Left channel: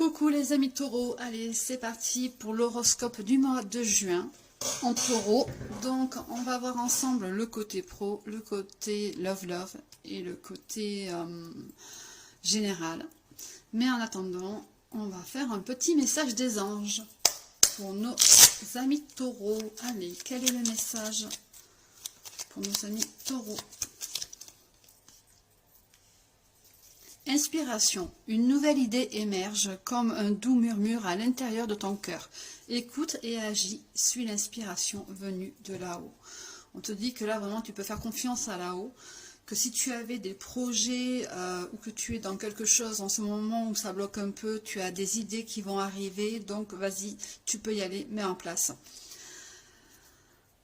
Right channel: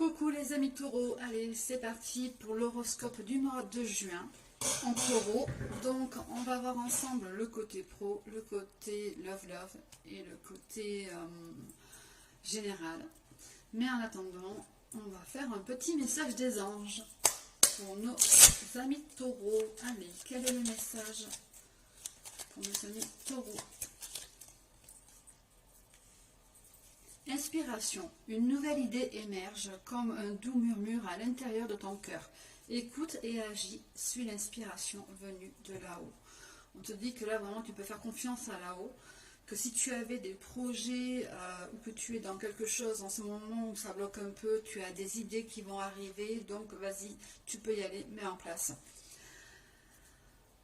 Coucou les amis taureaux, allez c'est parti pour l'horoscope du mois de juin en taureau. Donc on va voir ensemble le côté pro, le côté love et le côté général. Mais en attendant, on va faire un petit message des anges pour nos amis taureaux. Allez, quel est le message pour nos amis taureaux? Inspiration. Une nouvelle idée émerge comme un doux murmure à l'intérieur de ton cœur. Écoute et agis, suis l'inspiration venue de là-haut. On te dit que là, vraiment, tu peux faire confiance à là-haut. Que si tu avais des projets ou que tu es dans quelque chose en ce moment où ça bloque un peu, tu as des idées qui vont arriver. Donc, vas-y, tu peux y aller, mets en place.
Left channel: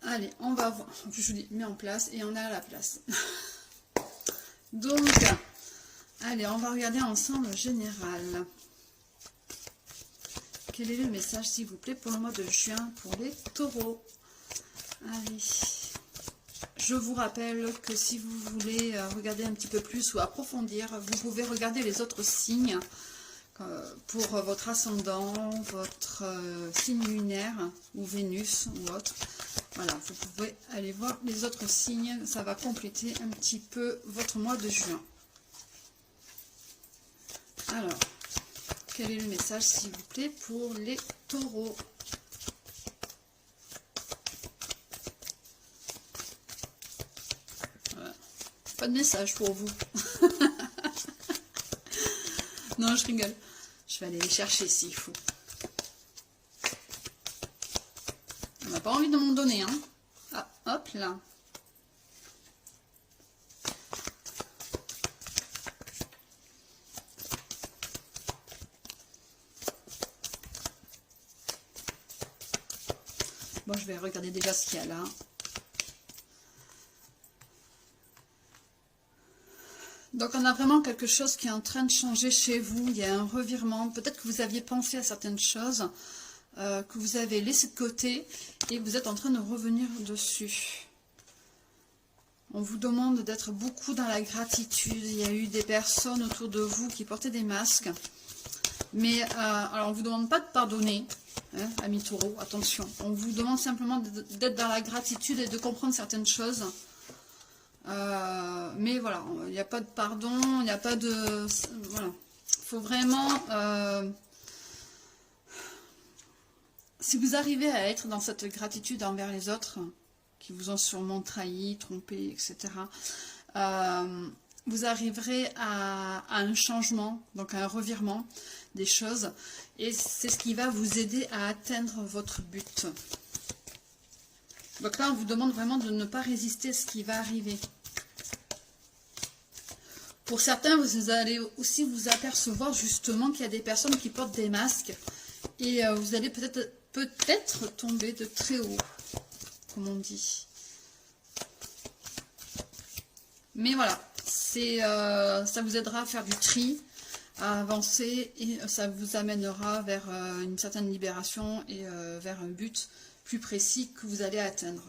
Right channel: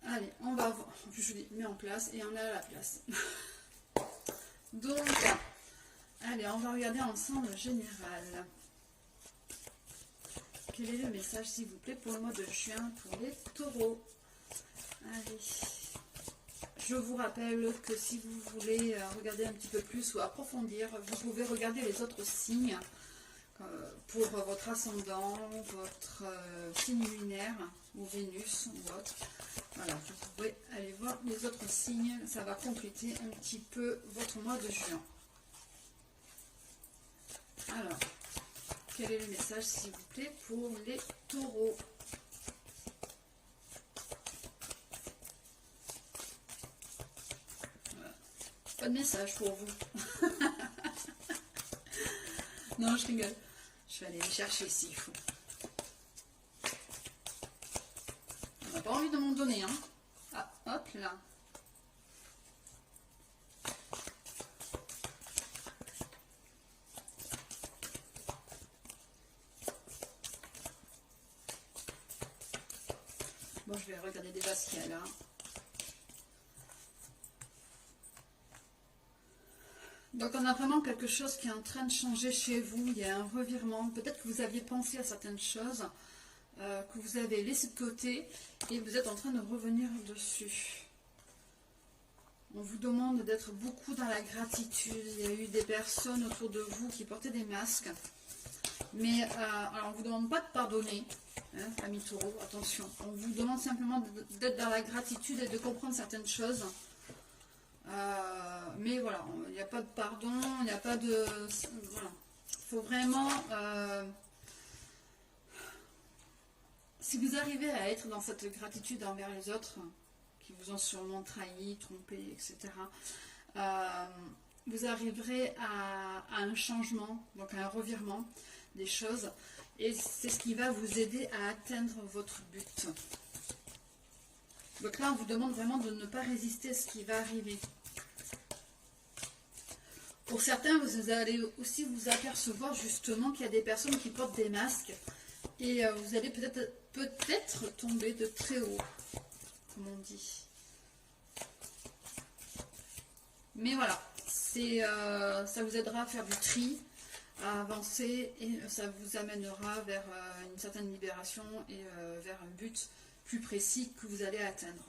Allez, on va voir. Je vous dis, mets en place et on est à la place. Donc... allez, on va regarder ensemble le général. Quel est le message, s'il vous plaît, pour le mois de juin, pour les taureaux? Allez. Je vous rappelle que si vous voulez regarder un petit peu plus ou approfondir, vous pouvez regarder les autres signes pour votre ascendant, votre signe lunaire ou Vénus ou autre. Voilà, vous pouvez aller voir les autres signes. Ça va compléter un petit peu votre mois de juin. Alors, quel est le message, s'il vous plaît, pour les taureaux? Voilà. Pas de message pour vous. Non, je rigole. Je vais aller les chercher s'il faut. On n'a pas envie de m'en donner, hein. Ah, hop là. Bon, je vais regarder déjà ce qu'il y a là. Donc, on a vraiment quelque chose qui est en train de changer chez vous. Il y a un revirement. Peut-être que vous aviez pensé à certaines choses que vous avez laissées de côté et vous êtes en train de revenir dessus. On vous demande d'être beaucoup dans la gratitude. Il y a eu des personnes autour de vous qui portaient des masques. Mais, alors, on ne vous demande pas de pardonner. Hein, amis taureaux, attention, on vous demande simplement d'être dans la gratitude et de comprendre certaines choses. Mais voilà, il n'y a pas de pardon, il n'y a pas de... Voilà, il faut vraiment... si vous arrivez à être dans cette gratitude envers les autres, qui vous ont sûrement trahi, trompé, etc., vous arriverez à un changement, donc à un revirement des choses, et c'est ce qui va vous aider à atteindre votre but. Donc là, on vous demande vraiment de ne pas résister à ce qui va arriver. Pour certains, vous allez aussi vous apercevoir justement qu'il y a des personnes qui portent des masques, et vous allez peut-être tomber de très haut, comme on dit. Mais voilà, ça vous aidera à faire du tri, à avancer, et ça vous amènera vers une certaine libération et vers un but plus précis que vous allez atteindre.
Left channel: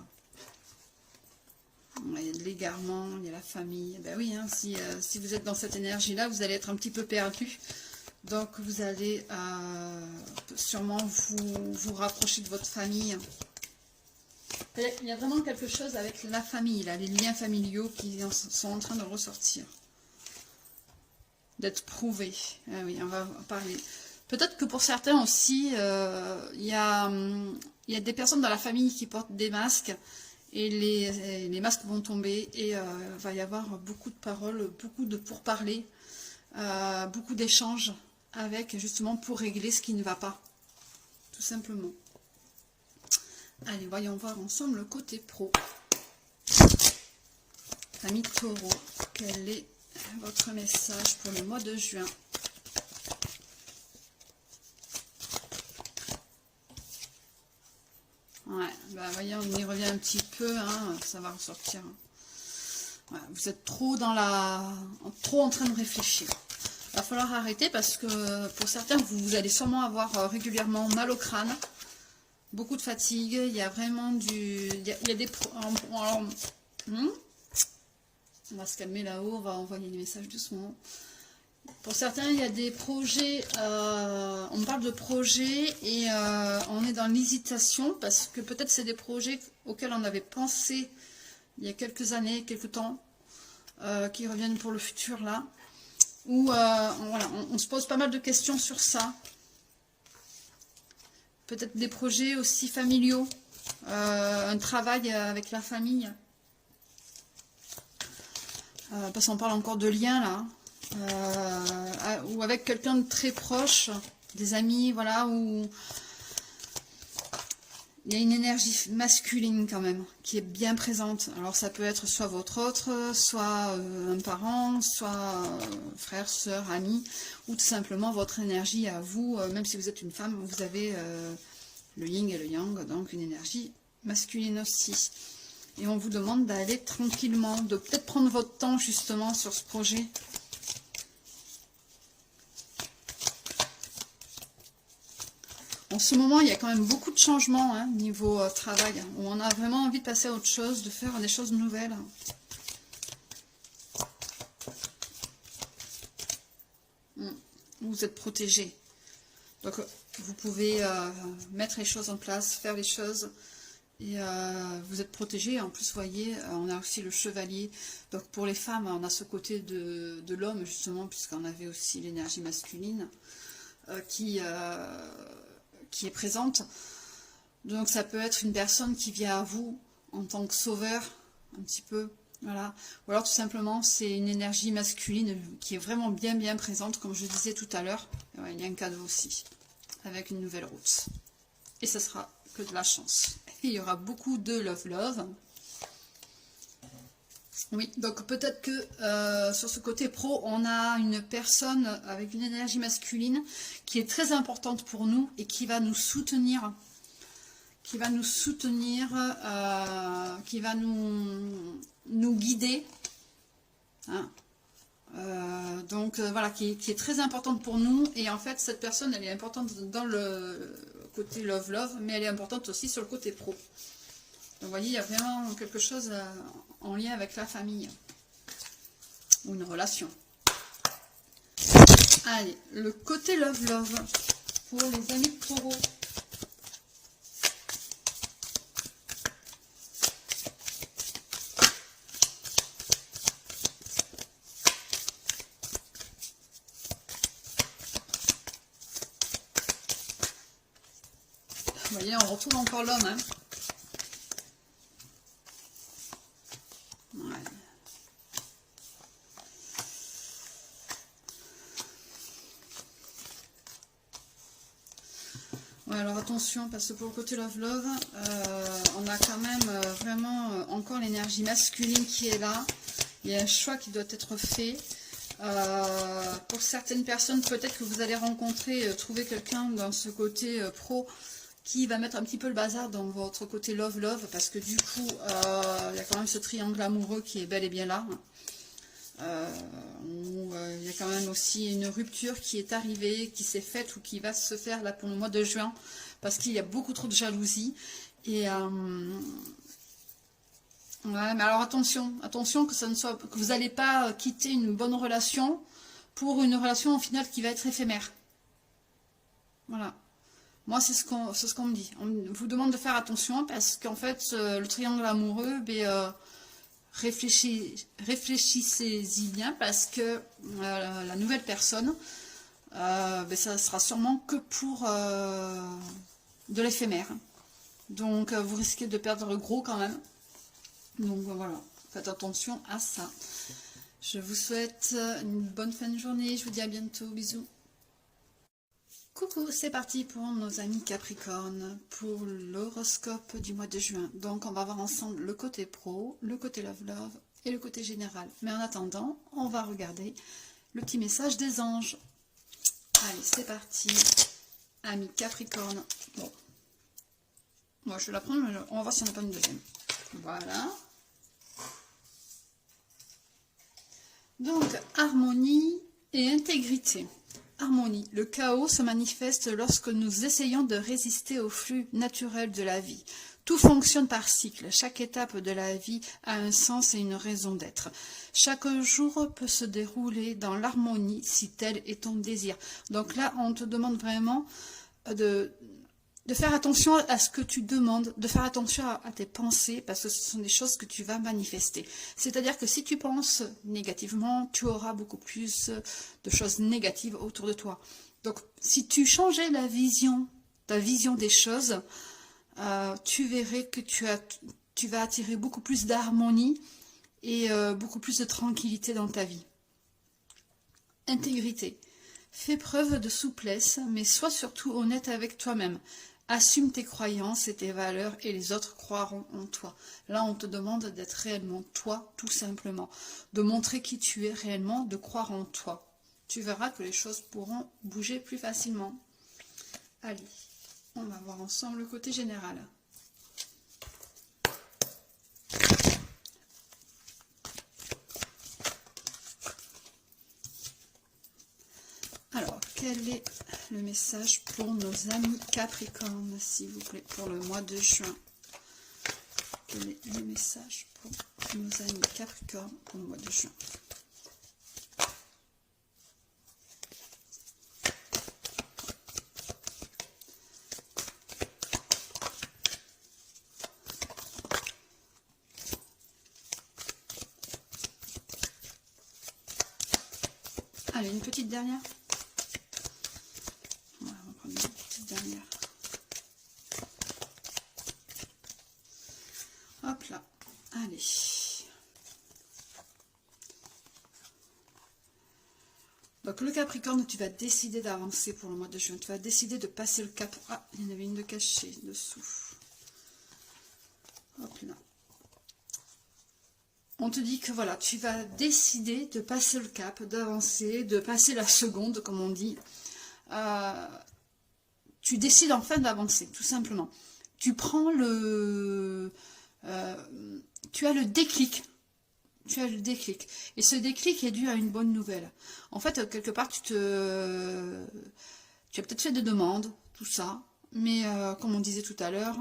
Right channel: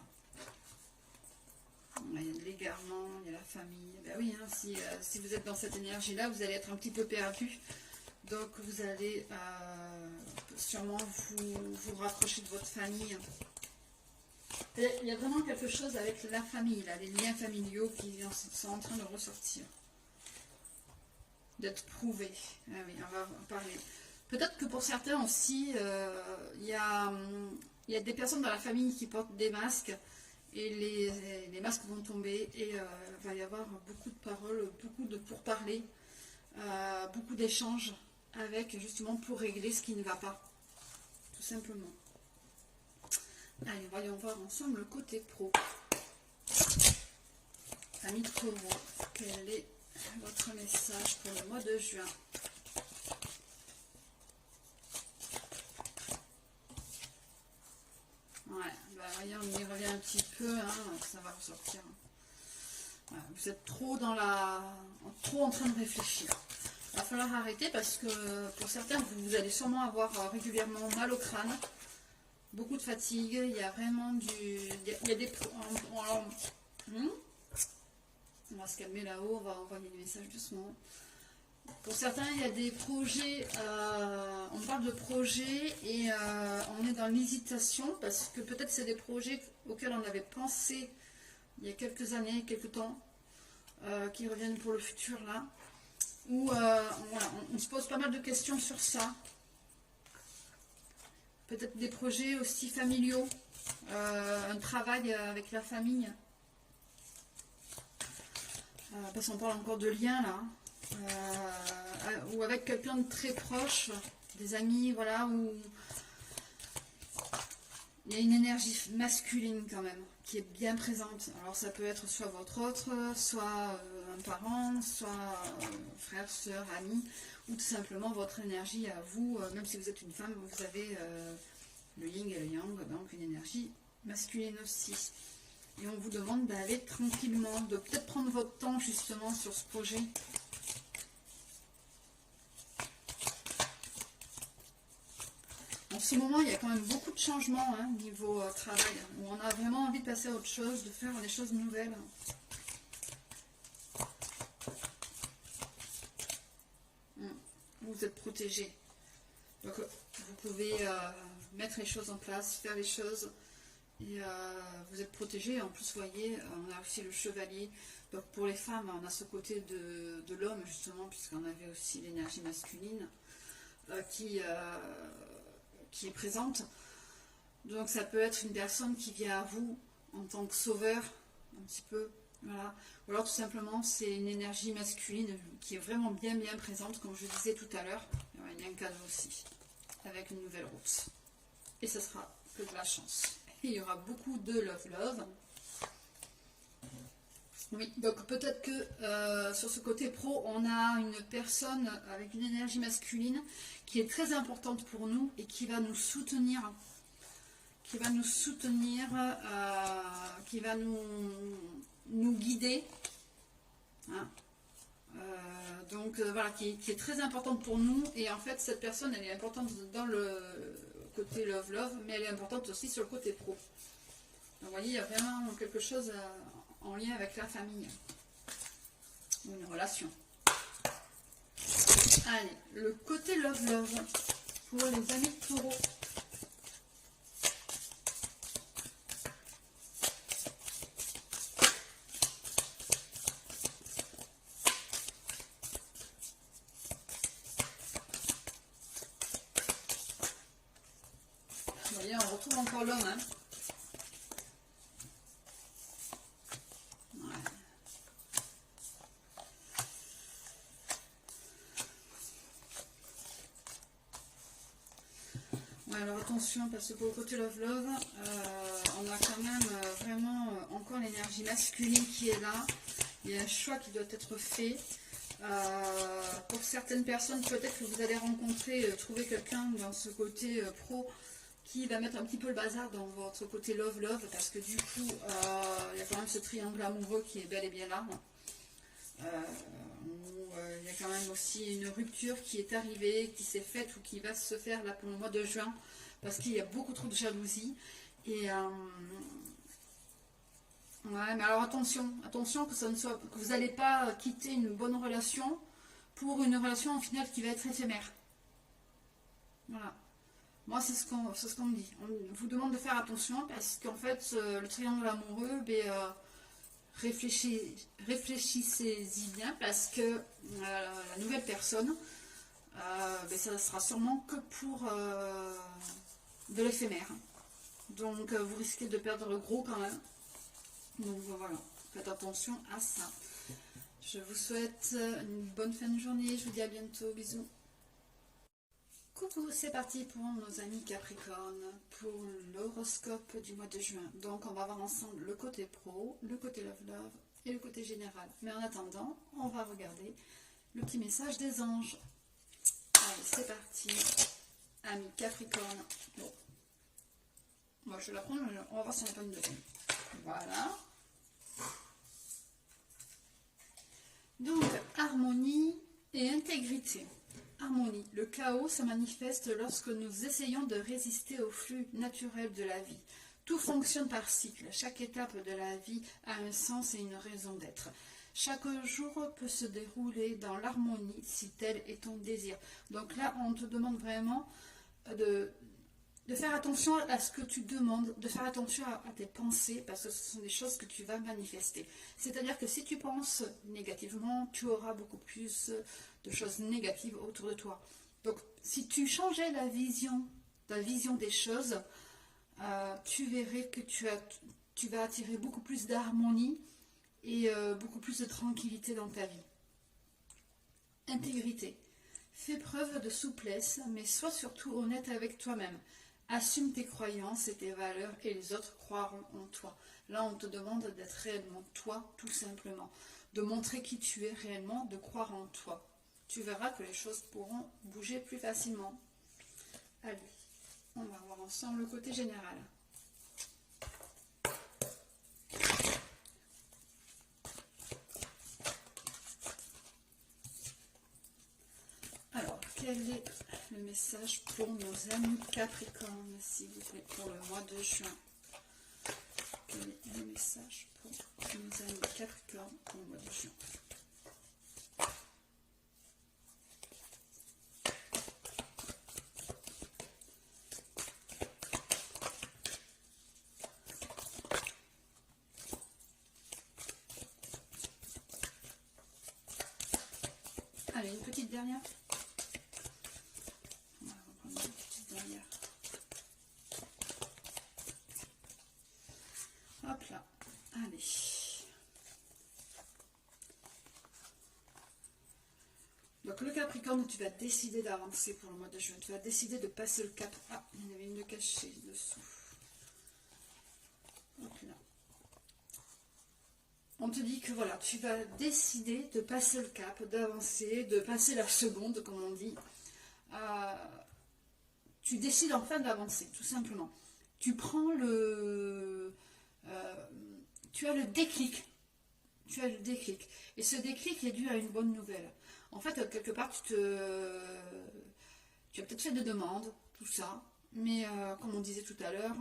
Il y a de l'égarement, il y a la famille. Ben oui, hein, si vous êtes dans cette énergie-là, vous allez être un petit peu perdu. Donc vous allez sûrement vous rapprocher de votre famille. Il y a vraiment quelque chose avec la famille, là, les liens familiaux qui sont en train de ressortir. D'être prouvés. Ah oui, on va en parler. Peut-être que pour certains aussi, il y a des personnes dans la famille qui portent des masques et les masques vont tomber et il va y avoir beaucoup de paroles, beaucoup de pourparlers, beaucoup d'échanges avec justement pour régler ce qui ne va pas, tout simplement. Allez, voyons voir ensemble le côté pro. Amis taureaux, quel est votre message pour le mois de juin? Ouais, bah voyez, on y revient un petit peu, hein, ça va ressortir. Ouais, vous êtes trop en train de réfléchir. Il va falloir arrêter parce que pour certains, vous allez sûrement avoir régulièrement mal au crâne. Beaucoup de fatigue, il y a vraiment il y a des... Alors, on va se calmer là-haut, on va envoyer les messages doucement. Pour certains, il y a des projets, on parle de projets et on est dans l'hésitation parce que peut-être c'est des projets auxquels on avait pensé il y a quelques années, quelques temps, qui reviennent pour le futur là. Où voilà, on se pose pas mal de questions sur ça. Peut-être des projets aussi familiaux, un travail avec la famille. Parce qu'on parle encore de liens là. Ou avec quelqu'un de très proche, des amis, voilà, où il y a une énergie masculine quand même, qui est bien présente. Alors ça peut être soit votre autre, soit un parent, soit frère, sœur, ami, ou tout simplement votre énergie à vous, même si vous êtes une femme, vous avez le yin et le yang, donc une énergie masculine aussi. Et on vous demande d'aller tranquillement, de peut-être prendre votre temps justement sur ce projet. En ce moment, il y a quand même beaucoup de changements hein, niveau travail, où on a vraiment envie de passer à autre chose, de faire des choses nouvelles. Vous êtes protégé. Donc, vous pouvez mettre les choses en place, faire les choses, et vous êtes protégé. En plus, vous voyez, on a aussi le chevalier. Donc, pour les femmes, on a ce côté de l'homme, justement, puisqu'on avait aussi l'énergie masculine qui est présente. Donc ça peut être une personne qui vient à vous en tant que sauveur, un petit peu, voilà. Ou alors tout simplement c'est une énergie masculine qui est vraiment bien présente, comme je disais tout à l'heure. Ouais, il y a un cadeau aussi, avec une nouvelle route. Et ça sera que de la chance. Et il y aura beaucoup de love. Oui, donc peut-être que sur ce côté pro, on a une personne avec une énergie masculine qui est très importante pour nous et qui va nous soutenir, qui va nous guider. Hein. Donc voilà, qui est très importante pour nous. Et en fait, cette personne, elle est importante dans le côté love, mais elle est importante aussi sur le côté pro. Donc vous voyez, il y a vraiment quelque chose en lien avec la famille ou une relation. Allez, le côté love pour les amis de taureau. Vous voyez, on retrouve encore l'homme, hein. Ouais, alors attention, parce que pour le côté love, on a quand même vraiment encore l'énergie masculine qui est là. Il y a un choix qui doit être fait. Pour certaines personnes, peut-être que vous allez rencontrer, trouver quelqu'un dans ce côté pro qui va mettre un petit peu le bazar dans votre côté love, parce que du coup, il y a quand même ce triangle amoureux qui est bel et bien là. Il y a quand même aussi une rupture qui est arrivée, qui s'est faite ou qui va se faire là pour le mois de juin, parce qu'il y a beaucoup trop de jalousie. Et ouais, mais alors attention que ça ne soit, que vous n'allez pas quitter une bonne relation pour une relation en finale qui va être éphémère. Voilà. Moi, c'est ce qu'on me dit. On vous demande de faire attention parce qu'en fait, le triangle amoureux, réfléchissez-y bien parce que la nouvelle personne, ça sera sûrement que pour de l'éphémère. Donc, vous risquez de perdre gros quand même. Donc, voilà, faites attention à ça. Je vous souhaite une bonne fin de journée. Je vous dis à bientôt. Bisous. Coucou, c'est parti pour nos amis Capricorne, pour l'horoscope du mois de juin. Donc on va voir ensemble le côté pro, le côté love et le côté général. Mais en attendant, on va regarder le petit message des anges. Allez, c'est parti, amis Capricorne. Bon, moi je vais la prendre, mais on va voir s'il n'y en a pas une deuxième. Voilà. Donc, harmonie et intégrité. Harmonie. Le chaos se manifeste lorsque nous essayons de résister au flux naturel de la vie. Tout fonctionne par cycle. Chaque étape de la vie a un sens et une raison d'être. Chaque jour peut se dérouler dans l'harmonie si tel est ton désir. Donc là, on te demande vraiment de faire attention à ce que tu demandes, de faire attention à tes pensées, parce que ce sont des choses que tu vas manifester. C'est-à-dire que si tu penses négativement, tu auras beaucoup plus de choses négatives autour de toi. Donc, si tu changeais ta vision des choses, tu verrais que tu vas attirer beaucoup plus d'harmonie et beaucoup plus de tranquillité dans ta vie. Intégrité. Fais preuve de souplesse, mais sois surtout honnête avec toi-même. Assume tes croyances et tes valeurs et les autres croiront en toi. Là, on te demande d'être réellement toi, tout simplement. De montrer qui tu es réellement, de croire en toi. Tu verras que les choses pourront bouger plus facilement. Allez, on va voir ensemble le côté général. Alors, quel est le message pour nos amis Capricorne, s'il vous plaît, pour le mois de juin? Quel est le message pour nos amis Capricorne pour le mois de juin? Allez, une petite dernière. On va prendre une petite dernière. Hop là. Allez. Donc le Capricorne, tu vas décider d'avancer pour le mois de juin. Tu vas décider de passer le cap. Ah, il y en avait une de cachée dessous. Hop là. On te dit que voilà, tu vas décider de passer le cap, d'avancer, de passer la seconde, comme on dit. Tu décides enfin d'avancer, tout simplement. Tu prends tu as le déclic. Tu as le déclic. Et ce déclic est dû à une bonne nouvelle. En fait, quelque part, tu as peut-être fait des demandes, tout ça. Mais comme on disait tout à l'heure,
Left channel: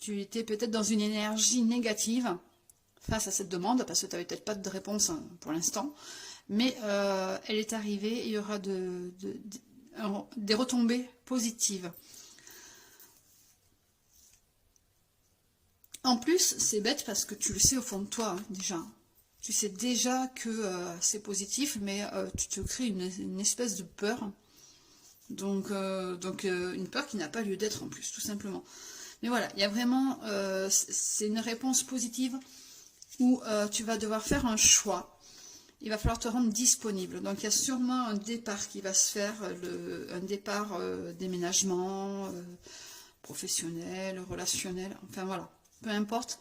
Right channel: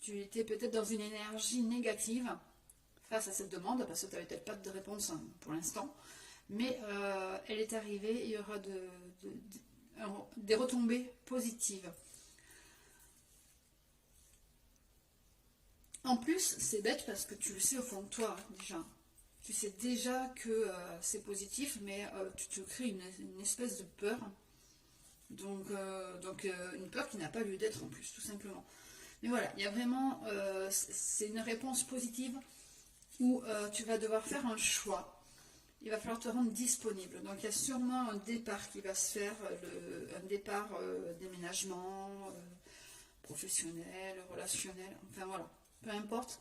tu étais peut-être dans une énergie négative face à cette demande, parce que tu n'avais peut-être pas de réponse pour l'instant, mais elle est arrivée et il y aura des retombées positives. En plus, c'est bête parce que tu le sais au fond de toi, hein, déjà. Tu sais déjà que c'est positif, mais tu te crées une espèce de peur. Donc une peur qui n'a pas lieu d'être en plus, tout simplement. Mais voilà, il y a vraiment, c'est une réponse positive où tu vas devoir faire un choix. Il va falloir te rendre disponible. Donc il y a sûrement un départ qui va se faire, un départ déménagement, professionnel, relationnel, enfin voilà, peu importe.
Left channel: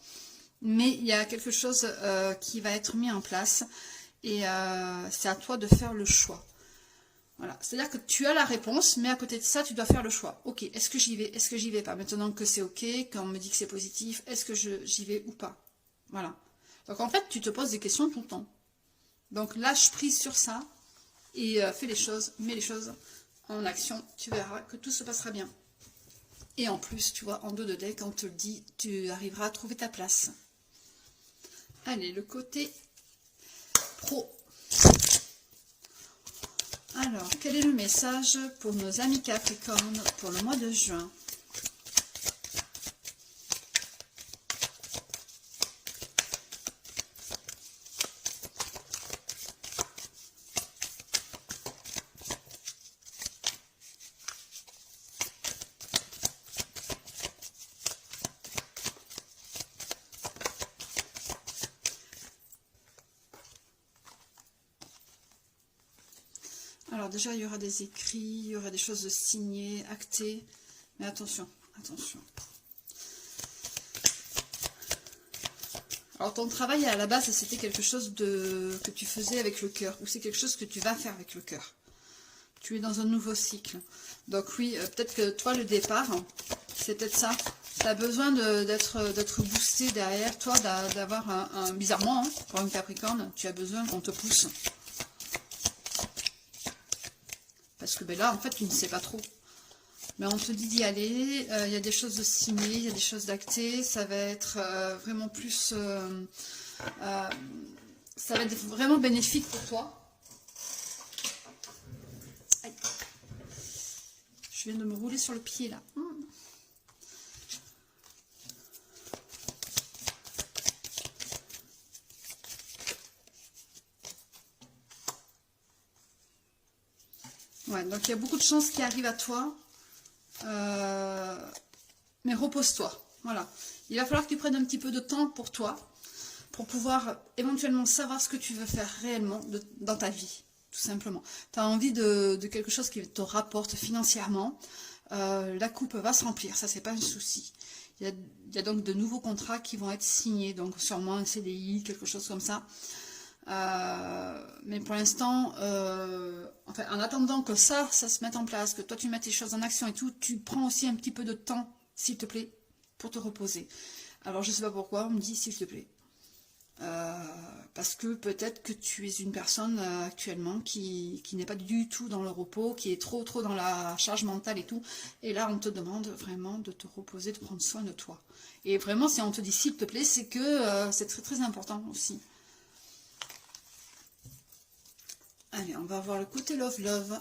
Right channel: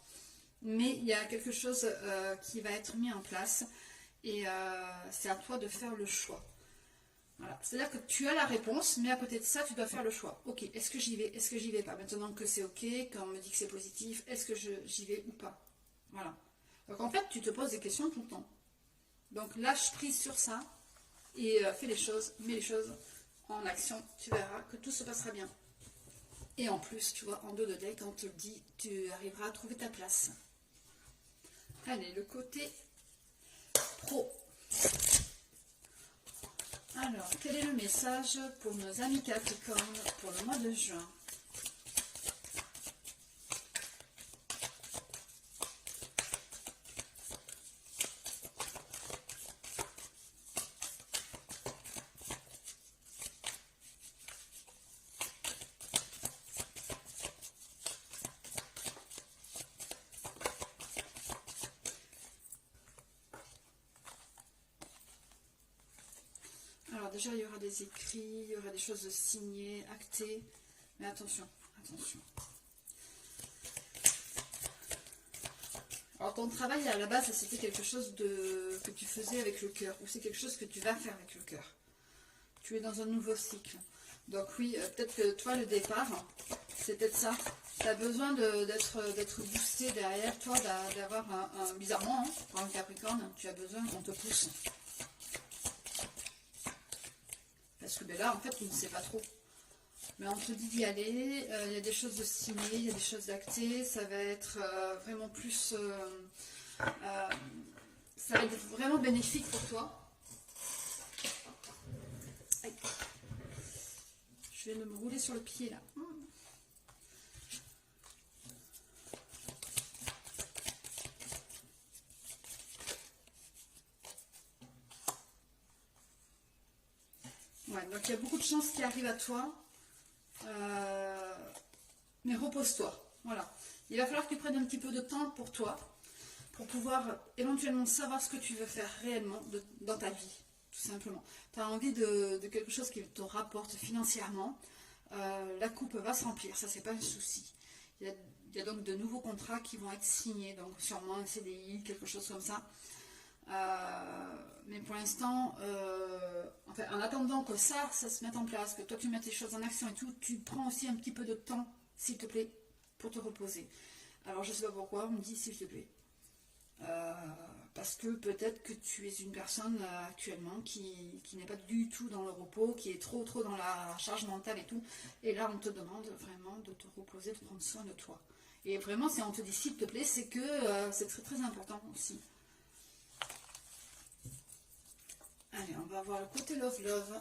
Mais il y a quelque chose qui va être mis en place et c'est à toi de faire le choix. Voilà, c'est-à-dire que tu as la réponse, mais à côté de ça, tu dois faire le choix. Ok, est-ce que j'y vais, est-ce que j'y vais pas? Maintenant que c'est ok, qu'on me dit que c'est positif, est-ce que j'y vais ou pas? Voilà. Donc en fait, tu te poses des questions tout le temps. Donc lâche prise sur ça et fais les choses, mets les choses en action. Tu verras que tout se passera bien. Et en plus, tu vois, en dos de deck, on te le dit, tu arriveras à trouver ta place. Allez, le côté pro. Alors, quel est le message pour nos amis Capricorne pour le mois de juin? Alors déjà, il y aura des écrits, il y aura des choses signées, actées, mais attention, attention. Alors ton travail à la base, c'était quelque chose que tu faisais avec le cœur, ou c'est quelque chose que tu vas faire avec le cœur. Tu es dans un nouveau cycle. Donc oui, peut-être que toi, le départ, c'est peut-être ça. Tu as besoin d'être boosté derrière toi, d'avoir bizarrement, hein, pour une Capricorne, tu as besoin qu'on te pousse. Parce que ben là, en fait, tu ne sais pas trop. Mais on te dit d'y aller, il y a des choses de signer, il y a des choses d'acter, ça va être vraiment plus... ça va être vraiment bénéfique pour toi. Aïe. Je viens de me rouler sur le pied là. Ouais, donc il y a beaucoup de chances qui arrivent à toi. Mais repose-toi. Voilà. Il va falloir que tu prennes un petit peu de temps pour toi, pour pouvoir éventuellement savoir ce que tu veux faire réellement dans ta vie, tout simplement. Tu as envie de quelque chose qui te rapporte financièrement. La coupe va se remplir, ça c'est pas un souci. Il y a donc de nouveaux contrats qui vont être signés, donc sûrement un CDI, quelque chose comme ça. Mais pour l'instant, enfin, en attendant que ça se mette en place, que toi tu mettes tes choses en action et tout, tu prends aussi un petit peu de temps, s'il te plaît, pour te reposer. Alors je sais pas pourquoi, on me dit s'il te plaît. Parce que peut-être que tu es une personne actuellement qui n'est pas du tout dans le repos, qui est trop dans la charge mentale et tout. Et là, on te demande vraiment de te reposer, de prendre soin de toi. Et vraiment, si on te dit s'il te plaît, c'est que c'est très important aussi. Allez, on va voir le côté love,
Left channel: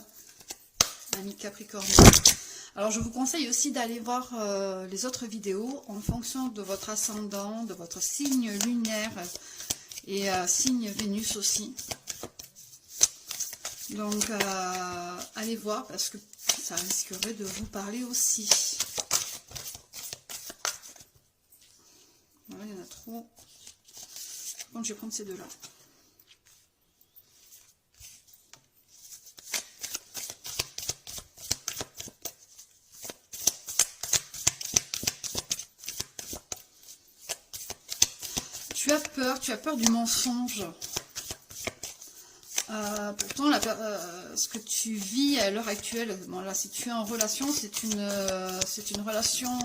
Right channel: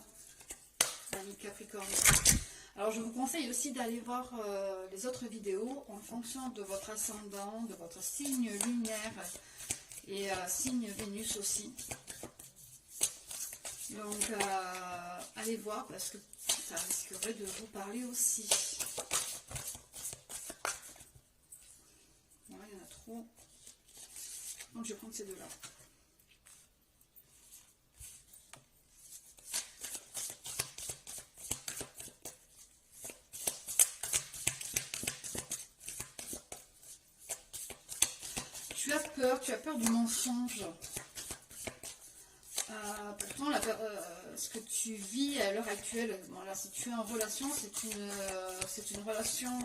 ami Capricorne. Alors, je vous conseille aussi d'aller voir les autres vidéos en fonction de votre ascendant, de votre signe lunaire et signe Vénus aussi. Donc, allez voir parce que ça risquerait de vous parler aussi. Voilà, il y en a trop. Par contre, je vais prendre ces deux-là. Tu as peur du mensonge. Pourtant, ce que tu vis à l'heure actuelle, bon là, si tu es en relation, c'est une relation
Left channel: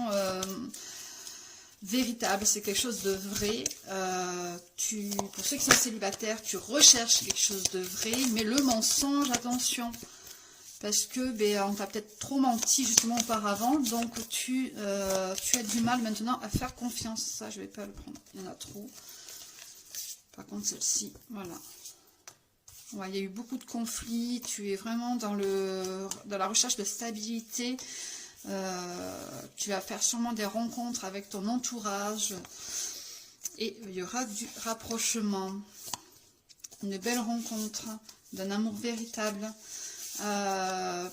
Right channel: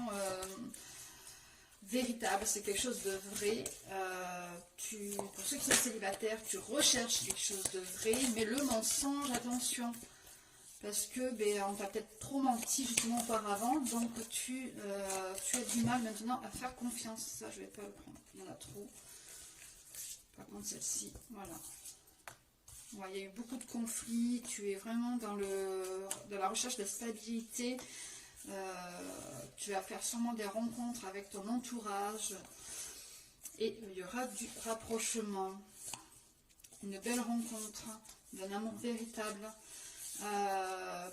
véritable, c'est quelque chose de vrai. Pour ceux qui sont célibataires, tu recherches quelque chose de vrai, mais le mensonge, attention, parce que on t'a peut-être trop menti justement auparavant, donc tu as du mal maintenant à faire confiance. Ça, je vais pas le prendre, il y en a trop. Par contre, celle-ci, voilà. Ouais, il y a eu beaucoup de conflits, tu es vraiment dans la recherche de stabilité. Tu vas faire sûrement des rencontres avec ton entourage. Et il y aura du rapprochement. Une belle rencontre d'un amour véritable.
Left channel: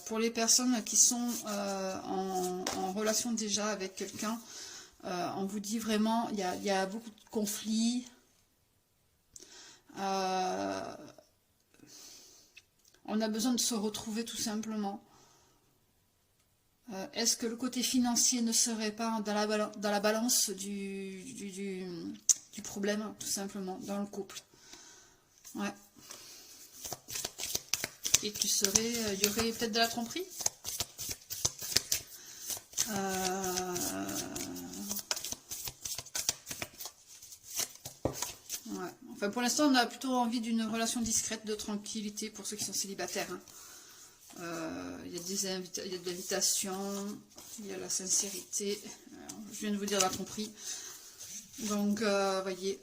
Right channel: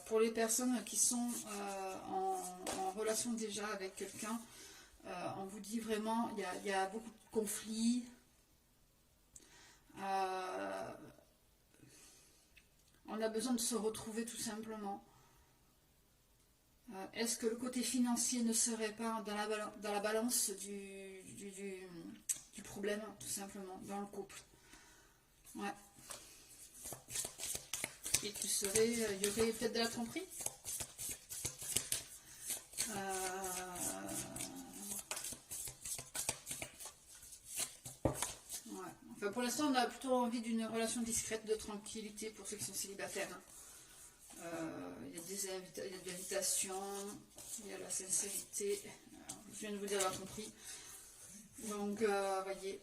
Pour les personnes qui sont en relation déjà avec quelqu'un, on vous dit vraiment, il y a beaucoup de conflits. On a besoin de se retrouver tout simplement. Est-ce que le côté financier ne serait pas dans la balance du problème, tout simplement, dans le couple? Ouais. Et il y aurait peut-être de la tromperie. Ouais. Enfin, pour l'instant, on a plutôt envie d'une relation discrète, de tranquillité pour ceux qui sont célibataires. Il y a de l'invitation, il y a la sincérité. Je viens de vous dire la tromperie. Donc, voyez,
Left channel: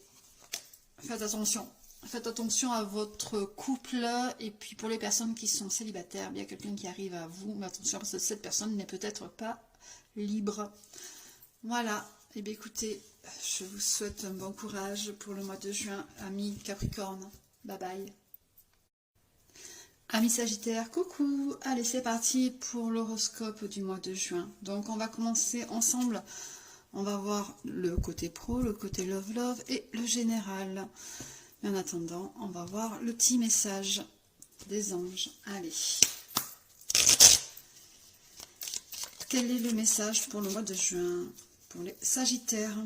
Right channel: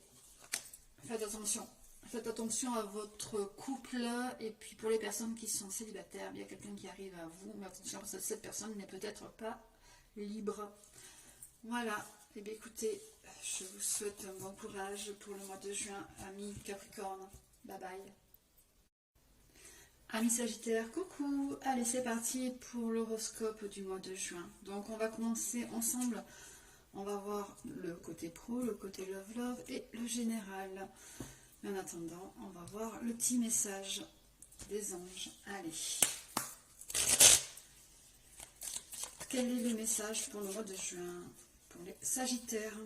faites attention. Faites attention à votre couple. Et puis, pour les personnes qui sont célibataires, il y a quelqu'un qui arrive à vous. Mais attention, parce que cette personne n'est peut-être pas libre. Voilà. Eh bien, écoutez, je vous souhaite un bon courage pour le mois de juin, amis Capricorne. Bye bye. Amis Sagittaire, coucou. Allez, c'est parti pour l'horoscope du mois de juin. Donc, on va commencer ensemble. On va voir le côté pro, le côté love et le général. Mais en attendant, on va voir le petit message des anges. Allez. Quel est le message pour le mois de juin? Pour les Sagittaires,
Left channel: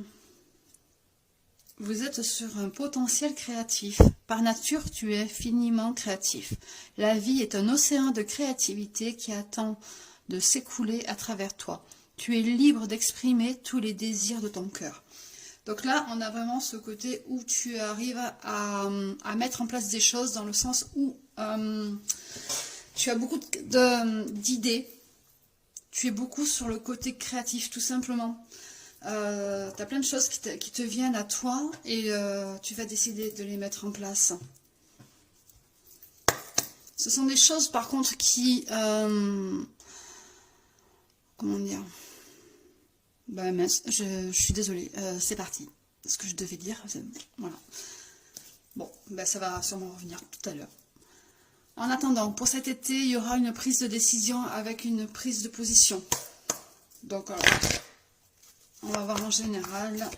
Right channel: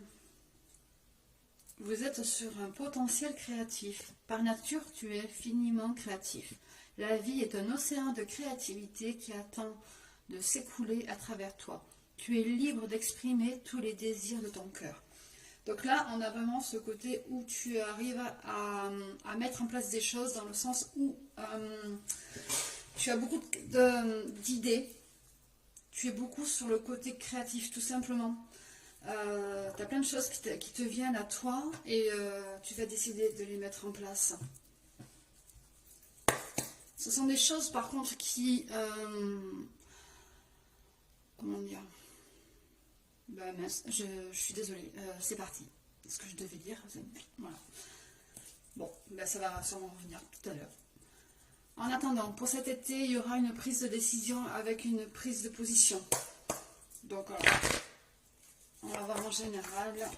vous êtes sur un potentiel créatif. Par nature, tu es finiment créatif. La vie est un océan de créativité qui attend de s'écouler à travers toi. Tu es libre d'exprimer tous les désirs de ton cœur. Donc là, on a vraiment ce côté où tu arrives à mettre en place des choses dans le sens où tu as beaucoup d'idées. tu es beaucoup sur le côté créatif, tout simplement. Tu as plein de choses qui te viennent à toi et tu vas décider de les mettre en place. Ce sont des choses, par contre, qui... comment dire? Bah mince, je suis désolée. C'est parti. Ce que je devais dire, voilà. Bon, ben ça va sûrement revenir tout à l'heure. En attendant, pour cet été, il y aura une prise de décision avec une prise de position. Donc, on va voir en général.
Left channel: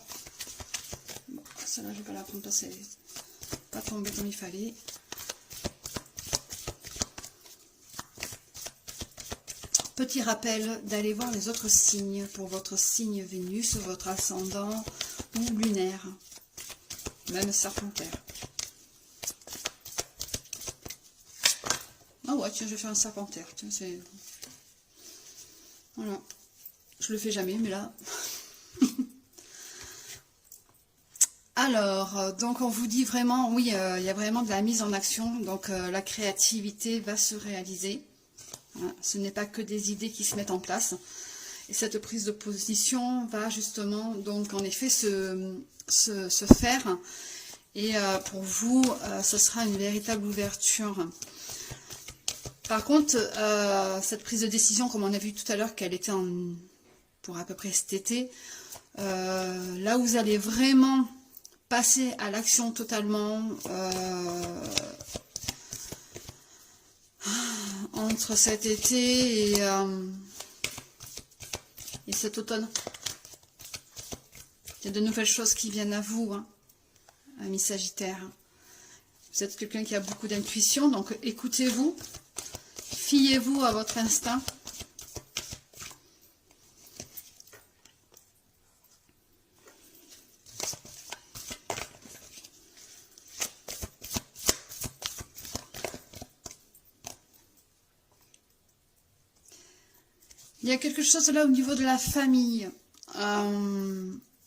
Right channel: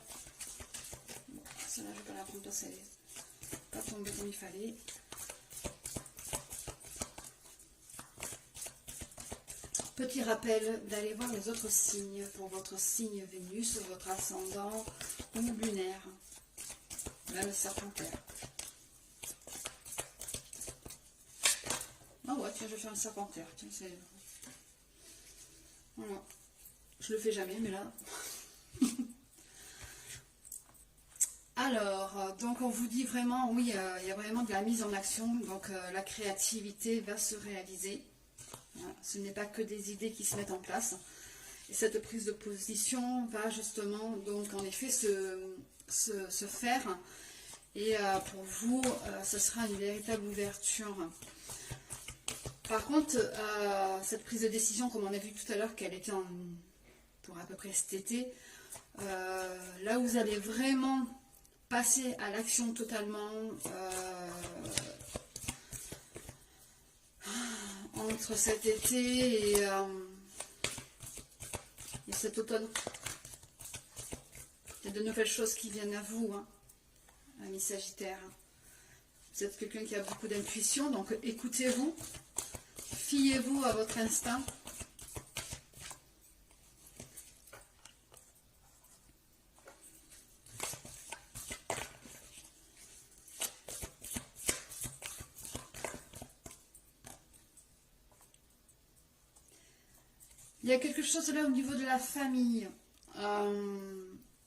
Bon, celle-là, je ne vais pas la prendre parce qu'elle n'est pas tombée comme il fallait. Petit rappel d'aller voir les autres signes pour votre signe Vénus, votre ascendant ou lunaire, même serpentaire. Ah ouais, tiens, je vais faire un serpentaire. Tiens, c'est... Voilà. Je le fais jamais, mais là... Alors, donc on vous dit vraiment, oui, il y a vraiment de la mise en action. Donc la créativité va se réaliser. Voilà, ce n'est pas que des idées qui se mettent en place. Et cette prise de position va justement, donc en effet, se faire. Et pour vous, ce sera une véritable ouverture. Par contre, cette prise de décision, comme on a vu tout à l'heure qu'elle était pour à peu près cet été, là où vous allez vraiment passer à l'action totalement entre cet été et cet automne. Il y a de nouvelles choses qui viennent à vous, hein, amis Sagittaires. Vous êtes quelqu'un qui a beaucoup d'intuition, donc écoutez-vous. Fiez-vous à votre instinct. Il y a quelque chose là au niveau de la famille.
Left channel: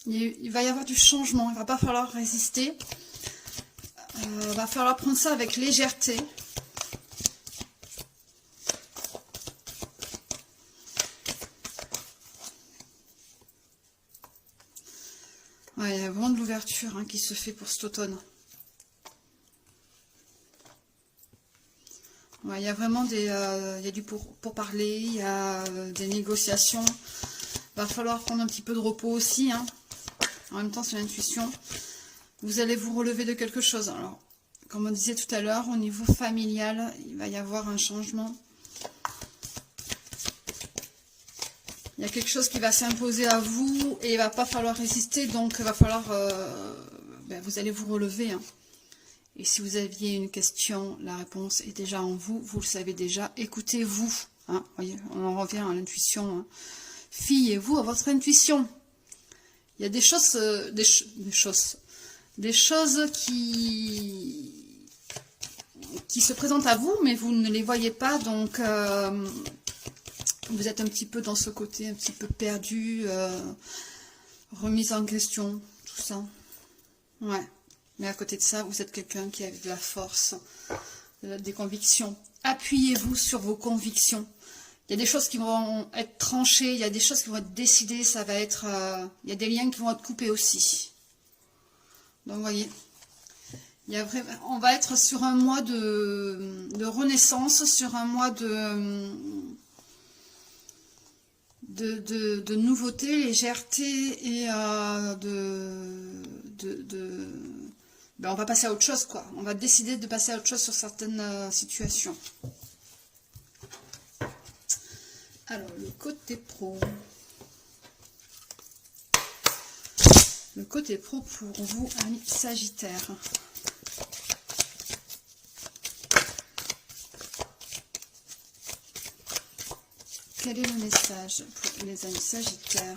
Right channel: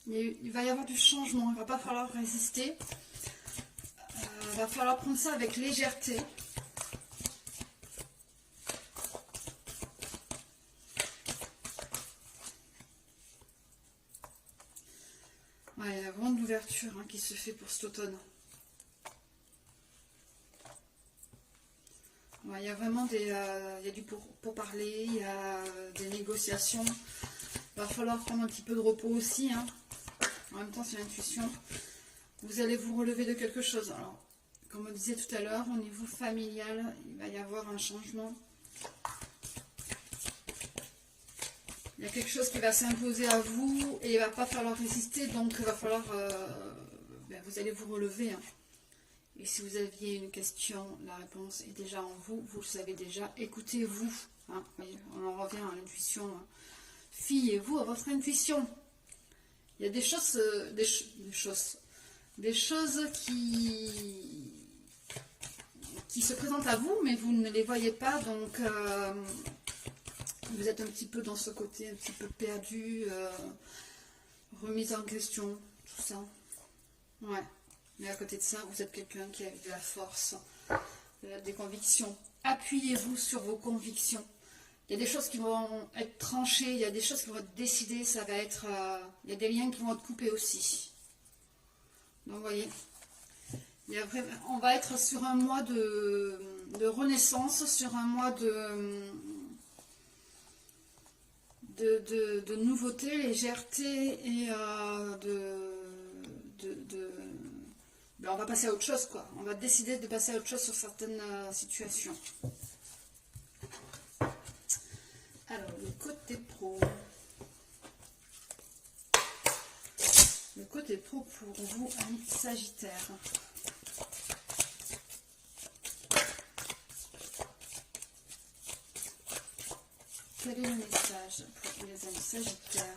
Il va y avoir du changement. Il ne va pas falloir résister. Il va falloir prendre ça avec légèreté. Ouais, il y a vraiment de l'ouverture, hein, qui se fait pour cet automne. Ouais, il y a vraiment il y a du pourparler, il y a des négociations. Il va falloir prendre un petit peu de repos aussi, hein. En même temps, c'est l'intuition. Vous allez vous relever de quelque chose. Alors, comme on disait tout à l'heure, au niveau familial, il va y avoir un changement. Il y a quelque chose qui va s'imposer à vous et il ne va pas falloir résister, donc il va falloir, vous allez vous relever, hein. Et si vous aviez une question, la réponse est déjà en vous, vous le savez déjà, écoutez-vous, hein. Voyez, on en revient à l'intuition, hein. Fiez-vous à votre intuition. Il y a des choses, des choses qui se présentent à vous, mais vous ne les voyez pas, donc... vous êtes un petit peu dans ce côté, un petit peu perdu, remise en question, tout ça. Ouais. Mais à côté de ça, vous êtes quelqu'un qui a de la force, des convictions. Appuyez-vous sur vos convictions. Il y a des choses qui vont être tranchées, il y a des choses qui vont être décidées, ça va être... il y a des liens qui vont être coupés aussi. Donc, vous voyez, on va être sur un mois de renaissance, sur un mois de nouveauté, légèreté et on va passer à autre chose, quoi. On va décider de passer à autre chose sur certaines situations. Alors, le côté pro. Le côté pro pour vous, amis Sagittaires. Quel est le message pour les amis Sagittaires?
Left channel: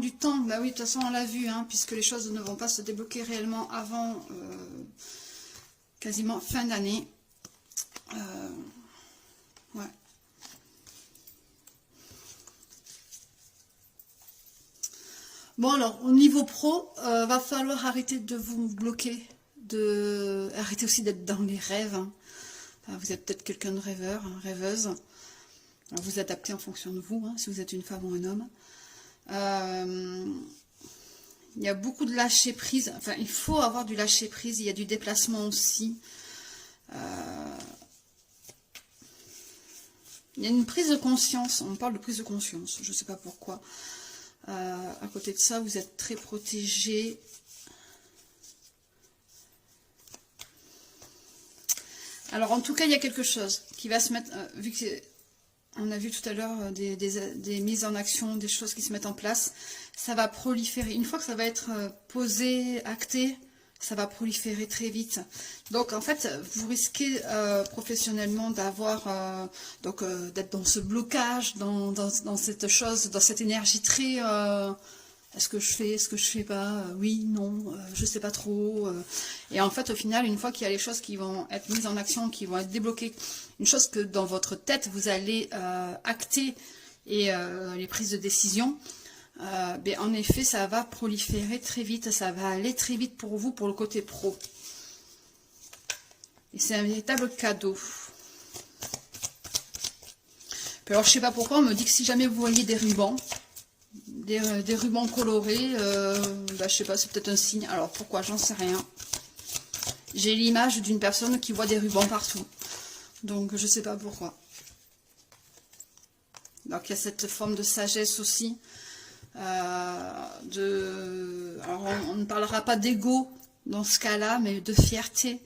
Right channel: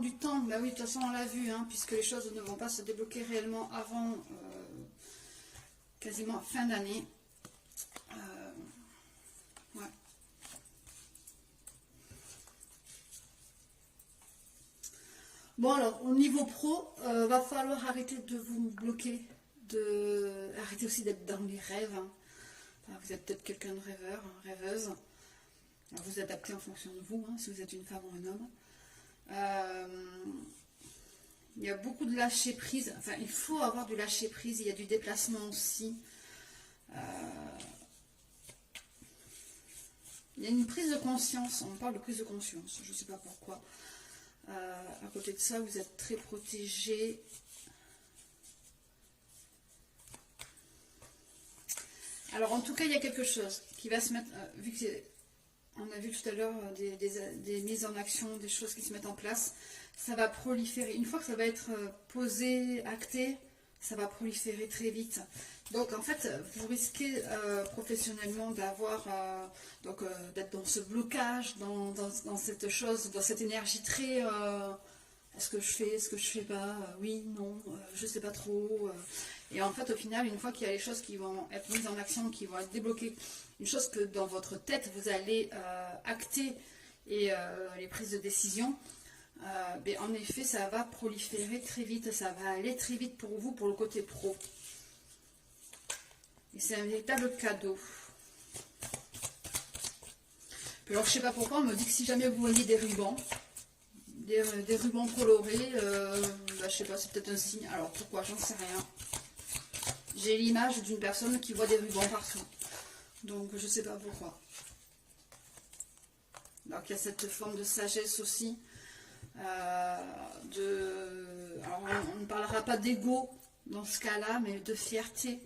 Du temps, bah oui, de toute façon on l'a vu, hein, puisque les choses ne vont pas se débloquer réellement avant quasiment fin d'année. Ouais. Bon alors, au niveau pro, va falloir arrêter de vous bloquer, arrêter aussi d'être dans les rêves. Hein. Enfin, vous êtes peut-être quelqu'un de rêveur, hein, rêveuse. Alors vous adaptez en fonction de vous, hein, si vous êtes une femme ou un homme. Il y a beaucoup de lâcher prise. Enfin, il faut avoir du lâcher prise. Il y a du déplacement aussi. Il y a une prise de conscience. On parle de prise de conscience. Je ne sais pas pourquoi. À côté de ça, vous êtes très protégé. Alors, en tout cas, il y a quelque chose qui va se mettre... vu que on a vu tout à l'heure des mises en action, des choses qui se mettent en place. Ça va proliférer. Une fois que ça va être posé, acté, ça va proliférer très vite. Donc, en fait, vous risquez professionnellement d'avoir... d'être dans ce blocage, dans cette chose, dans cette énergie très... est-ce que je fais pas? Oui, non, je sais pas trop. Et en fait, au final, une fois qu'il y a les choses qui vont être mises en action, qui vont être débloquées, une chose que dans votre tête, vous allez acter et les prises de décision, ben, en effet, ça va proliférer très vite, ça va aller très vite pour vous, pour le côté pro. Et c'est un véritable cadeau. Puis alors, je sais pas pourquoi, on me dit que si jamais vous voyez des rubans, des rubans colorés, bah, je sais pas, c'est peut-être un signe. Alors pourquoi, j'en sais rien. J'ai l'image d'une personne qui voit des rubans partout. Donc je sais pas pourquoi. Donc il y a cette forme de sagesse aussi. Alors on ne parlera pas d'ego dans ce cas-là, mais de fierté.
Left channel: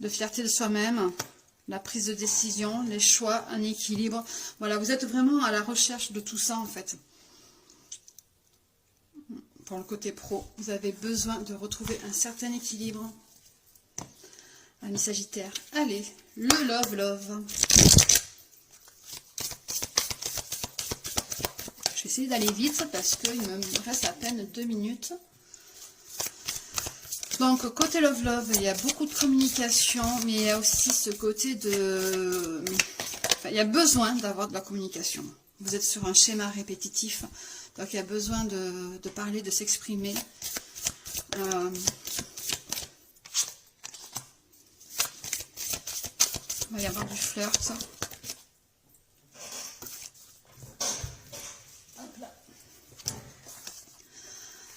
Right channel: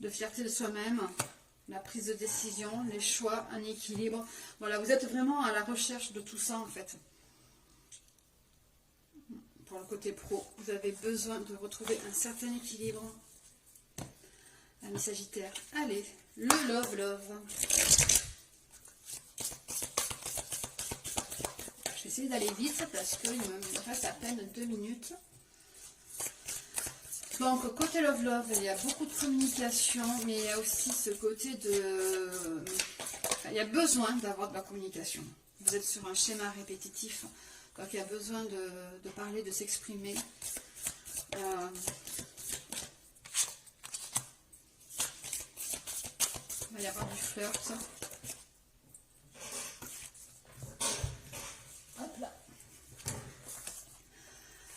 De fierté de soi-même. La prise de décision, les choix, un équilibre. Voilà, vous êtes vraiment à la recherche de tout ça en fait. Pour le côté pro, vous avez besoin de retrouver un certain équilibre. Ami Sagittaire. Allez, le love. Je vais essayer d'aller vite parce qu'il me reste à peine 2 minutes. Donc, côté love, il y a beaucoup de communication, mais il y a aussi ce côté de... Enfin, il y a besoin d'avoir de la communication. Vous êtes sur un schéma répétitif, donc il y a besoin de parler, de s'exprimer. Il va y avoir du flirt. Hop là.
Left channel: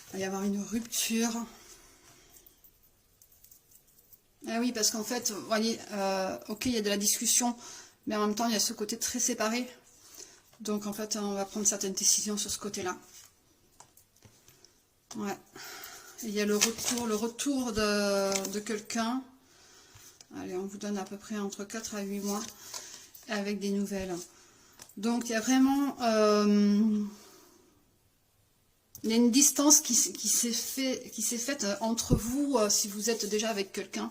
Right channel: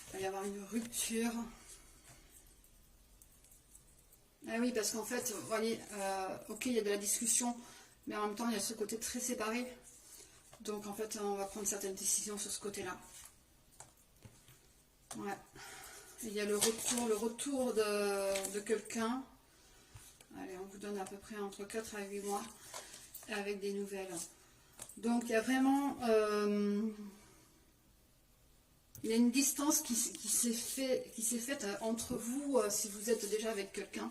Il va y avoir une rupture. Ah oui, parce qu'en fait, vous voyez, ok, il y a de la discussion, mais en même temps, il y a ce côté très séparé. Donc, en fait, on va prendre certaines décisions sur ce côté-là. Ouais. Et il y a le retour de quelqu'un. Allez, on vous donne à peu près entre 4 à 8 mois avec des nouvelles. Donc, il y a vraiment... il y a une distance qui s'est faite entre vous, si vous êtes déjà avec quelqu'un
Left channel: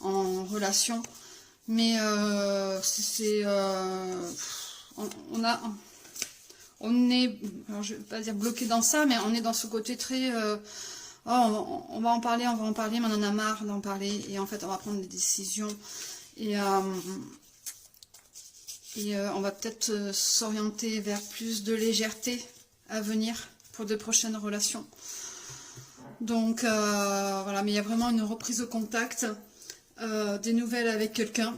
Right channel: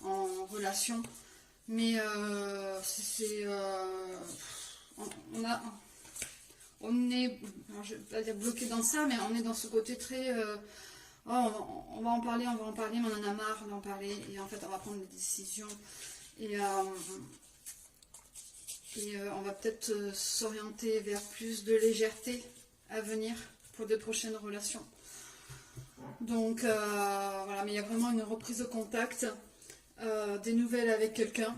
en relation. Mais on est, alors je ne vais pas dire bloqué dans ça, mais on est dans ce côté très... oh, on va en parler, mais on en a marre d'en parler. Et en fait, on va prendre des décisions. Et on va peut-être s'orienter vers plus de légèreté à venir pour de prochaines relations. Donc voilà, mais il y a vraiment une reprise de contact, des nouvelles avec quelqu'un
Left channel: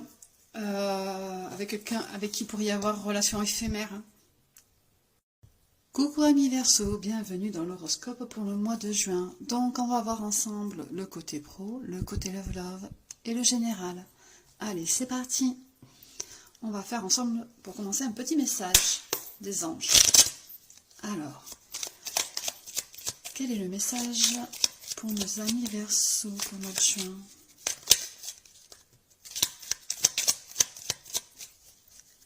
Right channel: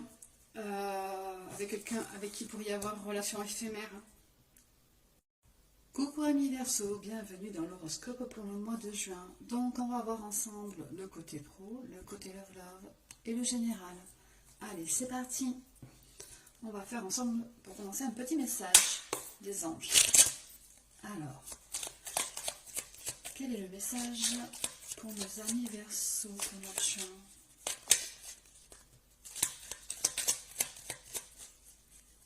avec qui il pourrait y avoir relation éphémère. Coucou amis Verseau, bienvenue dans l'horoscope pour le mois de juin. Donc on va voir ensemble le côté pro, le côté love et le général. Allez, c'est parti. On va faire ensemble, pour commencer, un petit message des anges. Alors, quel est le message pour nos amis Verseau pour le mois de juin?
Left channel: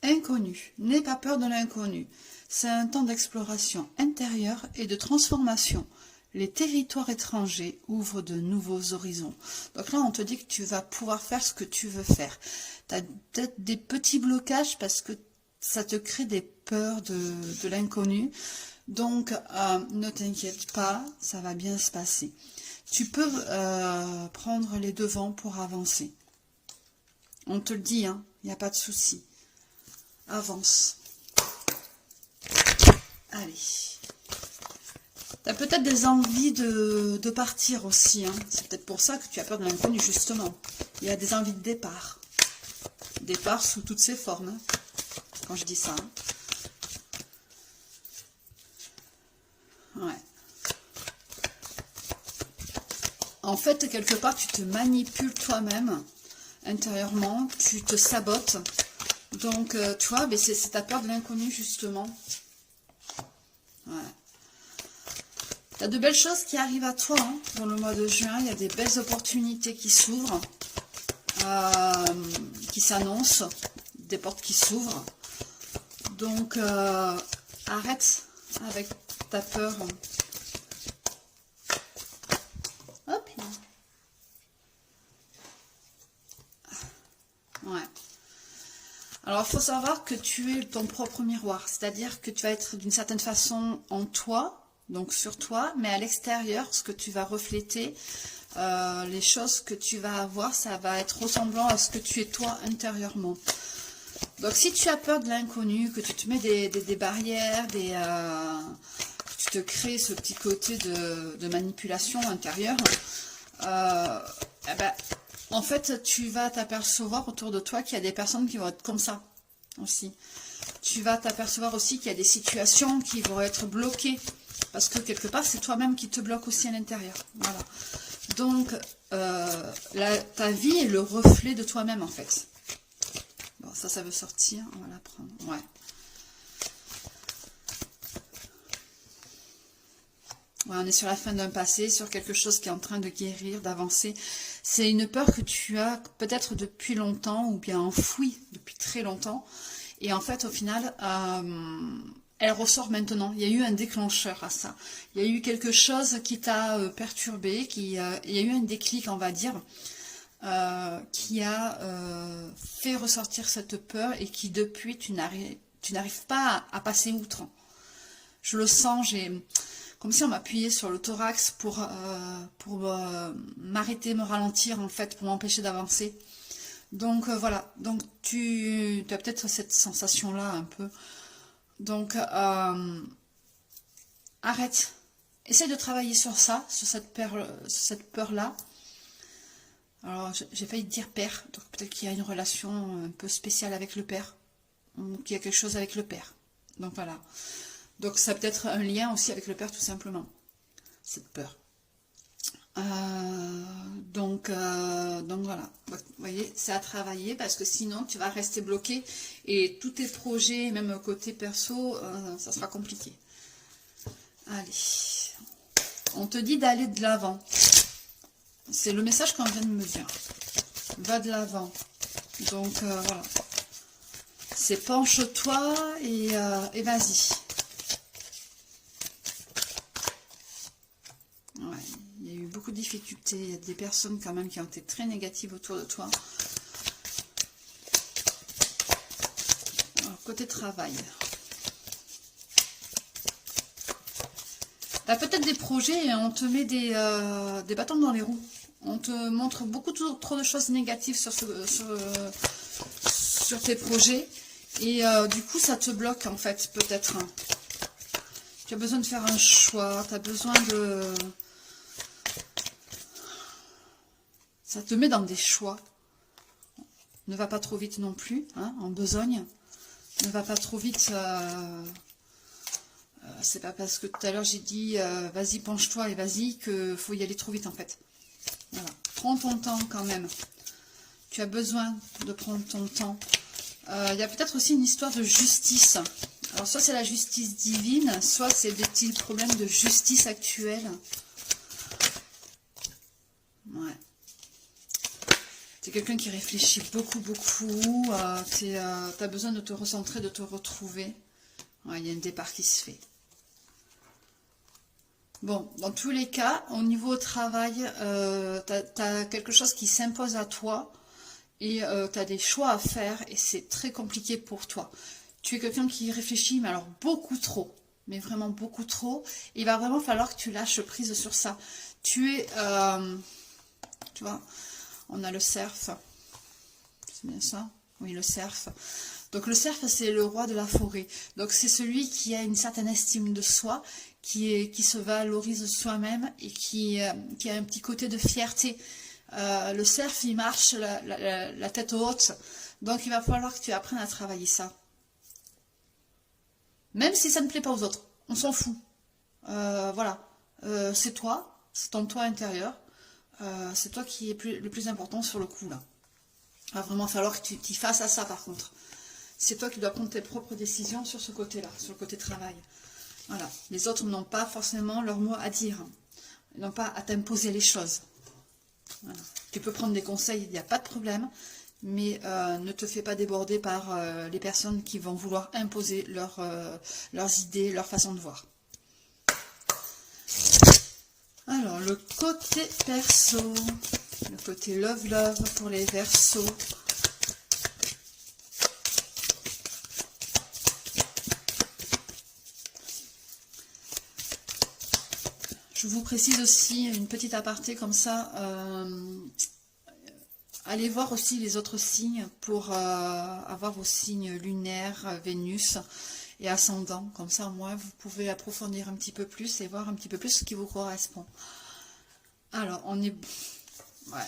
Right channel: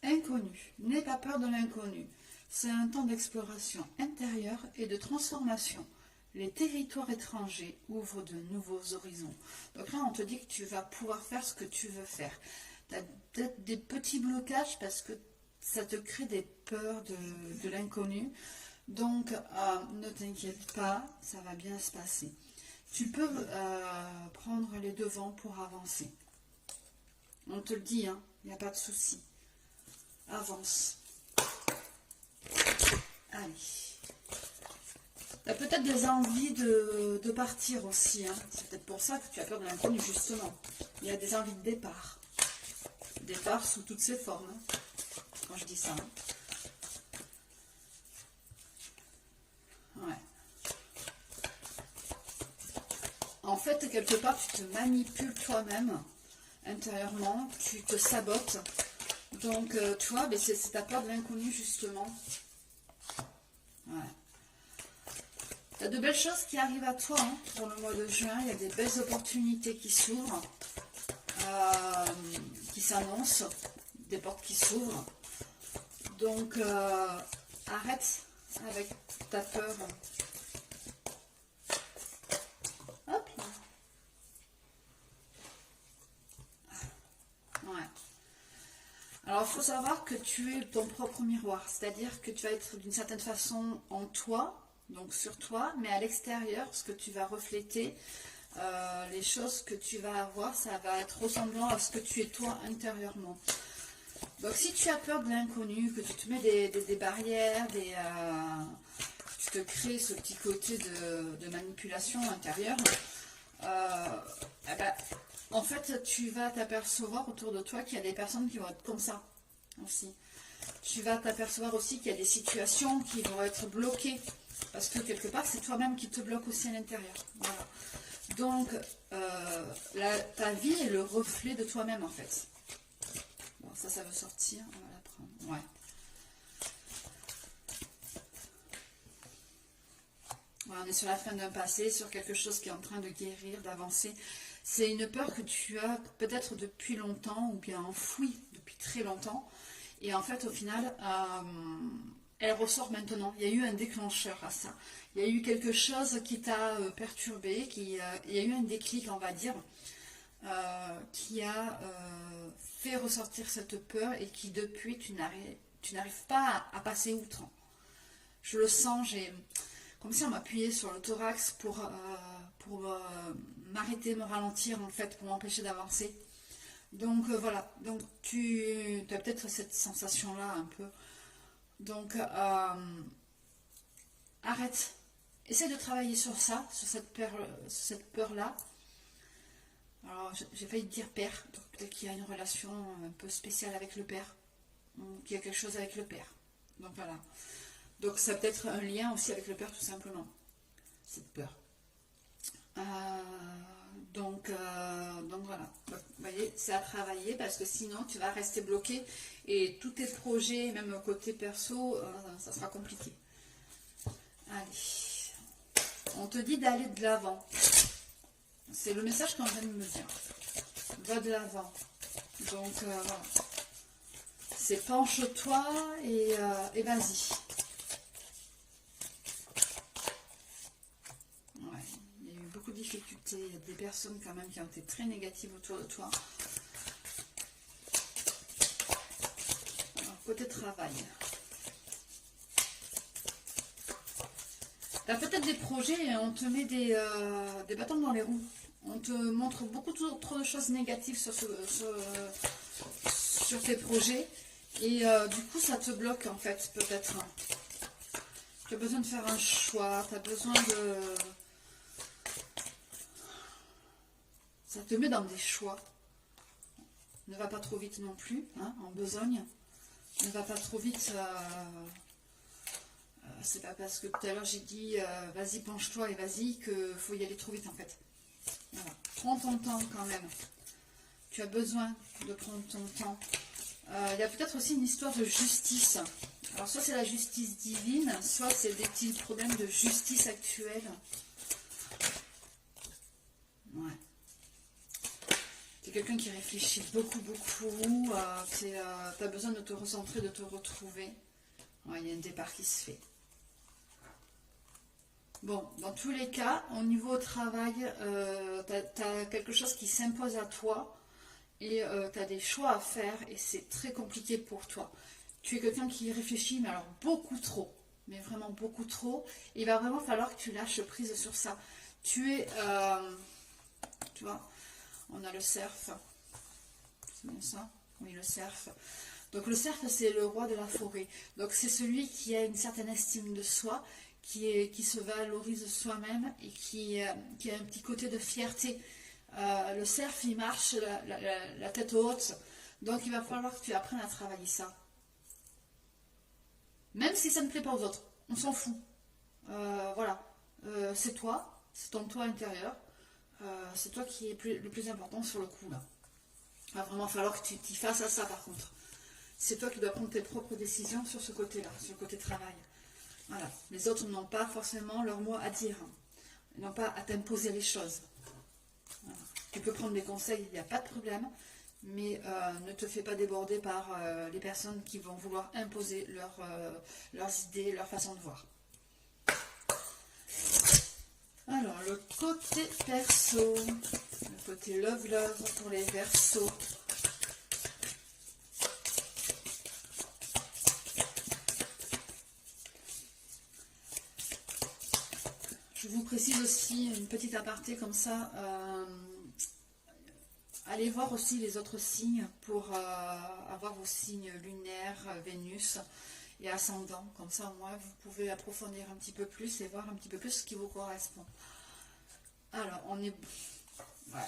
Inconnu, n'aie pas peur de l'inconnu. C'est un temps d'exploration intérieure et de transformation. Les territoires étrangers ouvrent de nouveaux horizons. Donc là, on te dit que tu vas pouvoir faire ce que tu veux faire. Tu as peut-être des petits blocages parce que ça te crée des peurs de l'inconnu. Donc, ne t'inquiète pas, ça va bien se passer. Tu peux prendre les devants pour avancer. On te le dit, hein, il n'y a pas de souci. Avance. Allez. Tu as peut-être des envies de partir aussi. Hein. C'est peut-être pour ça que tu as peur de l'inconnu, justement. Il y a des envies de départ. Départ sous toutes ses formes, hein, quand je dis ça. Hein. Ouais. En fait, quelque part, tu te manipules toi-même, intérieurement. Tu te sabotes. Donc, tu vois, c'est ta peur de l'inconnu, justement. Ouais. Tu as de belles choses qui arrivent à toi hein, dans le mois de juin. Il y a des belles opportunités qui s'ouvrent, qui s'annoncent, des portes qui s'ouvrent. Donc, arrête avec ta peur. Hop. Ouais. Alors, il faut savoir que tu es ton propre miroir. C'est-à-dire que tu vas être d'une certaine façon en toi, donc sur toi, mais à l'extérieur, ce que tu vas refléter, les choses que tu vas avoir, ça va être ressemblant à ce que tu es toi intérieurement. Donc si tu as peur de l'inconnu, que tu te mets des barrières, que tu te crées ce petit côté de manipulation intérieure, eh ben, en fait tu vas t'apercevoir autour de toi qu'il y a des personnes qui vont être comme ça aussi. Tu vas t'apercevoir aussi qu'il y a des situations qui vont être bloquées. Parce que quelque part, c'est toi-même qui te bloque aussi à l'intérieur. Voilà. Donc, ta vie est le reflet de toi-même, en fait. Bon, ça veut sortir. On va la prendre. Ouais. Ouais, on est sur la fin d'un passé, sur quelque chose qui est en train de guérir, d'avancer. C'est une peur que tu as peut-être depuis longtemps, ou bien enfouie depuis très longtemps. Et en fait, au final... elle ressort maintenant. Il y a eu un déclencheur à ça. Il y a eu quelque chose qui t'a perturbé, il y a eu un déclic, on va dire, qui a fait ressortir cette peur et qui, depuis, tu n'arrives pas à passer outre. Je le sens, comme si on m'appuyait sur le thorax pour m'arrêter, me ralentir, en fait, pour m'empêcher d'avancer. Donc, voilà. Donc, tu as peut-être cette sensation-là, un peu. Donc, arrête. Essaye de travailler sur ça, sur cette peur-là. Alors, j'ai failli dire père. Donc, peut-être qu'il y a une relation un peu spéciale avec le père. Ou qu'il y a quelque chose avec le père. Donc, voilà. Donc, ça peut être un lien aussi avec le père, tout simplement. Cette peur. Donc voilà, vous voyez, c'est à travailler parce que sinon tu vas rester bloqué et tous tes projets, même côté perso, ça sera compliqué. Allez, on te dit d'aller de l'avant. C'est le message qu'on vient de me dire. Va de l'avant. Donc voilà, c'est penche-toi et vas-y. Ouais. Beaucoup de difficultés, il y a des personnes quand même qui ont été très négatives autour de toi. Alors, côté travail. Tu as peut-être des projets et on te met des bâtons dans les roues. On te montre beaucoup trop de choses négatives sur tes projets. Et du coup, ça te bloque en fait, peut-être. Tu as besoin de faire un choix, tu as besoin de... Ça te met dans des choix. Ne va pas trop vite non plus, hein, en besogne. Ne va pas trop vite. C'est pas parce que tout à l'heure j'ai dit vas-y penche-toi et vas-y qu'il faut y aller trop vite en fait. Voilà. Prends ton temps quand même. Tu as besoin de prendre ton temps. Il y a peut-être aussi une histoire de justice. Alors soit c'est la justice divine, soit c'est des petits problèmes de justice actuelle. Ouais. Tu es quelqu'un qui réfléchit beaucoup. Tu as besoin de te recentrer, de te retrouver. Ouais, il y a un départ qui se fait. Bon, dans tous les cas, au niveau travail, tu as quelque chose qui s'impose à toi et tu as des choix à faire et c'est très compliqué pour toi. Tu es quelqu'un qui réfléchit, mais alors beaucoup trop. mais vraiment beaucoup trop. Il va vraiment falloir que tu lâches prise sur ça. Tu es, tu vois, on a le cerf, c'est bien ça? Oui, le cerf. Donc le cerf, c'est le roi de la forêt. Donc c'est celui qui a une certaine estime de soi, qui se valorise soi-même et qui a un petit côté de fierté. Le cerf, il marche la tête haute. Donc il va falloir que tu apprennes à travailler ça. Même si ça ne plaît pas aux autres, on s'en fout. Voilà, c'est toi, c'est ton toi intérieur. C'est toi qui est le plus important sur le coup là. Il va vraiment falloir que tu t'y fasses à ça par contre. C'est toi qui dois prendre tes propres décisions sur ce côté-là, sur le côté travail. Voilà, les autres n'ont pas forcément leur mot à dire. Ils n'ont pas à t'imposer les choses. Voilà. Tu peux prendre des conseils, il n'y a pas de problème, mais ne te fais pas déborder par les personnes qui vont vouloir imposer leurs idées, leur façon de voir. Alors, le côté perso, le côté love pour les Verseaux. Je vous précise aussi une petite aparté comme ça. Allez voir aussi les autres signes pour avoir vos signes lunaires, Vénus et ascendant. Comme ça, au moins, vous pouvez approfondir un petit peu plus et voir un petit peu plus ce qui vous correspond. Alors, on est... Ouais.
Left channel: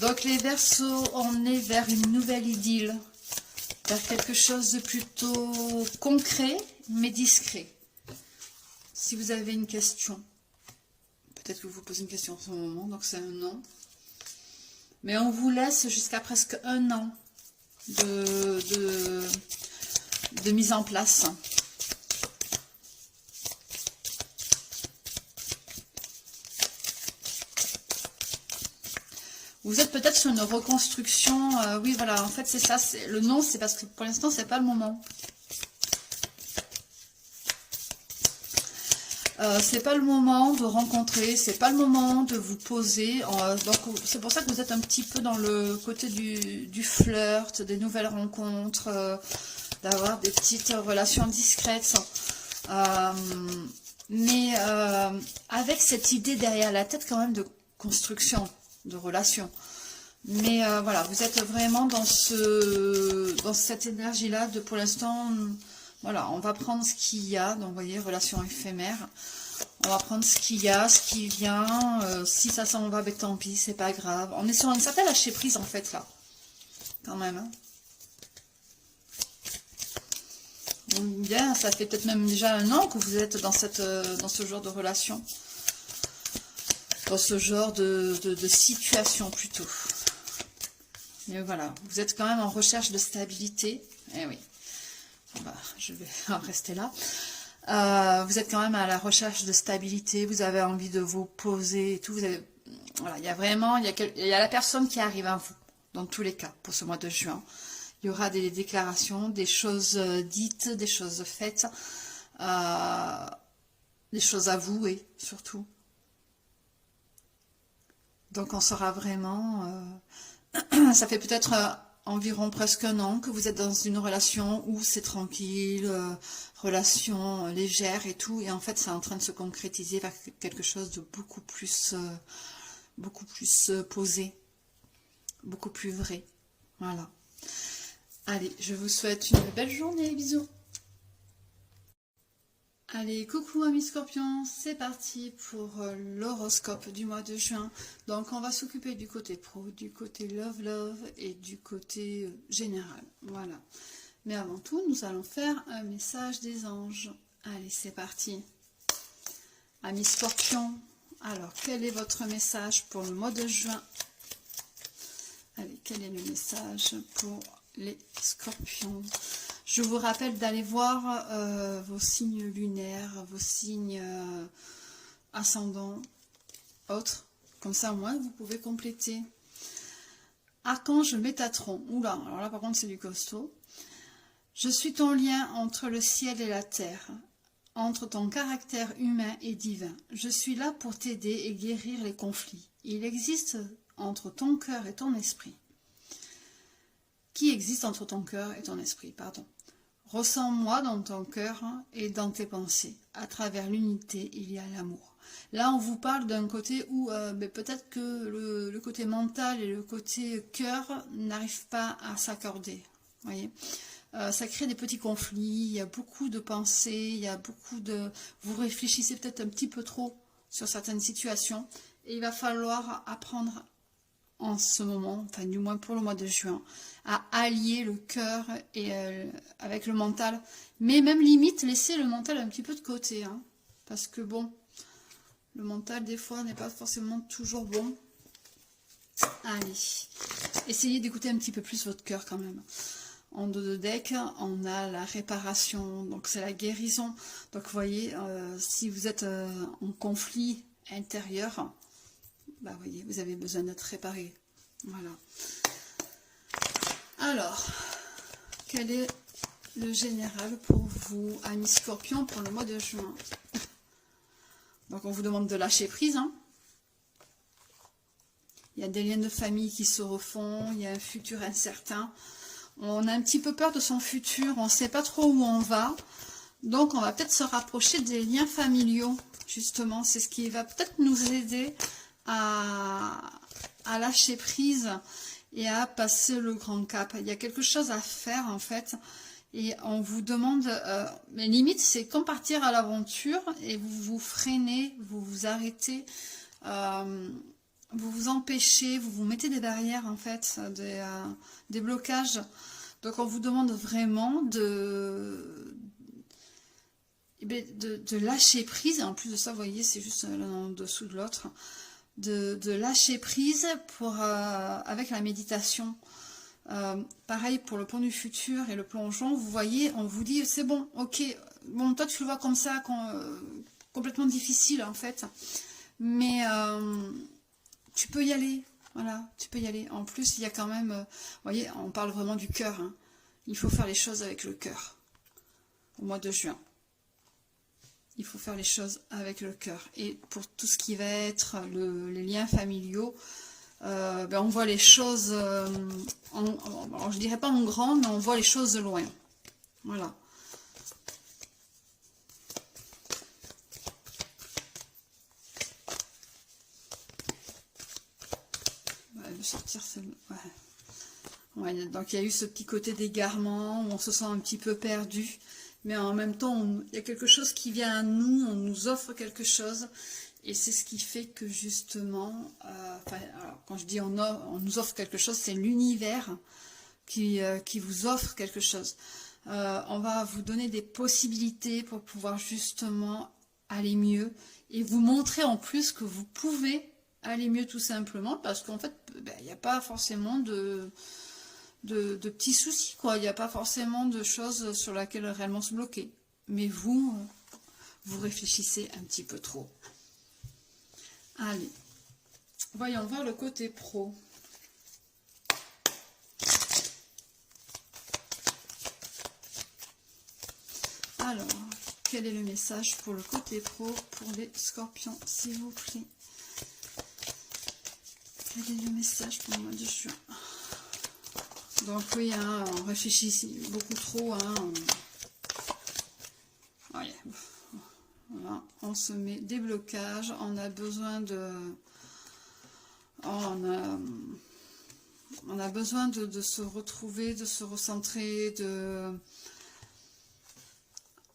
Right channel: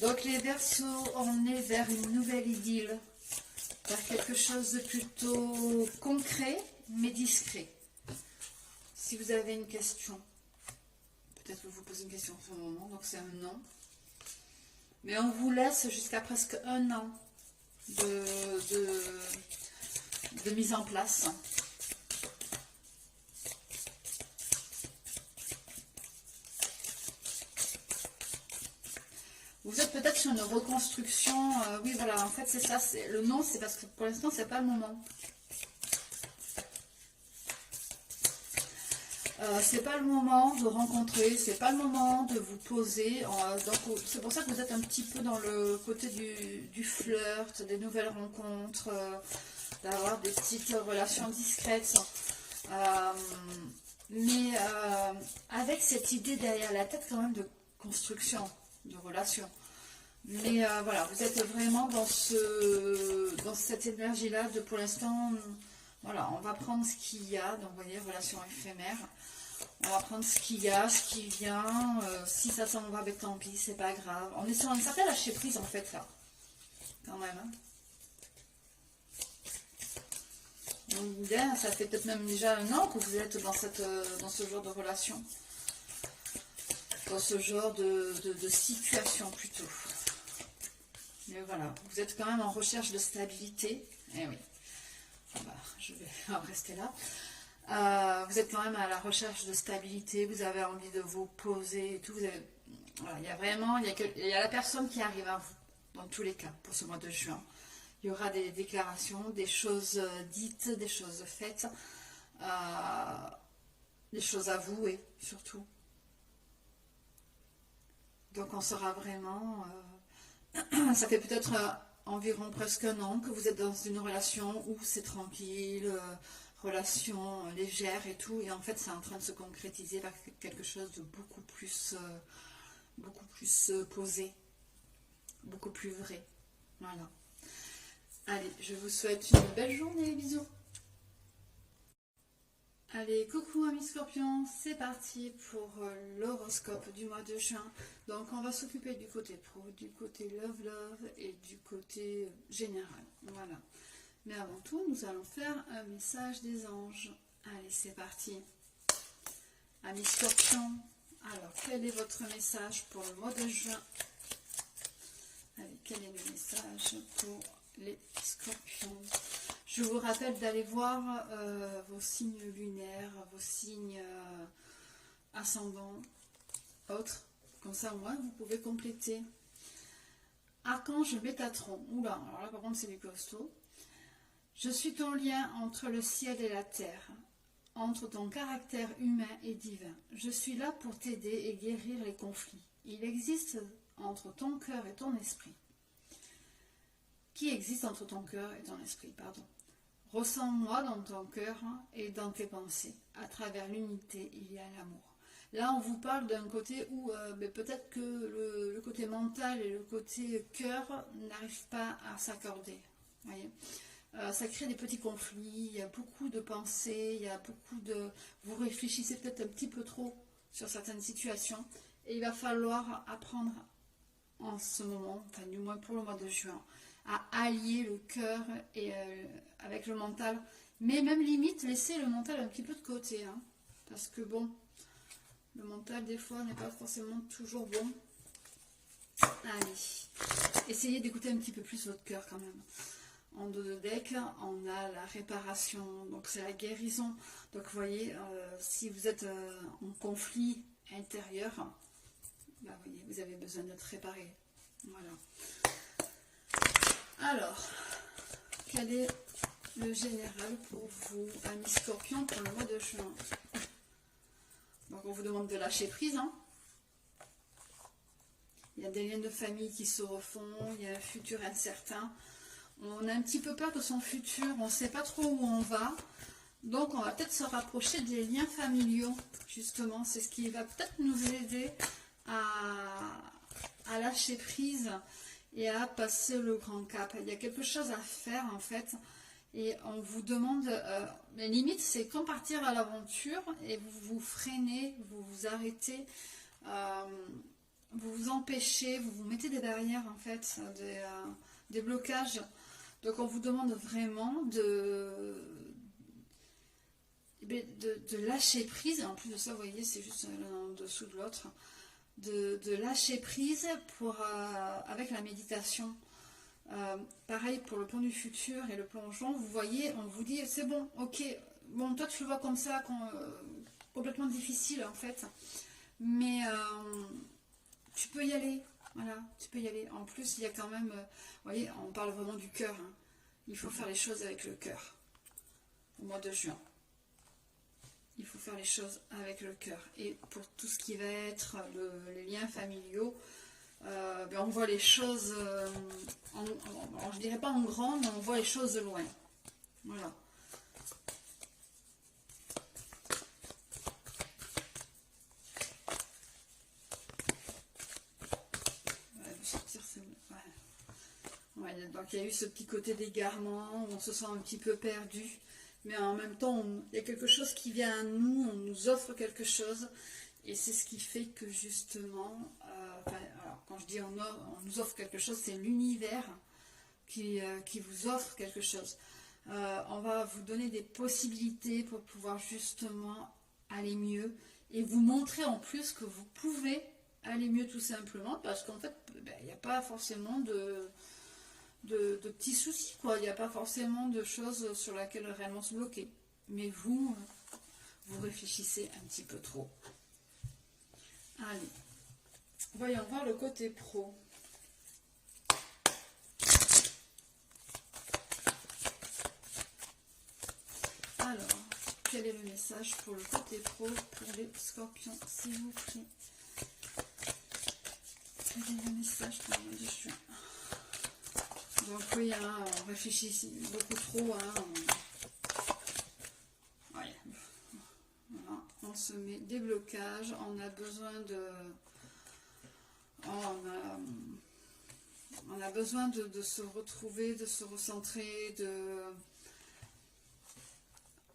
Donc, les Verseaux, on est vers une nouvelle idylle. Vers quelque chose de plutôt concret, mais discret. Si vous avez une question, peut-être que vous posez une question en ce moment, donc c'est un non. Mais on vous laisse jusqu'à presque un an de mise en place. Vous êtes peut-être sur une reconstruction. Oui, voilà, en fait, c'est ça. Le non, c'est parce que pour l'instant, c'est pas le moment. C'est pas le moment de rencontrer, c'est pas le moment de vous poser. Donc, c'est pour ça que vous êtes un petit peu dans le côté du flirt, des nouvelles rencontres, d'avoir des petites relations discrètes. Mais avec cette idée derrière la tête quand même de construction, de relation. Mais voilà, vous êtes vraiment dans cette énergie-là de pour l'instant, voilà, on va prendre ce qu'il y a, donc vous voyez, relation éphémère. On va prendre ce qu'il y a, ce qui vient, si ça s'en va, ben tant pis, c'est pas grave. On est sur une certaine lâcher prise en fait là, quand même. Hein. Donc, bien, ça fait peut-être même déjà un an que vous êtes dans ce genre de relation. Dans ce genre de situation plutôt. Mais voilà, vous êtes quand même en recherche de stabilité. Eh oui, je vais rester là. Vous êtes quand même à la recherche de stabilité. Vous avez envie de vous poser et tout. Voilà, il y a vraiment, il y a la personne qui arrive à vous, dans tous les cas, pour ce mois de juin. Il y aura des déclarations, des choses dites, des choses faites, des choses avouées, surtout. Donc on sera vraiment... ça fait peut-être environ presque un an que vous êtes dans une relation où c'est tranquille, relation légère et tout. Et en fait, c'est en train de se concrétiser vers quelque chose de beaucoup plus posé, beaucoup plus vrai. Voilà. Allez, je vous souhaite une belle journée. Bisous. Allez, coucou amis scorpions, c'est parti pour l'horoscope du mois de juin. Donc on va s'occuper du côté pro, du côté love et du côté général. Voilà. Mais avant tout, nous allons faire un message des anges. Allez, c'est parti. Amis scorpions, alors quel est votre message pour le mois de juin? Allez, quel est le message pour les scorpions? Je vous rappelle d'aller voir vos signes lunaires, vos signes ascendants, autres. Comme ça, au moins, vous pouvez compléter. Archange Métatron. Oula, alors là, par contre, c'est du costaud. Je suis ton lien entre le ciel et la terre, entre ton caractère humain et divin. Je suis là pour t'aider et guérir les conflits. Il existe entre ton cœur et ton esprit qui existe entre ton cœur et ton esprit, pardon. Ressens-moi dans ton cœur et dans tes pensées. À travers l'unité, il y a l'amour. Là, on vous parle d'un côté où peut-être que le côté mental et le côté cœur n'arrivent pas à s'accorder. Voyez, ça crée des petits conflits, il y a beaucoup de pensées, il y a beaucoup de... Vous réfléchissez peut-être un petit peu trop sur certaines situations. Et il va falloir apprendre en ce moment, enfin du moins pour le mois de juin, à allier le cœur et avec le mental. Mais même limite, laisser le mental un petit peu de côté. Hein, parce que bon... Le mental, des fois, n'est pas forcément toujours bon. Allez, essayez d'écouter un petit peu plus votre cœur quand même. En dos de deck, on a la réparation, donc c'est la guérison. Donc vous voyez, si vous êtes en conflit intérieur, bah voyez, vous avez besoin d'être réparé. Voilà. Alors, quel est le général pour vous, amis Scorpions, pour le mois de juin? Donc on vous demande de lâcher prise. Hein. Il y a des liens de famille qui se refont, il y a un futur incertain. On a un petit peu peur de son futur, on ne sait pas trop où on va. Donc on va peut-être se rapprocher des liens familiaux, justement. C'est ce qui va peut-être nous aider à lâcher prise et à passer le grand cap. Il y a quelque chose à faire en fait. Et on vous demande, mais limite c'est comme partir à l'aventure et vous vous freinez, vous vous arrêtez, vous vous empêchez, vous vous mettez des barrières en fait, des blocages. Donc on vous demande vraiment de lâcher prise. En plus de ça, vous voyez, c'est juste l'un en dessous de l'autre, de lâcher prise avec la méditation. Pareil pour le plan du futur et le plongeon, vous voyez, on vous dit c'est bon, ok, bon toi tu le vois comme ça, complètement difficile en fait, mais tu peux y aller, voilà, tu peux y aller. En plus il y a quand même, vous voyez, on parle vraiment du cœur, hein. Il faut faire les choses avec le cœur au mois de juin. Il faut faire les choses avec le cœur. Et pour tout ce qui va être les liens familiaux, on voit les choses, alors je dirais pas en grand, mais on voit les choses de loin. Voilà. Ouais, je vais sortir celle-là. Ouais. Ouais, donc il y a eu ce petit côté d'égarement, où on se sent un petit peu perdu, mais en même temps, il y a quelque chose qui vient à nous, on nous offre quelque chose. Et c'est ce qui fait que justement, quand je dis on nous offre quelque chose, c'est l'univers qui vous offre quelque chose. On va vous donner des possibilités pour pouvoir justement aller mieux et vous montrer en plus que vous pouvez aller mieux tout simplement parce qu'en fait, il n'y a pas forcément de petits soucis, quoi. Il n'y a pas forcément de choses sur lesquelles réellement se bloquer. Mais vous réfléchissez un petit peu trop. Allez, voyons voir le côté pro. Alors, quel est le message pour le côté pro pour les Scorpions, s'il vous plaît? Quel est le message pour le mois de juin? Donc oui, hein, on réfléchit beaucoup trop. Hein, ouais. Voilà, on se met des blocages, on a besoin de... On a besoin de se retrouver, de se recentrer,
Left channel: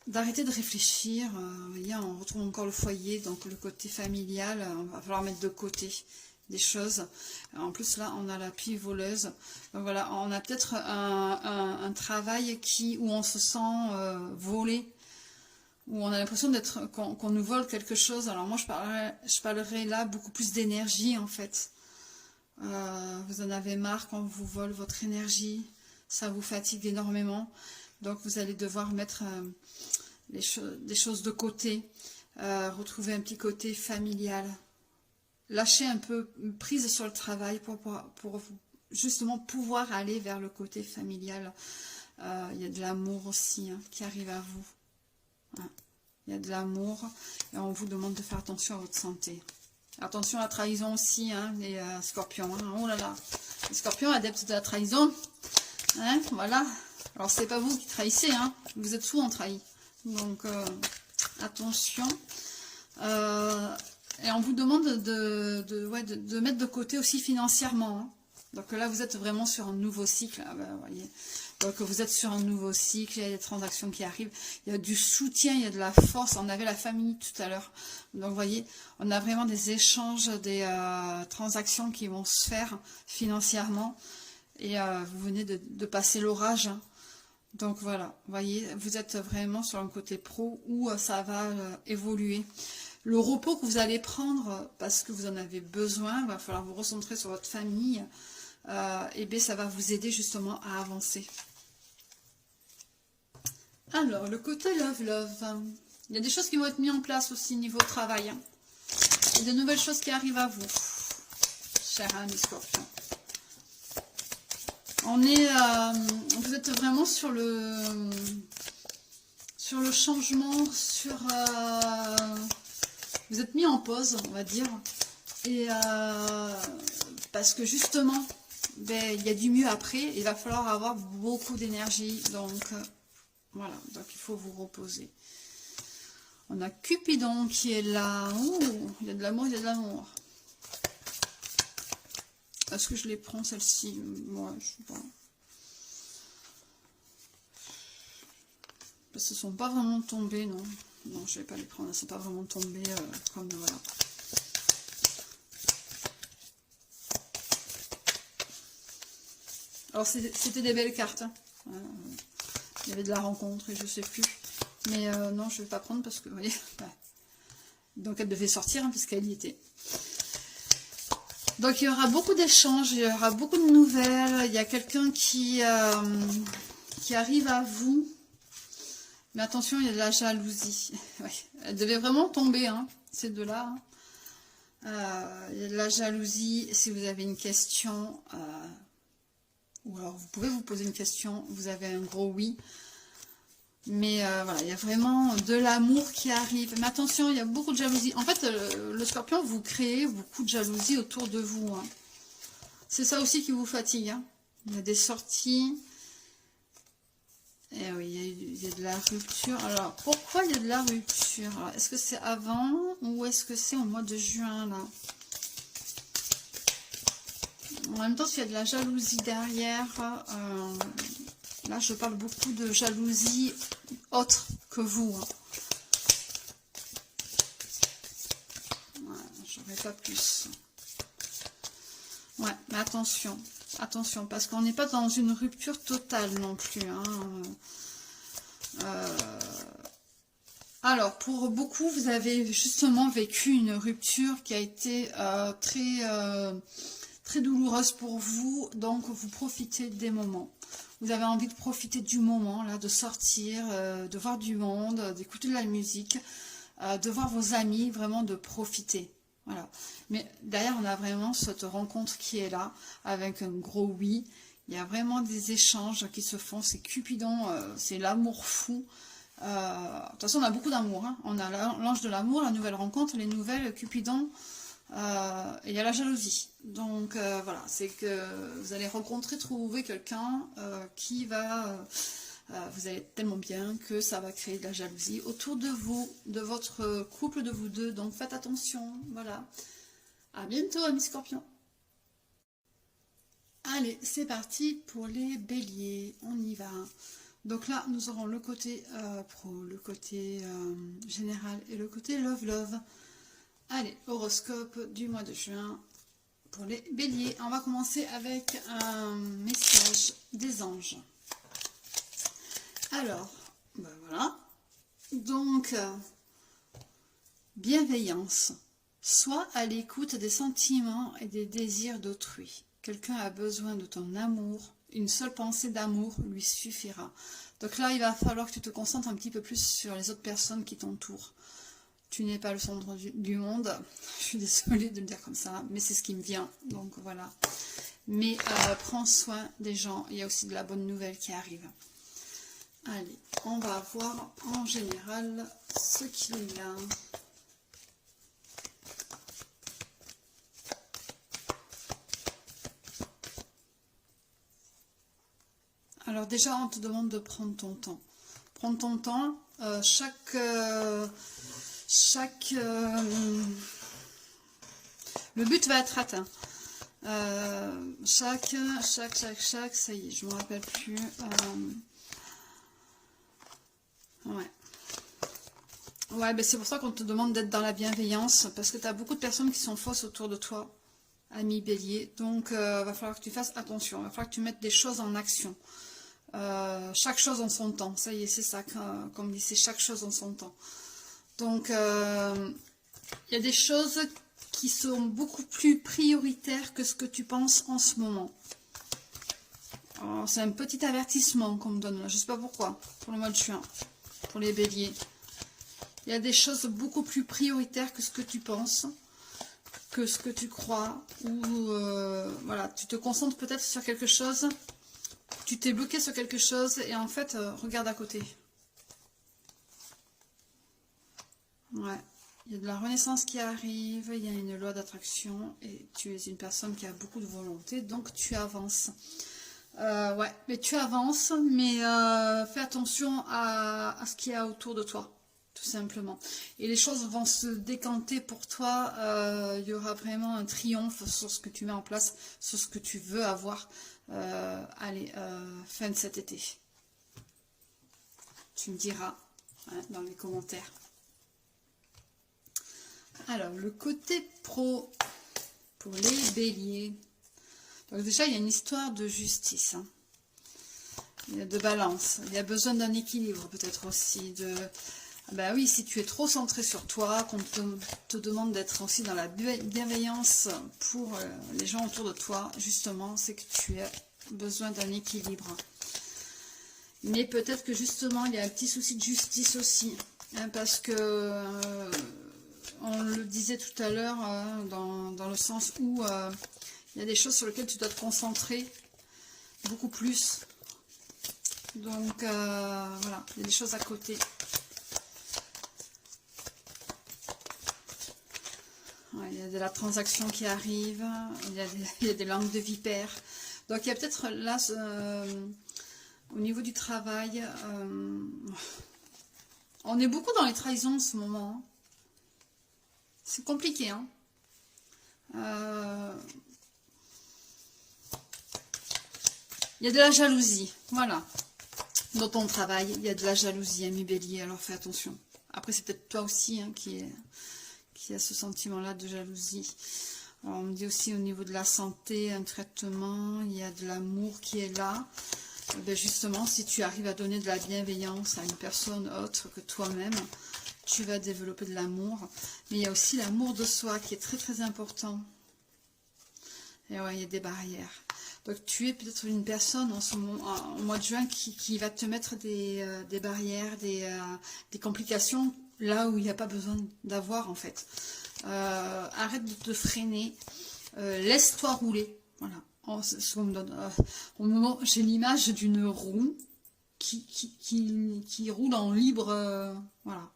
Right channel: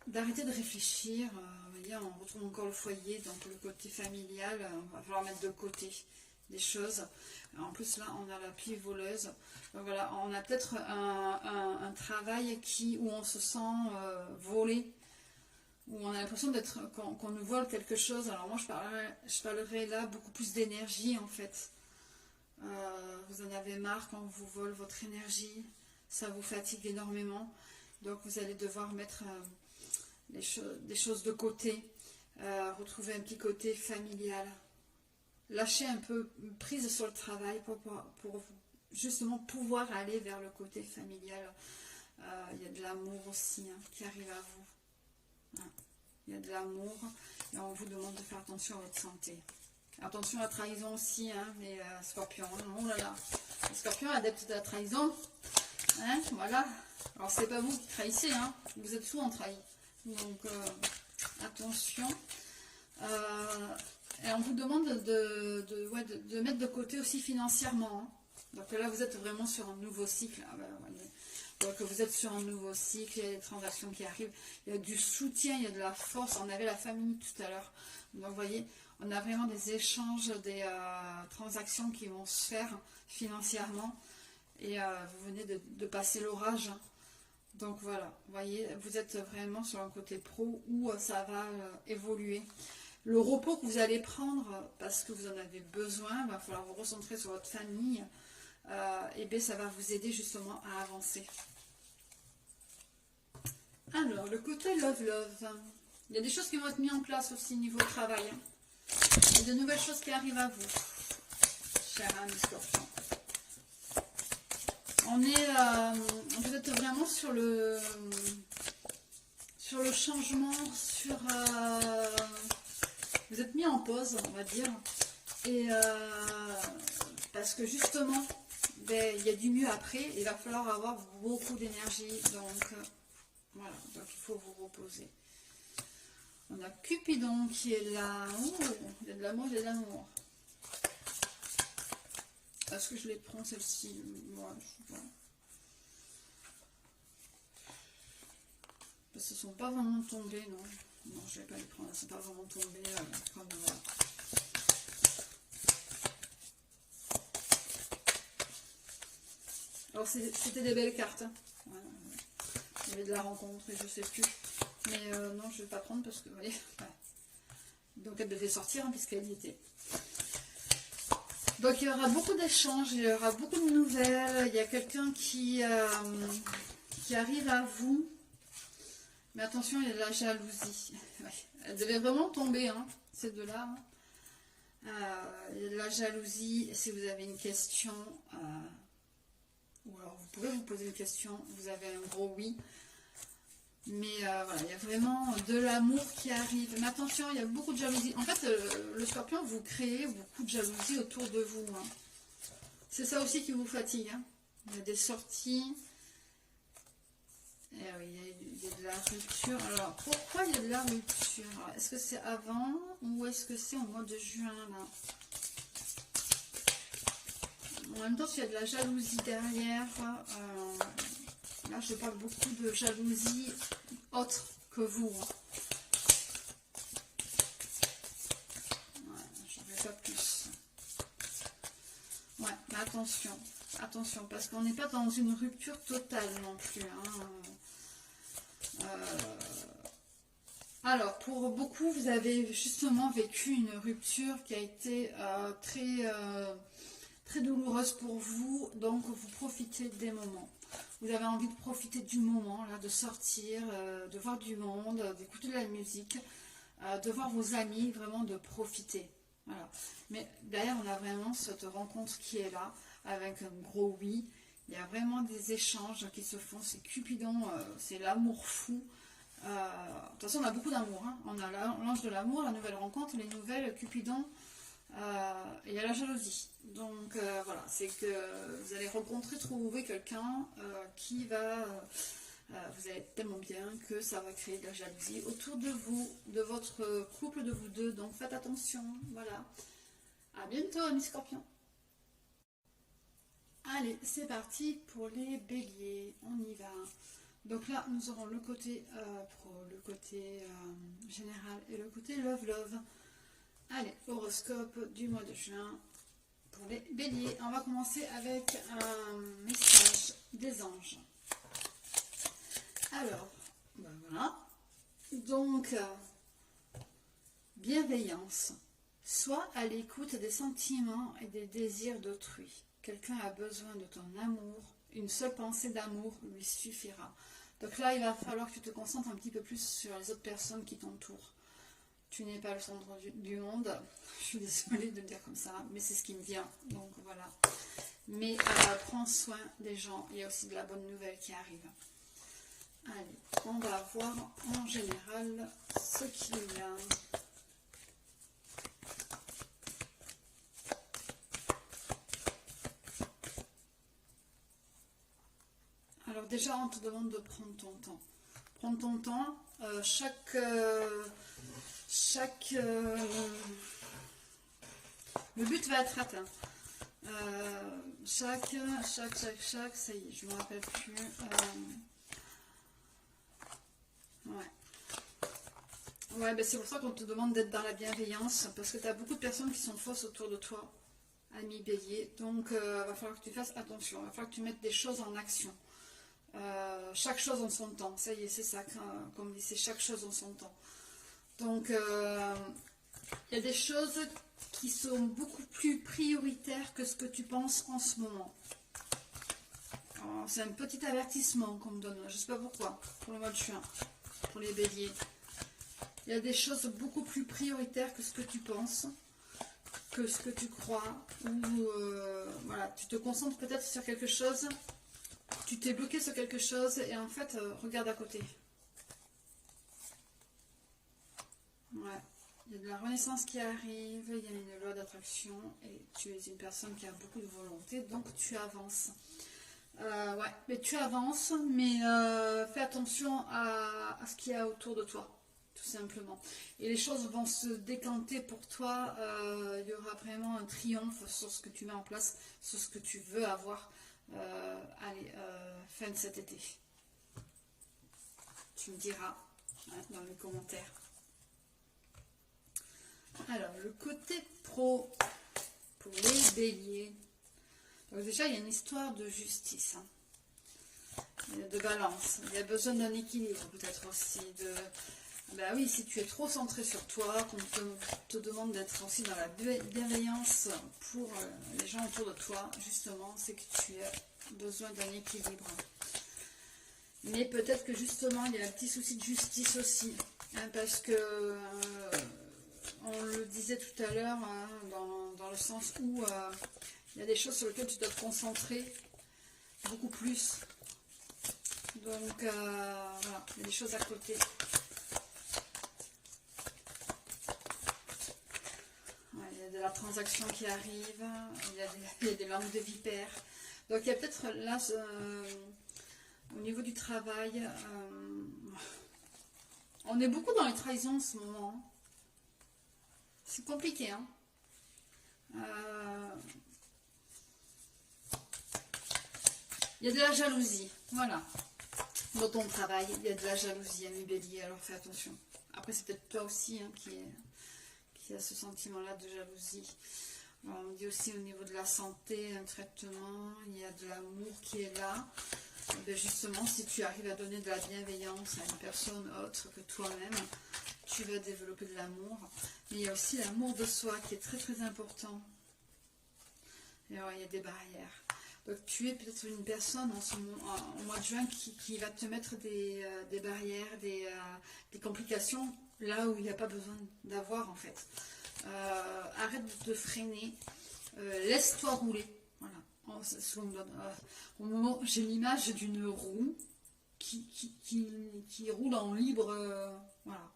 d'arrêter de réfléchir. Vous voyez, on retrouve encore le foyer, donc le côté familial, on va falloir mettre de côté des choses. En plus là, on a la pie voleuse. Donc voilà, on a peut-être un travail où on se sent volé, où on a l'impression qu'on nous vole quelque chose. Alors moi, je parlerai là beaucoup plus d'énergie en fait. Vous en avez marre quand on vous vole votre énergie, ça vous fatigue énormément, donc vous allez devoir mettre des choses de côté, retrouver un petit côté familial, lâcher un peu prise sur le travail pour justement pouvoir aller vers le côté familial. Il y a de l'amour aussi, hein, qui arrive à vous. Hein. Il y a de l'amour et on vous demande de faire attention à votre santé. Attention à la trahison aussi, hein, les Scorpions. Hein. Oh là là, les Scorpions adeptes de la trahison, Hein, voilà. Alors, c'est pas vous qui trahissez, hein. Vous êtes souvent trahi. Donc, attention. Et on vous demande de mettre de côté aussi financièrement. Hein. Donc là, vous êtes vraiment sur un nouveau cycle. Ah ben, voyez. Donc vous êtes sur un nouveau cycle, il y a des transactions qui arrivent, il y a du soutien, il y a de la force. On avait la famille tout à l'heure. Donc vous voyez, on a vraiment des échanges, des transactions qui vont se faire financièrement. Et vous venez de passer l'orage. Hein. Donc voilà, vous voyez, vous êtes vraiment sur un côté pro où ça va évoluer. Le repos que vous allez prendre parce que vous en avez besoin, il va falloir vous recentrer sur votre famille. Et bien ça va vous aider justement à avancer. Alors, le côté love. Il y a des choses qui vont être mises en place aussi niveau travail. Hein. Il y a de nouvelles choses qui arrivent à vous, cher ami Scorpion. Vous êtes vraiment sur le changement, vous êtes mis en pause, on va dire. Et parce que justement, ben, il y a du mieux après. Il va falloir avoir beaucoup d'énergie. Donc, voilà. Donc, il faut vous reposer. On a Cupidon qui est là. Oh, il y a de l'amour, il y a de l'amour. Est-ce que je les prends, celles-ci? Moi, je sais pas. Parce qu'elles ne sont pas vraiment tombées, non. Non, je ne vais pas les prendre. Elles ne sont pas vraiment tombées comme voilà. Alors, c'était des belles cartes. Hein. Il y avait de la rencontre et je ne sais plus. Mais non, je ne vais pas prendre parce que, vous voyez, ouais. Donc elle devait sortir hein, puisqu'elle y était. Donc il y aura beaucoup d'échanges, il y aura beaucoup de nouvelles. Il y a quelqu'un qui arrive à vous. Mais attention, il y a de la jalousie. Ouais. Elle devait vraiment tomber, hein, ces deux-là. Hein. Il y a de la jalousie. Si vous avez une question... ou alors vous pouvez vous poser une question, vous avez un gros oui. Mais voilà, il y a vraiment de l'amour qui arrive. Mais attention, il y a beaucoup de jalousie. En fait, le Scorpion, vous créez beaucoup de jalousie autour de vous. Hein. C'est ça aussi qui vous fatigue. Hein. Il y a des sorties. Et oui, il y a de la rupture. Alors, pourquoi il y a de la rupture? Est-ce que c'est avant ou est-ce que c'est au mois de juin là? En même temps, s'il y a de la jalousie derrière, là, je parle beaucoup de jalousie autre que vous. Hein. Ouais, j'en ai pas plus. Ouais, mais attention, attention, parce qu'on n'est pas dans une rupture totale non plus. Hein. Alors, pour beaucoup, vous avez justement vécu une rupture qui a été très douloureuse pour vous, donc vous profitez des moments. Vous avez envie de profiter du moment, là, de sortir, de voir du monde, d'écouter de la musique, de voir vos amis, vraiment de profiter. Voilà. Mais derrière, on a vraiment cette rencontre qui est là, avec un gros oui. Il y a vraiment des échanges qui se font, c'est Cupidon, c'est l'amour fou. De toute façon, on a beaucoup d'amour. Hein. On a l'ange de l'amour, la nouvelle rencontre, les nouvelles, Cupidon, et il y a la jalousie. Donc voilà, c'est que vous allez rencontrer, trouver quelqu'un qui va... vous allez être tellement bien que ça va créer de la jalousie autour de vous, de votre couple, de vous deux. Donc faites attention, voilà. À bientôt, amis Scorpions. Allez, c'est parti pour les béliers. On y va. Donc là, nous aurons le côté pro, le côté général et le côté love. Allez, horoscope du mois de juin pour les béliers. On va commencer avec un message des anges. Alors, ben voilà. Donc, bienveillance. Sois à l'écoute des sentiments et des désirs d'autrui. Quelqu'un a besoin de ton amour. Une seule pensée d'amour lui suffira. Donc là, il va falloir que tu te concentres un petit peu plus sur les autres personnes qui t'entourent. Tu n'es pas le centre du monde. Je suis désolée de le dire comme ça, mais c'est ce qui me vient. Donc voilà. Mais prends soin des gens. Il y a aussi de la bonne nouvelle qui arrive. Allez, on va voir en général ce qu'il y a. Alors déjà, on te demande de prendre ton temps. Prendre ton temps. Le but va être atteint. Ça y est, je me rappelle plus. Ouais, ben c'est pour ça qu'on te demande d'être dans la bienveillance, parce que tu as beaucoup de personnes qui sont fausses autour de toi, ami Bélier. Donc, va falloir que tu fasses attention, va falloir que tu mettes des choses en action. Chaque chose en son temps, ça y est, c'est ça, comme dit, c'est chaque chose en son temps. Donc, il y a des choses qui sont beaucoup plus prioritaires que ce que tu penses en ce moment. C'est un petit avertissement qu'on me donne, là. Je ne sais pas pourquoi, pour le mois de juin, pour les béliers. Il y a des choses beaucoup plus prioritaires que ce que tu penses, que ce que tu crois, ou voilà, tu te concentres peut-être sur quelque chose, tu t'es bloqué sur quelque chose, et en fait, regarde à côté. Ouais. Il y a de la renaissance qui arrive, il y a une loi d'attraction et tu es une personne qui a beaucoup de volonté, donc tu avances. Ouais, mais tu avances, mais fais attention à ce qu'il y a autour de toi, tout simplement. Et les choses vont se décanter pour toi, il y aura vraiment un triomphe sur ce que tu mets en place, sur ce que tu veux avoir, fin de cet été. Tu me diras hein, dans les commentaires. Alors, le côté pro pour les béliers. Donc déjà, il y a une histoire de justice. Hein. Il y a de balance. Il y a besoin d'un équilibre peut-être aussi. Ben oui, si tu es trop centré sur toi, qu'on te demande d'être aussi dans la bienveillance pour les gens autour de toi, justement, c'est que tu as besoin d'un équilibre. Mais peut-être que justement, il y a un petit souci de justice aussi. Hein, parce que... on le disait tout à l'heure, dans le sens où il y a des choses sur lesquelles tu dois te concentrer beaucoup plus. Donc, voilà, il y a des choses à côté. Ouais, il y a de la transaction qui arrive, il y a des langues de vipère. Donc, il y a peut-être là, au niveau du travail, on est beaucoup dans les trahisons en ce moment. Hein. C'est compliqué, hein. Il y a de la jalousie, voilà. Dans ton travail, il y a de la jalousie, ami bélier, alors fais attention. Après, c'est peut-être toi aussi hein, qui a ce sentiment-là de jalousie. Alors, on me dit aussi au niveau de la santé, un traitement, il y a de l'amour qui est là. Ben justement, si tu arrives à donner de la bienveillance à une personne autre que toi-même, tu vas développer de l'amour. Mais il y a aussi l'amour de soi qui est très très important. Et ouais, il y a des barrières. Donc tu es peut-être une personne en ce moment, au mois de juin qui va te mettre des barrières, des complications là où il n'y a pas besoin d'avoir en fait. Arrête de te freiner, laisse-toi rouler. Voilà. Ce qu'on me donne. Au moment, j'ai l'image d'une roue qui roule en libre, voilà,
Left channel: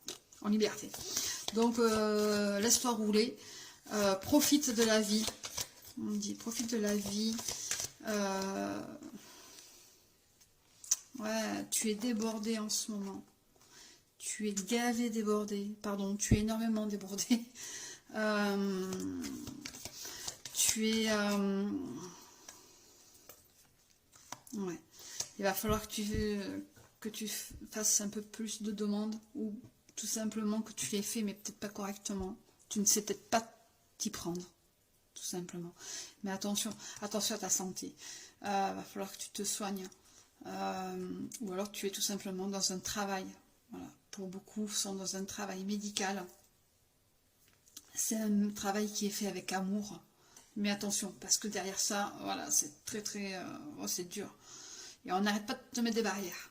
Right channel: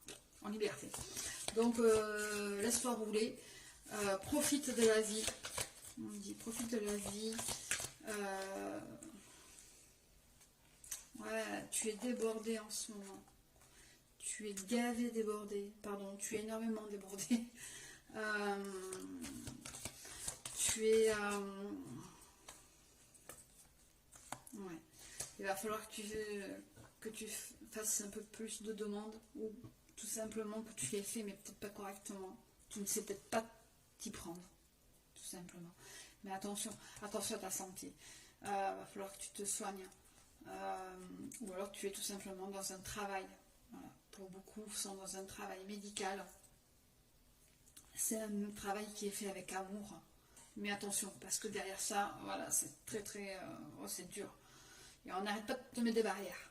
en liberté. Donc laisse-toi rouler, profite de la vie. On dit profite de la vie. Ouais, tu es débordé en ce moment. Tu es gavé débordé. Pardon, tu es énormément débordé. Tu es... ouais. Il va falloir que tu fasses un peu plus de demandes ou tout simplement que tu les fais mais peut-être pas correctement. Tu ne sais peut-être pas t'y prendre. Tout simplement. Mais attention à ta santé. Va falloir que tu te soignes. Ou alors tu es tout simplement dans un travail. Voilà. Pour beaucoup sont dans un travail médical. C'est un travail qui est fait avec amour. Mais attention, parce que derrière ça, voilà, c'est très très... c'est dur. Et on n'arrête pas de te mettre des barrières.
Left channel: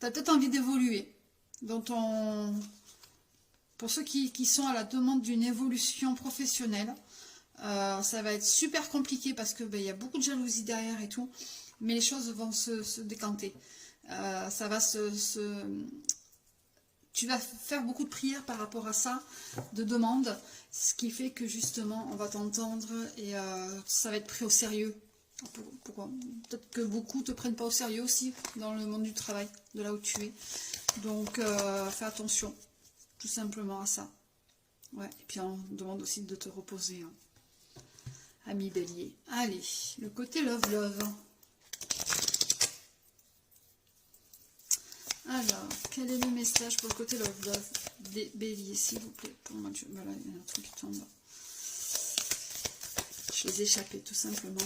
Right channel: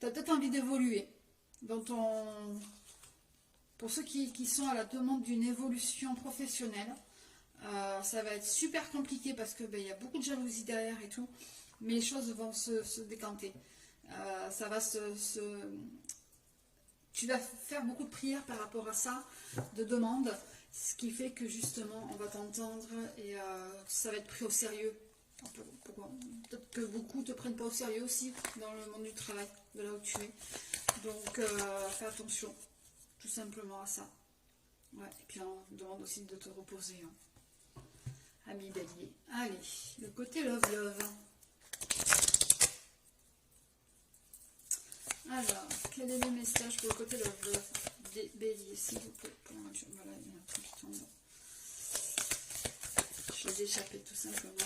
Tu as peut-être envie d'évoluer dans ton... Pour ceux qui sont à la demande d'une évolution professionnelle, ça va être super compliqué parce que y a beaucoup de jalousie derrière et tout, mais les choses vont se décanter. Ça va tu vas faire beaucoup de prières par rapport à ça, de demandes, ce qui fait que justement on va t'entendre et ça va être pris au sérieux. Peut-être que beaucoup ne te prennent pas au sérieux aussi dans le monde du travail, de là où tu es. Donc, fais attention, tout simplement à ça. Ouais, et puis on demande aussi de te reposer, hein, ami Bélier. Allez, le côté love. Alors, quel est le message pour le côté love des béliers, s'il vous plaît? Pour moi, voilà, il y a un truc qui tombe. Je les ai échappés, tout simplement.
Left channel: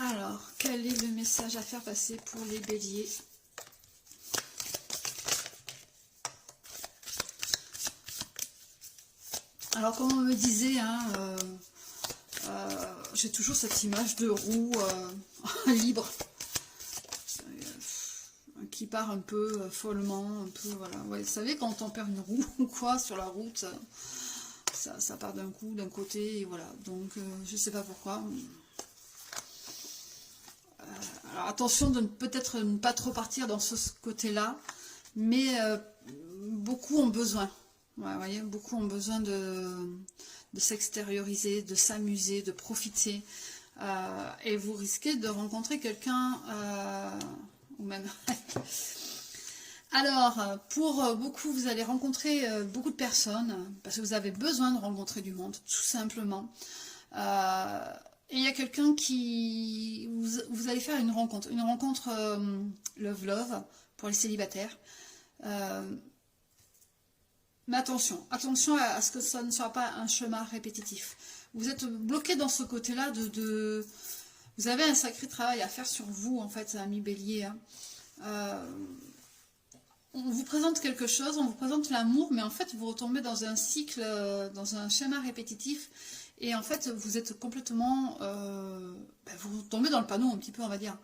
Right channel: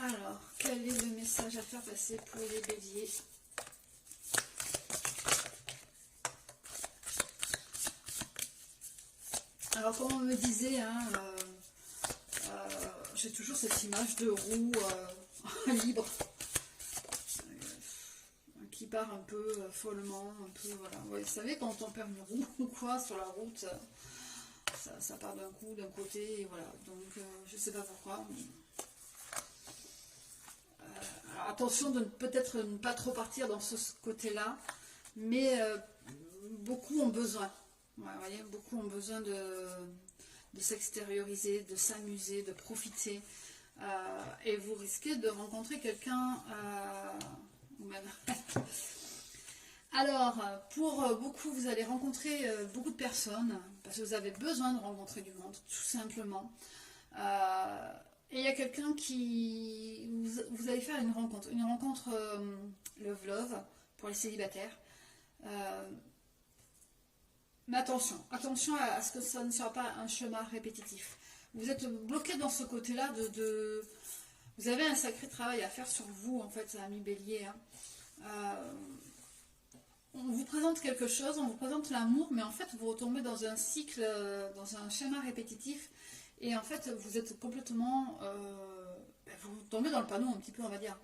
Alors, quel est le message à faire passer pour les béliers? Alors, comme on me disait, hein, j'ai toujours cette image de roue libre, qui part un peu follement, un peu, voilà. Ouais, vous savez, quand on perd une roue ou quoi sur la route, ça part d'un coup, d'un côté, et voilà. Donc, je sais pas pourquoi. Alors, attention de peut-être ne pas trop partir dans ce côté-là, mais beaucoup ont besoin. Ouais, vous voyez, beaucoup ont besoin de s'extérioriser, de s'amuser, de profiter. Et vous risquez de rencontrer quelqu'un, ou même... Alors, pour beaucoup, vous allez rencontrer beaucoup de personnes, parce que vous avez besoin de rencontrer du monde, tout simplement. Et il y a quelqu'un qui... Vous allez faire une rencontre love, pour les célibataires. Mais attention à ce que ça ne soit pas un chemin répétitif. Vous êtes bloqué dans ce côté-là Vous avez un sacré travail à faire sur vous, en fait, ami Bélier. Hein. On vous présente quelque chose, on vous présente l'amour, mais en fait, vous retombez dans un cycle, dans un schéma répétitif. Et en fait, vous êtes complètement... vous tombez dans le panneau un petit peu, on va dire.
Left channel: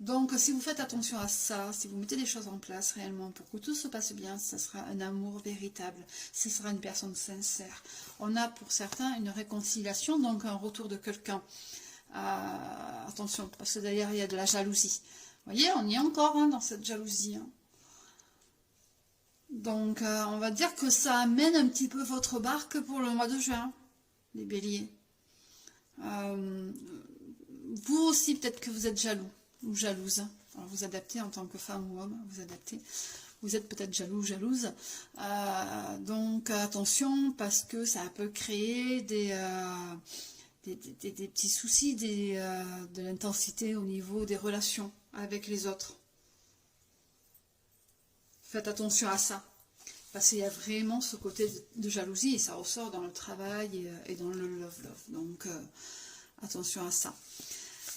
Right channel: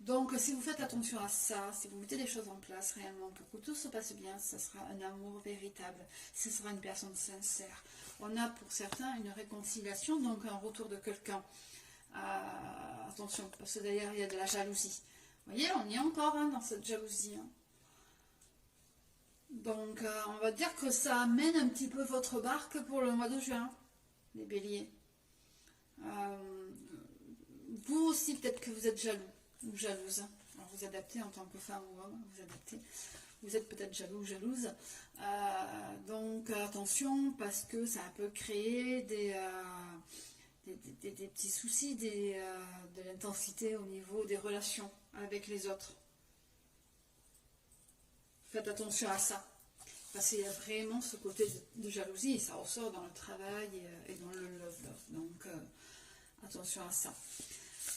Donc, si vous faites attention à ça, si vous mettez des choses en place réellement pour que tout se passe bien, ça sera un amour véritable, ce sera une personne sincère. On a pour certains une réconciliation, donc un retour de quelqu'un. Attention, parce que derrière, il y a de la jalousie. Vous voyez, on y est encore hein, dans cette jalousie. Hein. Donc, on va dire que ça amène un petit peu votre barque pour le mois de juin, les béliers. Vous aussi, peut-être que vous êtes jaloux ou jalouse. Alors, vous adaptez en tant que femme ou homme, vous adaptez. Vous êtes peut-être jaloux ou jalouse. Donc, attention, parce que ça peut créer des petits soucis, de l'intensité au niveau des relations avec les autres. Faites attention à ça. Parce qu'il y a vraiment ce côté de jalousie et ça ressort dans le travail et dans le love. Donc, attention à ça.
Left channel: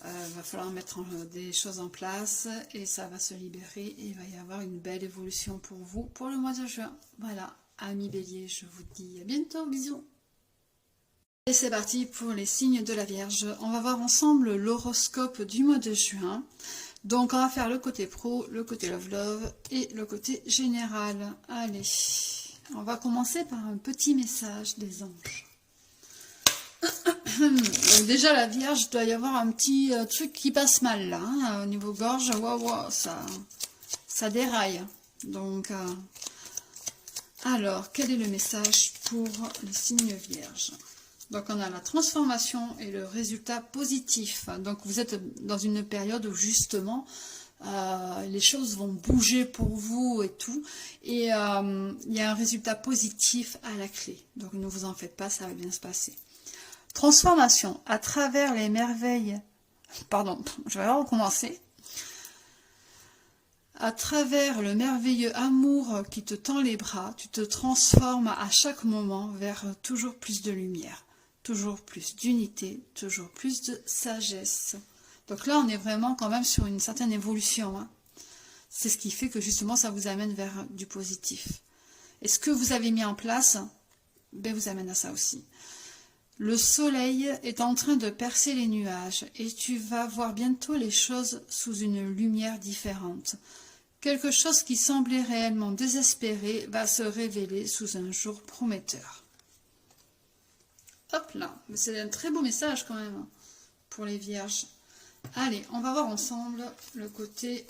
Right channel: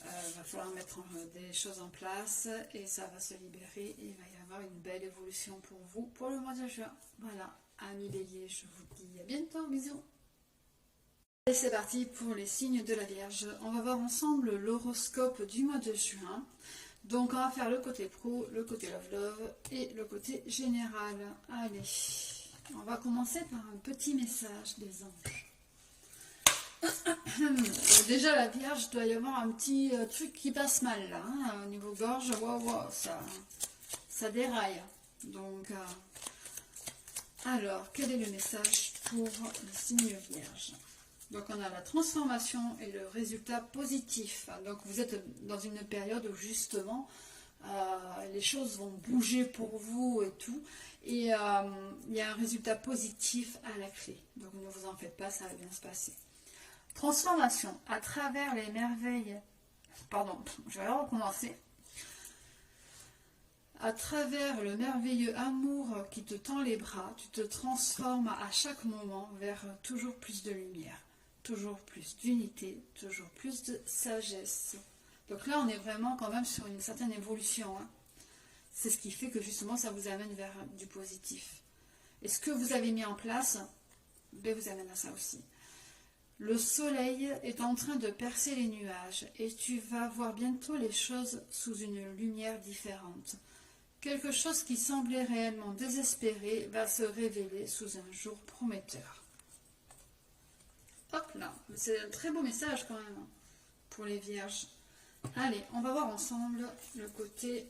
Va falloir mettre des choses en place et ça va se libérer et il va y avoir une belle évolution pour vous pour le mois de juin. Voilà, amis bélier, je vous dis à bientôt, bisous. Et c'est parti pour les signes de la Vierge. On va voir ensemble l'horoscope du mois de juin. Donc on va faire le côté pro, le côté love et le côté général. Allez, on va commencer par un petit message des anges. Donc déjà la Vierge, doit y avoir un petit truc qui passe mal là, hein, au niveau gorge, wow, ça déraille. Donc, alors, quel est le message pour les signes vierges? Donc on a la transformation et le résultat positif. Donc vous êtes dans une période où justement les choses vont bouger pour vous et tout. Et il y a un résultat positif à la clé. Donc ne vous en faites pas, ça va bien se passer. Transformation à travers les merveilles. Pardon, je vais recommencer. À travers le merveilleux amour qui te tend les bras, tu te transformes à chaque moment vers toujours plus de lumière, toujours plus d'unité, toujours plus de sagesse. Donc là, on est vraiment quand même sur une certaine évolution. Hein. C'est ce qui fait que justement, ça vous amène vers du positif. Et ce que vous avez mis en place, ben, vous amène à ça aussi. Le soleil est en train de percer les nuages et tu vas voir bientôt les choses sous une lumière différente. Quelque chose qui semblait réellement désespéré va se révéler sous un jour prometteur. Hop là, c'est un très beau message quand même pour les vierges. Allez, on va voir ensemble le côté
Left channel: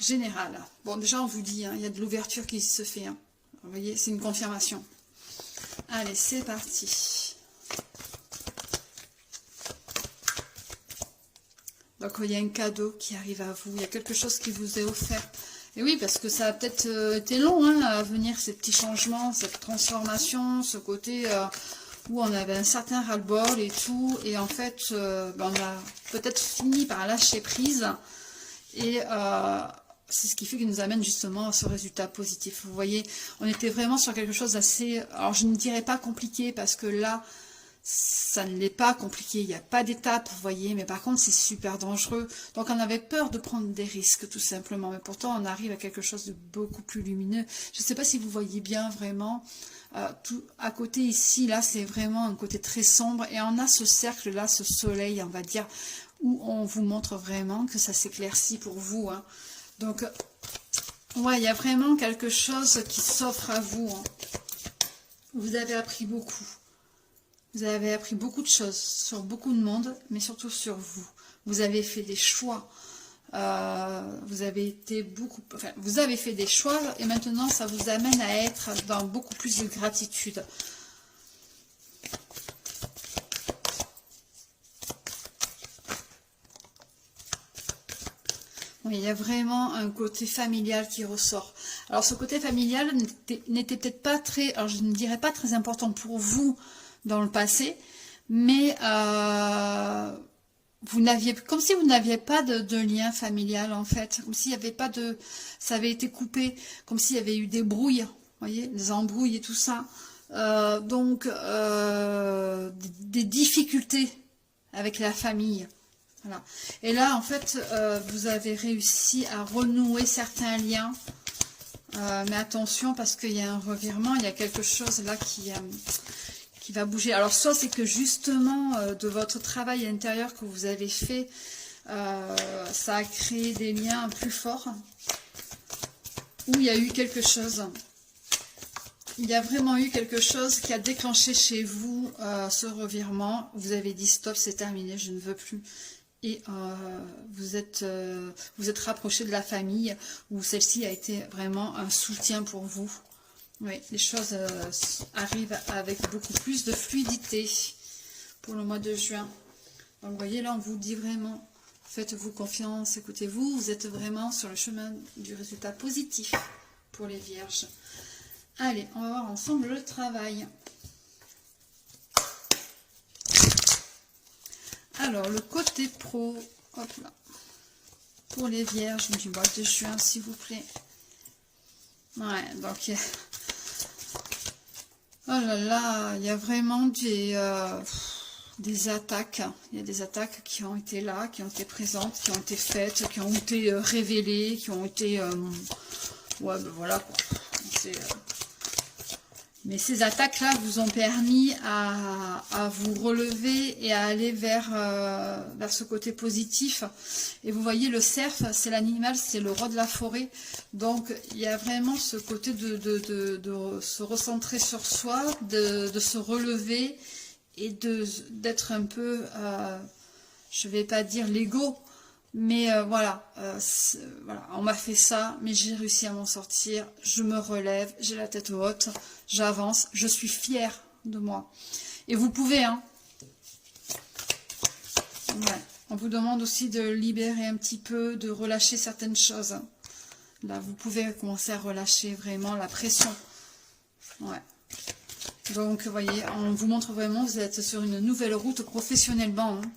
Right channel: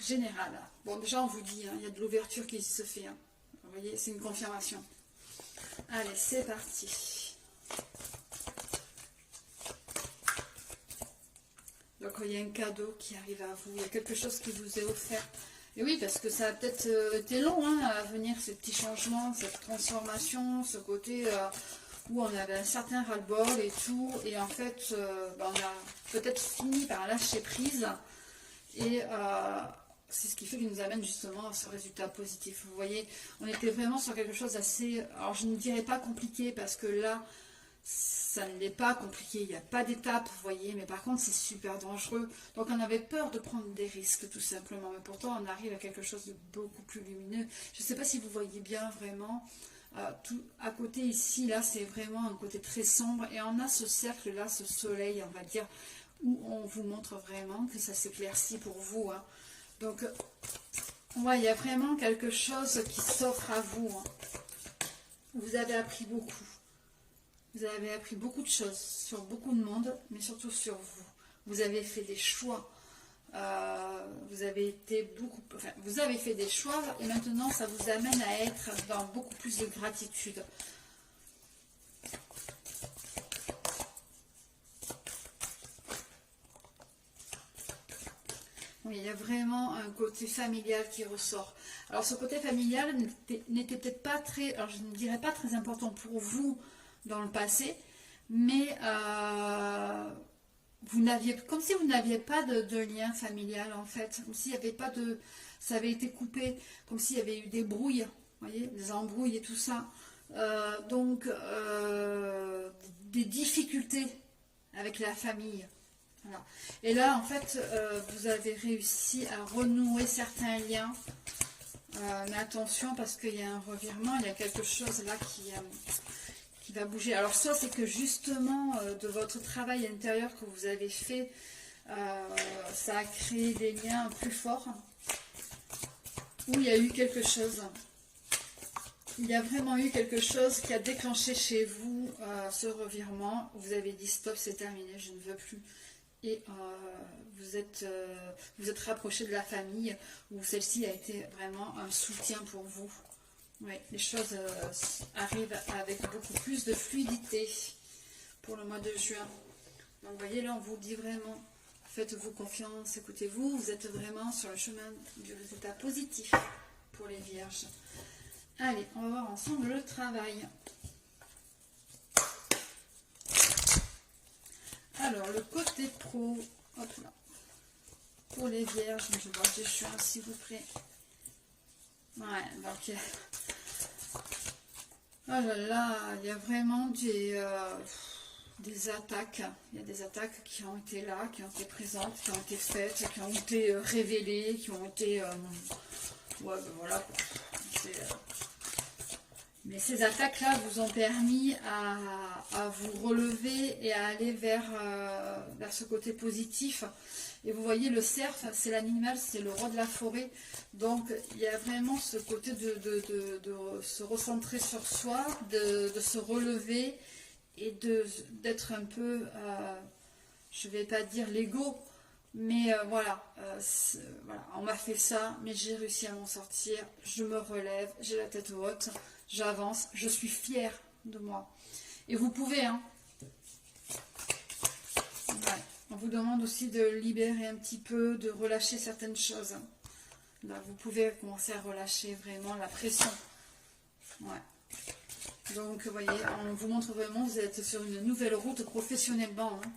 général. Bon, déjà on vous dit, hein, il y a de l'ouverture qui se fait. Hein. Vous voyez, c'est une confirmation. Allez, c'est parti. Donc il y a un cadeau qui arrive à vous, il y a quelque chose qui vous est offert. Et oui, parce que ça a peut-être été long hein, à venir, ces petits changements, cette transformation, ce côté où on avait un certain ras-le-bol et tout. Et en fait, on a peut-être fini par lâcher prise. Et c'est ce qui fait qu'il nous amène justement à ce résultat positif. Vous voyez, on était vraiment sur quelque chose d'assez... Alors je ne dirais pas compliqué, parce que là... ça ne l'est pas compliqué, il n'y a pas d'étape, vous voyez, mais par contre c'est super dangereux. Donc on avait peur de prendre des risques tout simplement, mais pourtant on arrive à quelque chose de beaucoup plus lumineux. Je ne sais pas si vous voyez bien vraiment, tout à côté ici, là c'est vraiment un côté très sombre, et on a ce cercle là, ce soleil on va dire, où on vous montre vraiment que ça s'éclaircit pour vous. Hein. Donc ouais, il y a vraiment quelque chose qui s'offre à vous. Hein. Vous avez appris beaucoup. Vous avez appris beaucoup de choses sur beaucoup de monde, mais surtout sur vous. Vous avez fait des choix. Vous avez fait des choix et maintenant ça vous amène à être dans beaucoup plus de gratitude. Oui, il y a vraiment un côté familial qui ressort. Alors ce côté familial n'était peut-être pas très, alors je ne dirais pas très important pour vous dans le passé, mais vous n'aviez, comme si vous n'aviez pas de lien familial en fait, comme s'il n'y avait pas de, ça avait été coupé, comme s'il y avait eu des brouilles, vous voyez, des embrouilles et tout ça, donc des difficultés avec la famille. Voilà. Et là, en fait, vous avez réussi à renouer certains liens, mais attention parce qu'il y a un revirement, il y a quelque chose là qui va bouger. Alors soit c'est que justement de votre travail intérieur que vous avez fait, ça a créé des liens plus forts, ou il y a eu quelque chose. Il y a vraiment eu quelque chose qui a déclenché chez vous ce revirement. Vous avez dit stop, c'est terminé, je ne veux plus. Et vous êtes rapproché de la famille, où celle-ci a été vraiment un soutien pour vous. Oui, les choses arrivent avec beaucoup plus de fluidité pour le mois de juin. Donc, vous voyez, là, on vous dit vraiment, faites-vous confiance, écoutez-vous, vous êtes vraiment sur le chemin du résultat positif pour les vierges. Allez, on va voir ensemble le travail. Alors, le côté pro, hop là, pour les vierges du mois de juin, s'il vous plaît. Ouais, donc... Oh là là, il y a vraiment des attaques. Il y a des attaques qui ont été là, qui ont été présentes, qui ont été faites, qui ont été révélées, qui ont été... ouais, ben voilà, quoi. Mais ces attaques-là vous ont permis à vous relever et à aller vers ce côté positif. Et vous voyez, le cerf, c'est l'animal, c'est le roi de la forêt. Donc, il y a vraiment ce côté de se recentrer sur soi, de se relever et d'être un peu, je ne vais pas dire l'ego, mais voilà, on m'a fait ça, mais j'ai réussi à m'en sortir, je me relève, j'ai la tête haute, j'avance, je suis fière de moi. Et vous pouvez, hein. Ouais. On vous demande aussi de libérer un petit peu, de relâcher certaines choses. Là, vous pouvez commencer à relâcher vraiment la pression. Ouais. Donc, vous voyez, on vous montre vraiment, vous êtes sur une nouvelle route professionnellement, hein.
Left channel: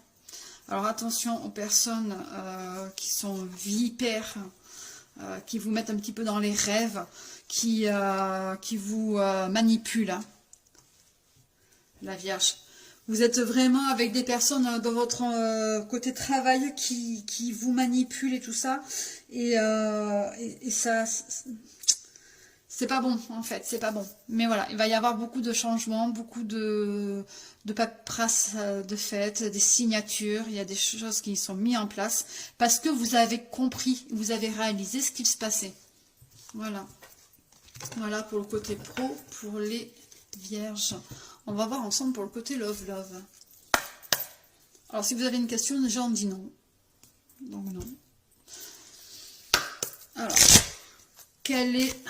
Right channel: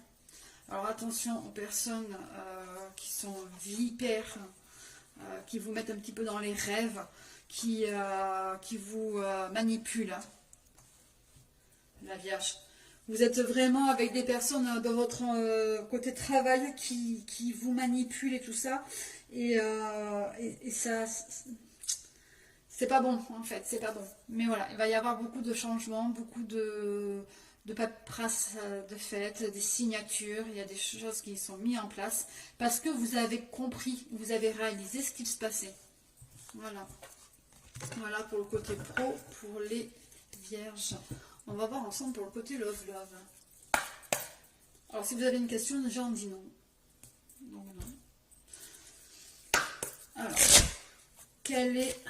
Alors attention aux personnes qui sont vipères, qui vous mettent un petit peu dans les rêves, qui vous manipulent. Hein. La Vierge. Vous êtes vraiment avec des personnes dans votre côté travail qui vous manipulent et tout ça. Et ça... C'est pas bon, en fait, c'est pas bon. Mais voilà, il va y avoir beaucoup de changements, beaucoup de paperasse de fête, des signatures, il y a des choses qui sont mises en place parce que vous avez compris, vous avez réalisé ce qu'il se passait. Voilà. Voilà pour le côté pro, pour les vierges. On va voir ensemble pour le côté love. Alors, si vous avez une question, déjà on dit non. Donc non. Alors, quel est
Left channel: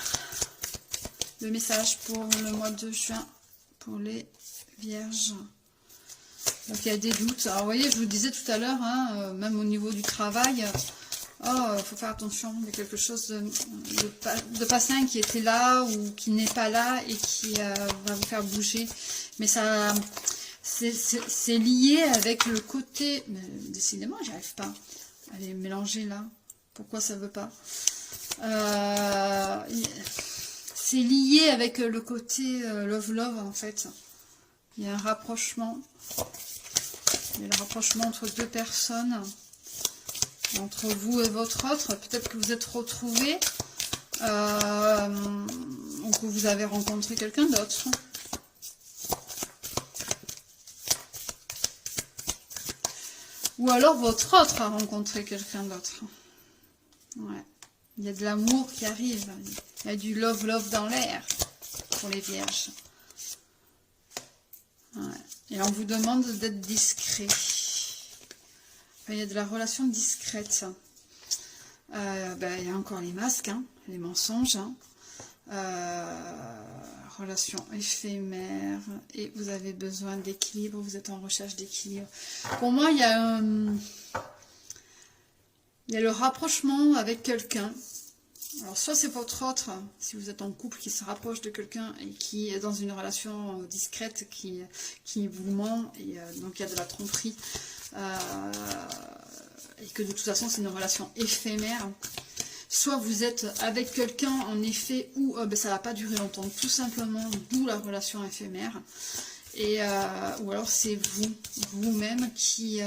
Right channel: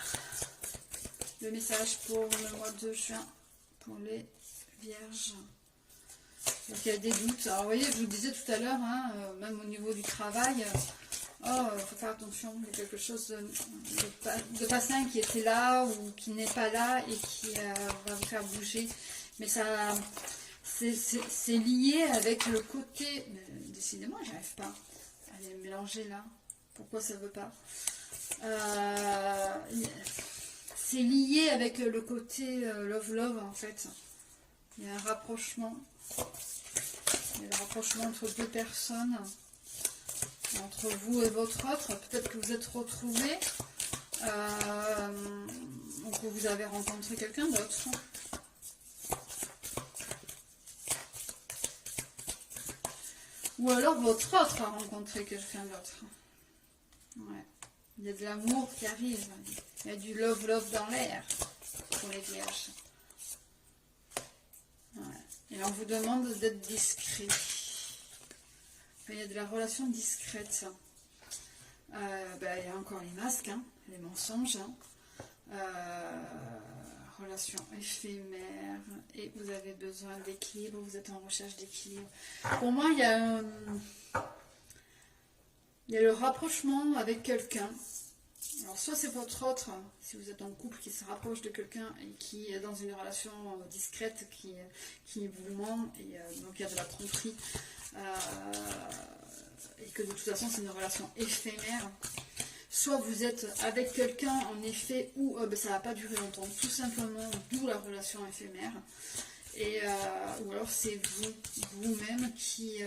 le message pour le mois de juin pour les vierges? Donc il y a des doutes. Alors vous voyez, je vous disais tout à l'heure, hein, même au niveau du travail, il faut faire attention. Il y a quelque chose de pas sain qui était là ou qui n'est pas là et qui va vous faire bouger. Mais ça, c'est lié avec le côté... Mais décidément, j'y arrive pas. Allez, mélanger là. Pourquoi ça veut pas? C'est lié avec le côté love en fait. Il y a un rapprochement. Il y a le rapprochement entre deux personnes, entre vous et votre autre. Peut-être que vous êtes retrouvés ou que vous avez rencontré quelqu'un d'autre. Ou alors votre autre a rencontré quelqu'un d'autre. Ouais. Il y a de l'amour qui arrive. Il y a du love dans l'air pour les vierges. Ouais. Et on vous demande d'être discret. Enfin, il y a de la relation discrète. Il y a encore les masques, hein, les mensonges. Relation éphémère. Et vous avez besoin d'équilibre. Vous êtes en recherche d'équilibre. Pour moi, il y a le rapprochement avec quelqu'un. Alors, soit c'est votre autre, si vous êtes en couple, qui se rapproche de quelqu'un et qui est dans une relation discrète, qui vous ment, et donc il y a de la tromperie, et que de toute façon c'est une relation éphémère. Soit vous êtes avec quelqu'un, en effet, où ça ne va pas durer longtemps, tout simplement, d'où la relation éphémère. Et, ou alors c'est vous-même qui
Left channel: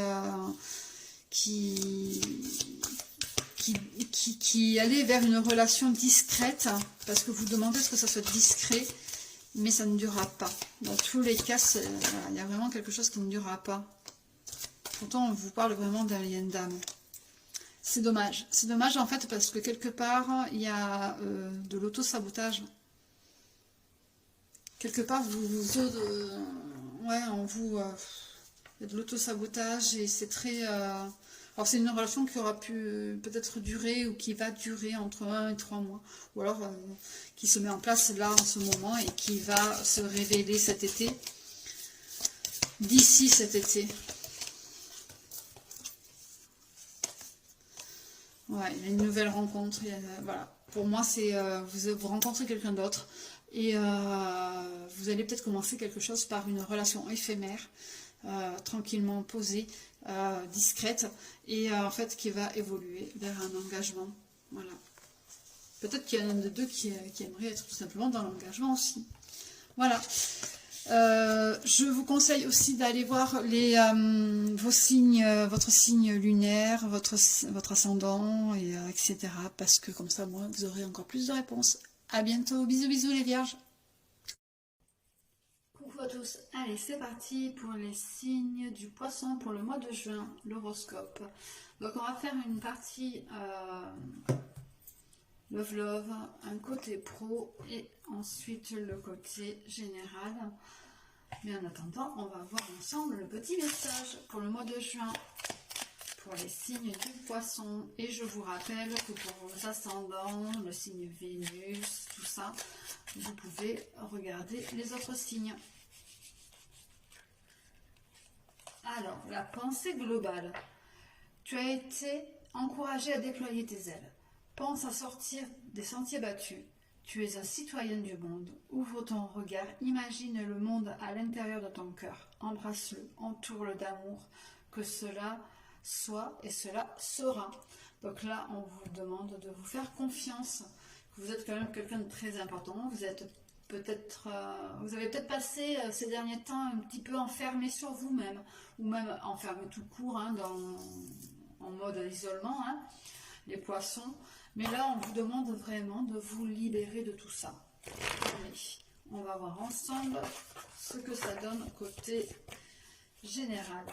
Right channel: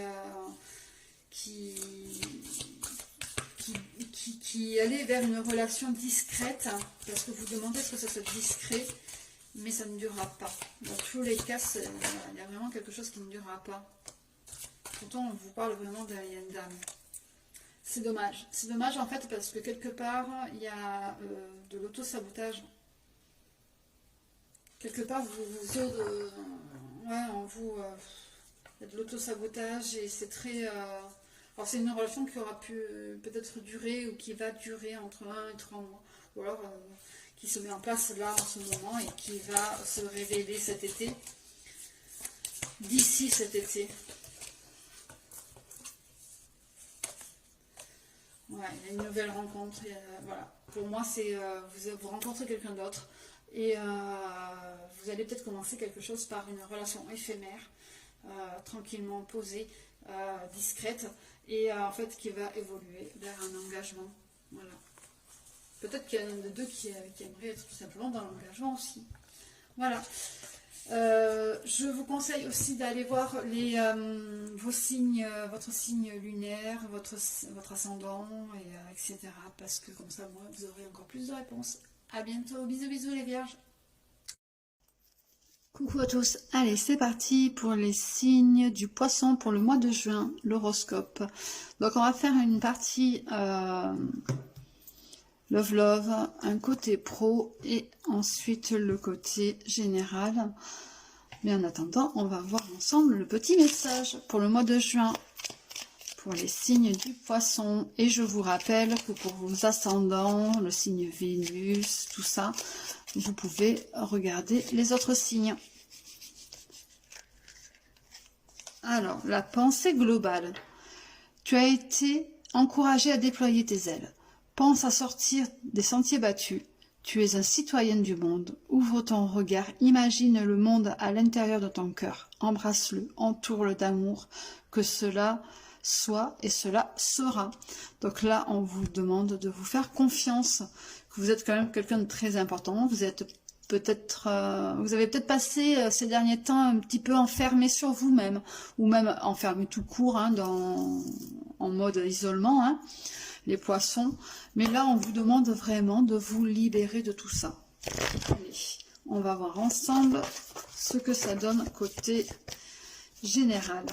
allez vers une relation discrète, parce que vous demandez ce que ça soit discret, mais ça ne durera pas. Dans tous les cas, il y a vraiment quelque chose qui ne durera pas. Pourtant, on vous parle vraiment d'un lien d'âme. C'est dommage. C'est dommage, en fait, parce que quelque part, il y a de l'auto-sabotage. Quelque part, en vous, il y a de l'auto-sabotage, et c'est très... Alors c'est une relation qui aura pu peut-être durer ou qui va durer entre 1 et 3 mois. Ou alors qui se met en place là en ce moment et qui va se révéler cet été. D'ici cet été. Ouais, il y a une nouvelle rencontre. Voilà. Pour moi, c'est vous rencontrez quelqu'un d'autre et vous allez peut-être commencer quelque chose par une relation éphémère, tranquillement posée, discrète, et en fait qui va évoluer vers un engagement. Voilà. Peut-être qu'il y en a un de deux qui aimerait être tout simplement dans l'engagement aussi. Voilà. Je vous conseille aussi d'aller voir vos signes, votre signe lunaire, votre ascendant, et, etc. Parce que comme ça, moi, vous aurez encore plus de réponses. À bientôt. Bisous, bisous les vierges. Coucou à tous. Allez, c'est parti pour les signes du poisson pour le mois de juin, l'horoscope. Donc, on va faire une partie love, un côté pro et ensuite le côté général. Mais en attendant, on va voir ensemble le petit message pour le mois de juin, pour les signes du poisson. Et je vous rappelle que pour vos ascendants, le signe Vénus, tout ça, vous pouvez regarder les autres signes. Alors, la pensée globale. Tu as été encouragé à déployer tes ailes. Pense à sortir des sentiers battus. Tu es un citoyen du monde. Ouvre ton regard, imagine le monde à l'intérieur de ton cœur. Embrasse-le, entoure-le d'amour, que cela soit et cela sera. Donc là, on vous demande de vous faire confiance, que vous êtes quand même quelqu'un de très important. Vous êtes peut-être, vous avez peut-être passé ces derniers temps un petit peu enfermé sur vous-même, ou même enfermé tout court, hein, en mode isolement, hein, les poissons. Mais là, on vous demande vraiment de vous libérer de tout ça. Allez, on va voir ensemble ce que ça donne côté général.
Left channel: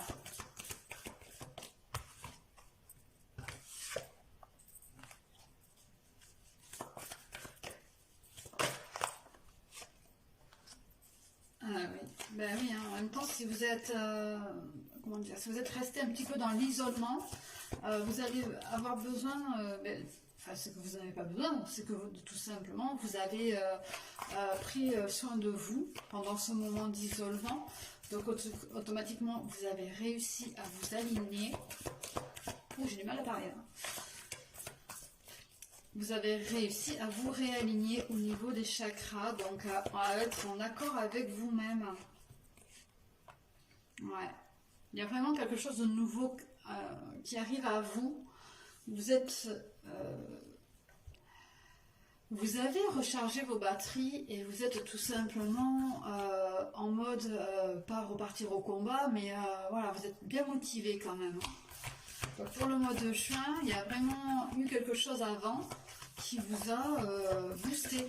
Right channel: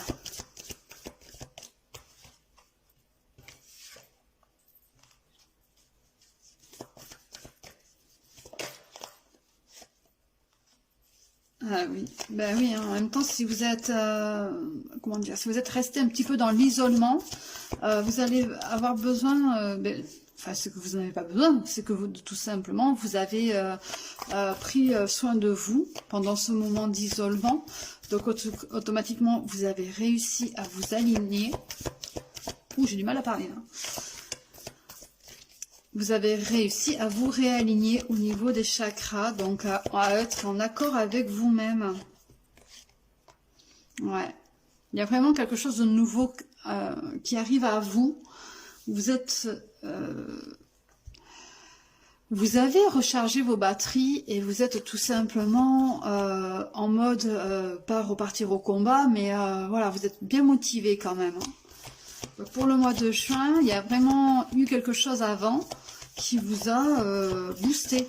Ah oui, ben oui, hein. En même temps, si vous êtes, comment dire, si vous êtes resté un petit peu dans l'isolement, vous allez avoir besoin, enfin, c'est que vous n'en avez pas besoin, c'est que vous, tout simplement, vous avez pris soin de vous pendant ce moment d'isolement, Donc automatiquement, vous avez réussi à vous aligner. Ouh, j'ai du mal à parler là. Vous avez réussi à vous réaligner au niveau des chakras, donc à être en accord avec vous-même. Ouais. Il y a vraiment quelque chose de nouveau qui arrive à vous. Vous êtes... vous avez rechargé vos batteries et vous êtes tout simplement en mode, pas repartir au combat, mais voilà, vous êtes bien motivé quand même. Donc pour le mois de juin, il y a vraiment eu quelque chose avant qui vous a boosté.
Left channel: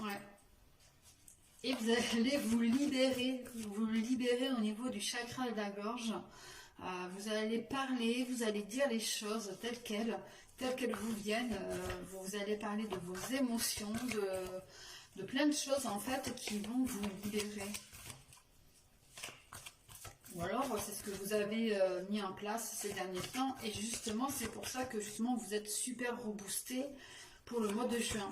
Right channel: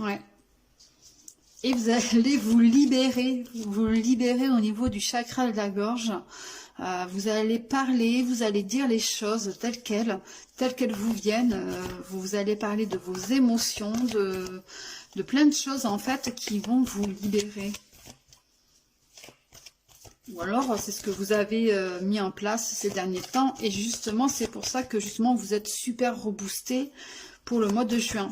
Ouais. Et vous allez vous libérer au niveau du chakra de la gorge. Vous allez parler, vous allez dire les choses telles qu'elles vous viennent. Vous allez parler de vos émotions, de plein de choses en fait qui vont vous libérer. Ou alors c'est ce que vous avez mis en place ces derniers temps. Et justement c'est pour ça que justement vous êtes super reboosté pour le mois de juin.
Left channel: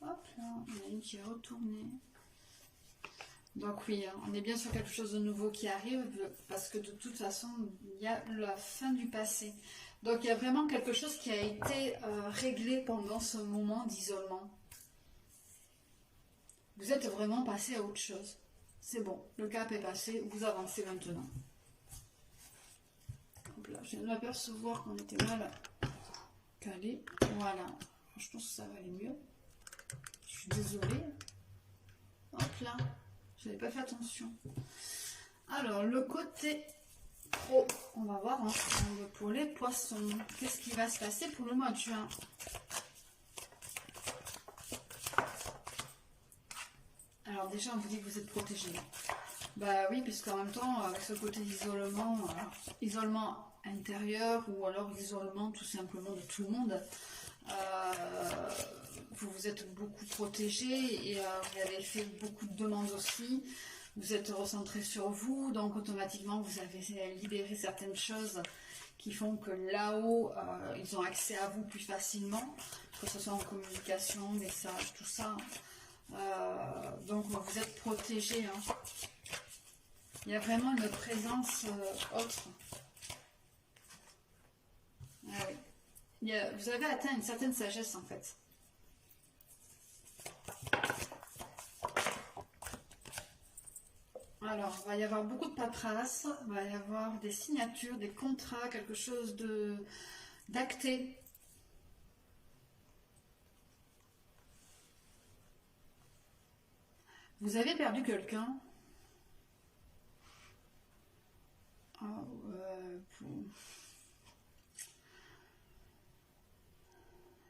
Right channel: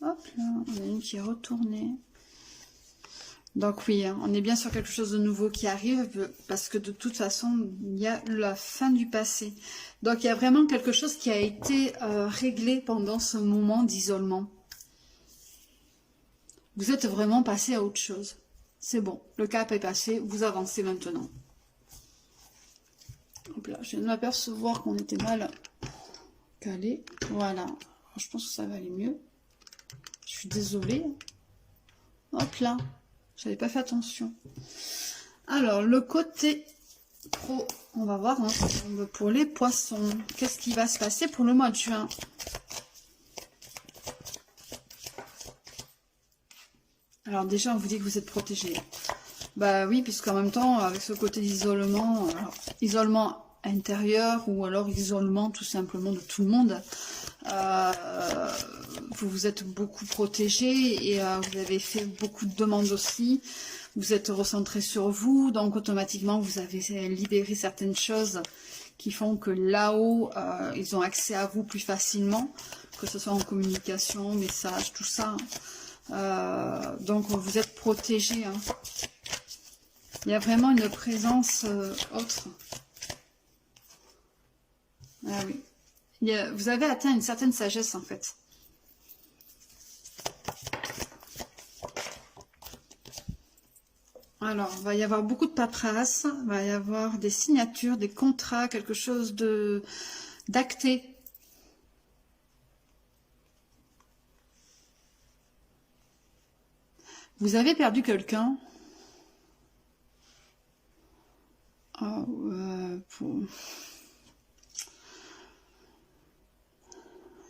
Hop là, il y en a une qui est retournée. Donc oui, on est bien sur quelque chose de nouveau qui arrive, parce que de toute façon, il y a la fin du passé. Donc il y a vraiment quelque chose qui a été réglé pendant ce moment d'isolement. Vous êtes vraiment passé à autre chose. C'est bon, le cap est passé, vous avancez maintenant. Hop là, je viens de m'apercevoir qu'on était mal calé. Voilà, je pense que ça va aller mieux. Je suis désolée. Hop là. J'avais pas fait attention. Alors, le côté pro, on va voir ensemble pour les poissons. Qu'est-ce qui va se passer pour le mois de juin? Alors déjà, on vous dit que vous êtes protégé. Bah oui, puisqu'en même temps, avec ce côté d'isolement, isolement intérieur ou alors isolement tout simplement de tout le monde, vous vous êtes beaucoup protégé et vous avez fait beaucoup de demandes aussi. Vous êtes recentré sur vous, donc automatiquement vous avez libéré certaines choses qui font que là-haut, ils ont accès à vous plus facilement, que ce soit en communication, message, tout ça. Donc vous êtes protégé. Hein. Il y a vraiment une présence autre. Ah oui. Vous avez atteint une certaine sagesse en fait. Alors, il va y avoir beaucoup de paperasse, il va y avoir des signatures, des contrats, quelque chose d'acté. Vous avez perdu quelqu'un. Oh,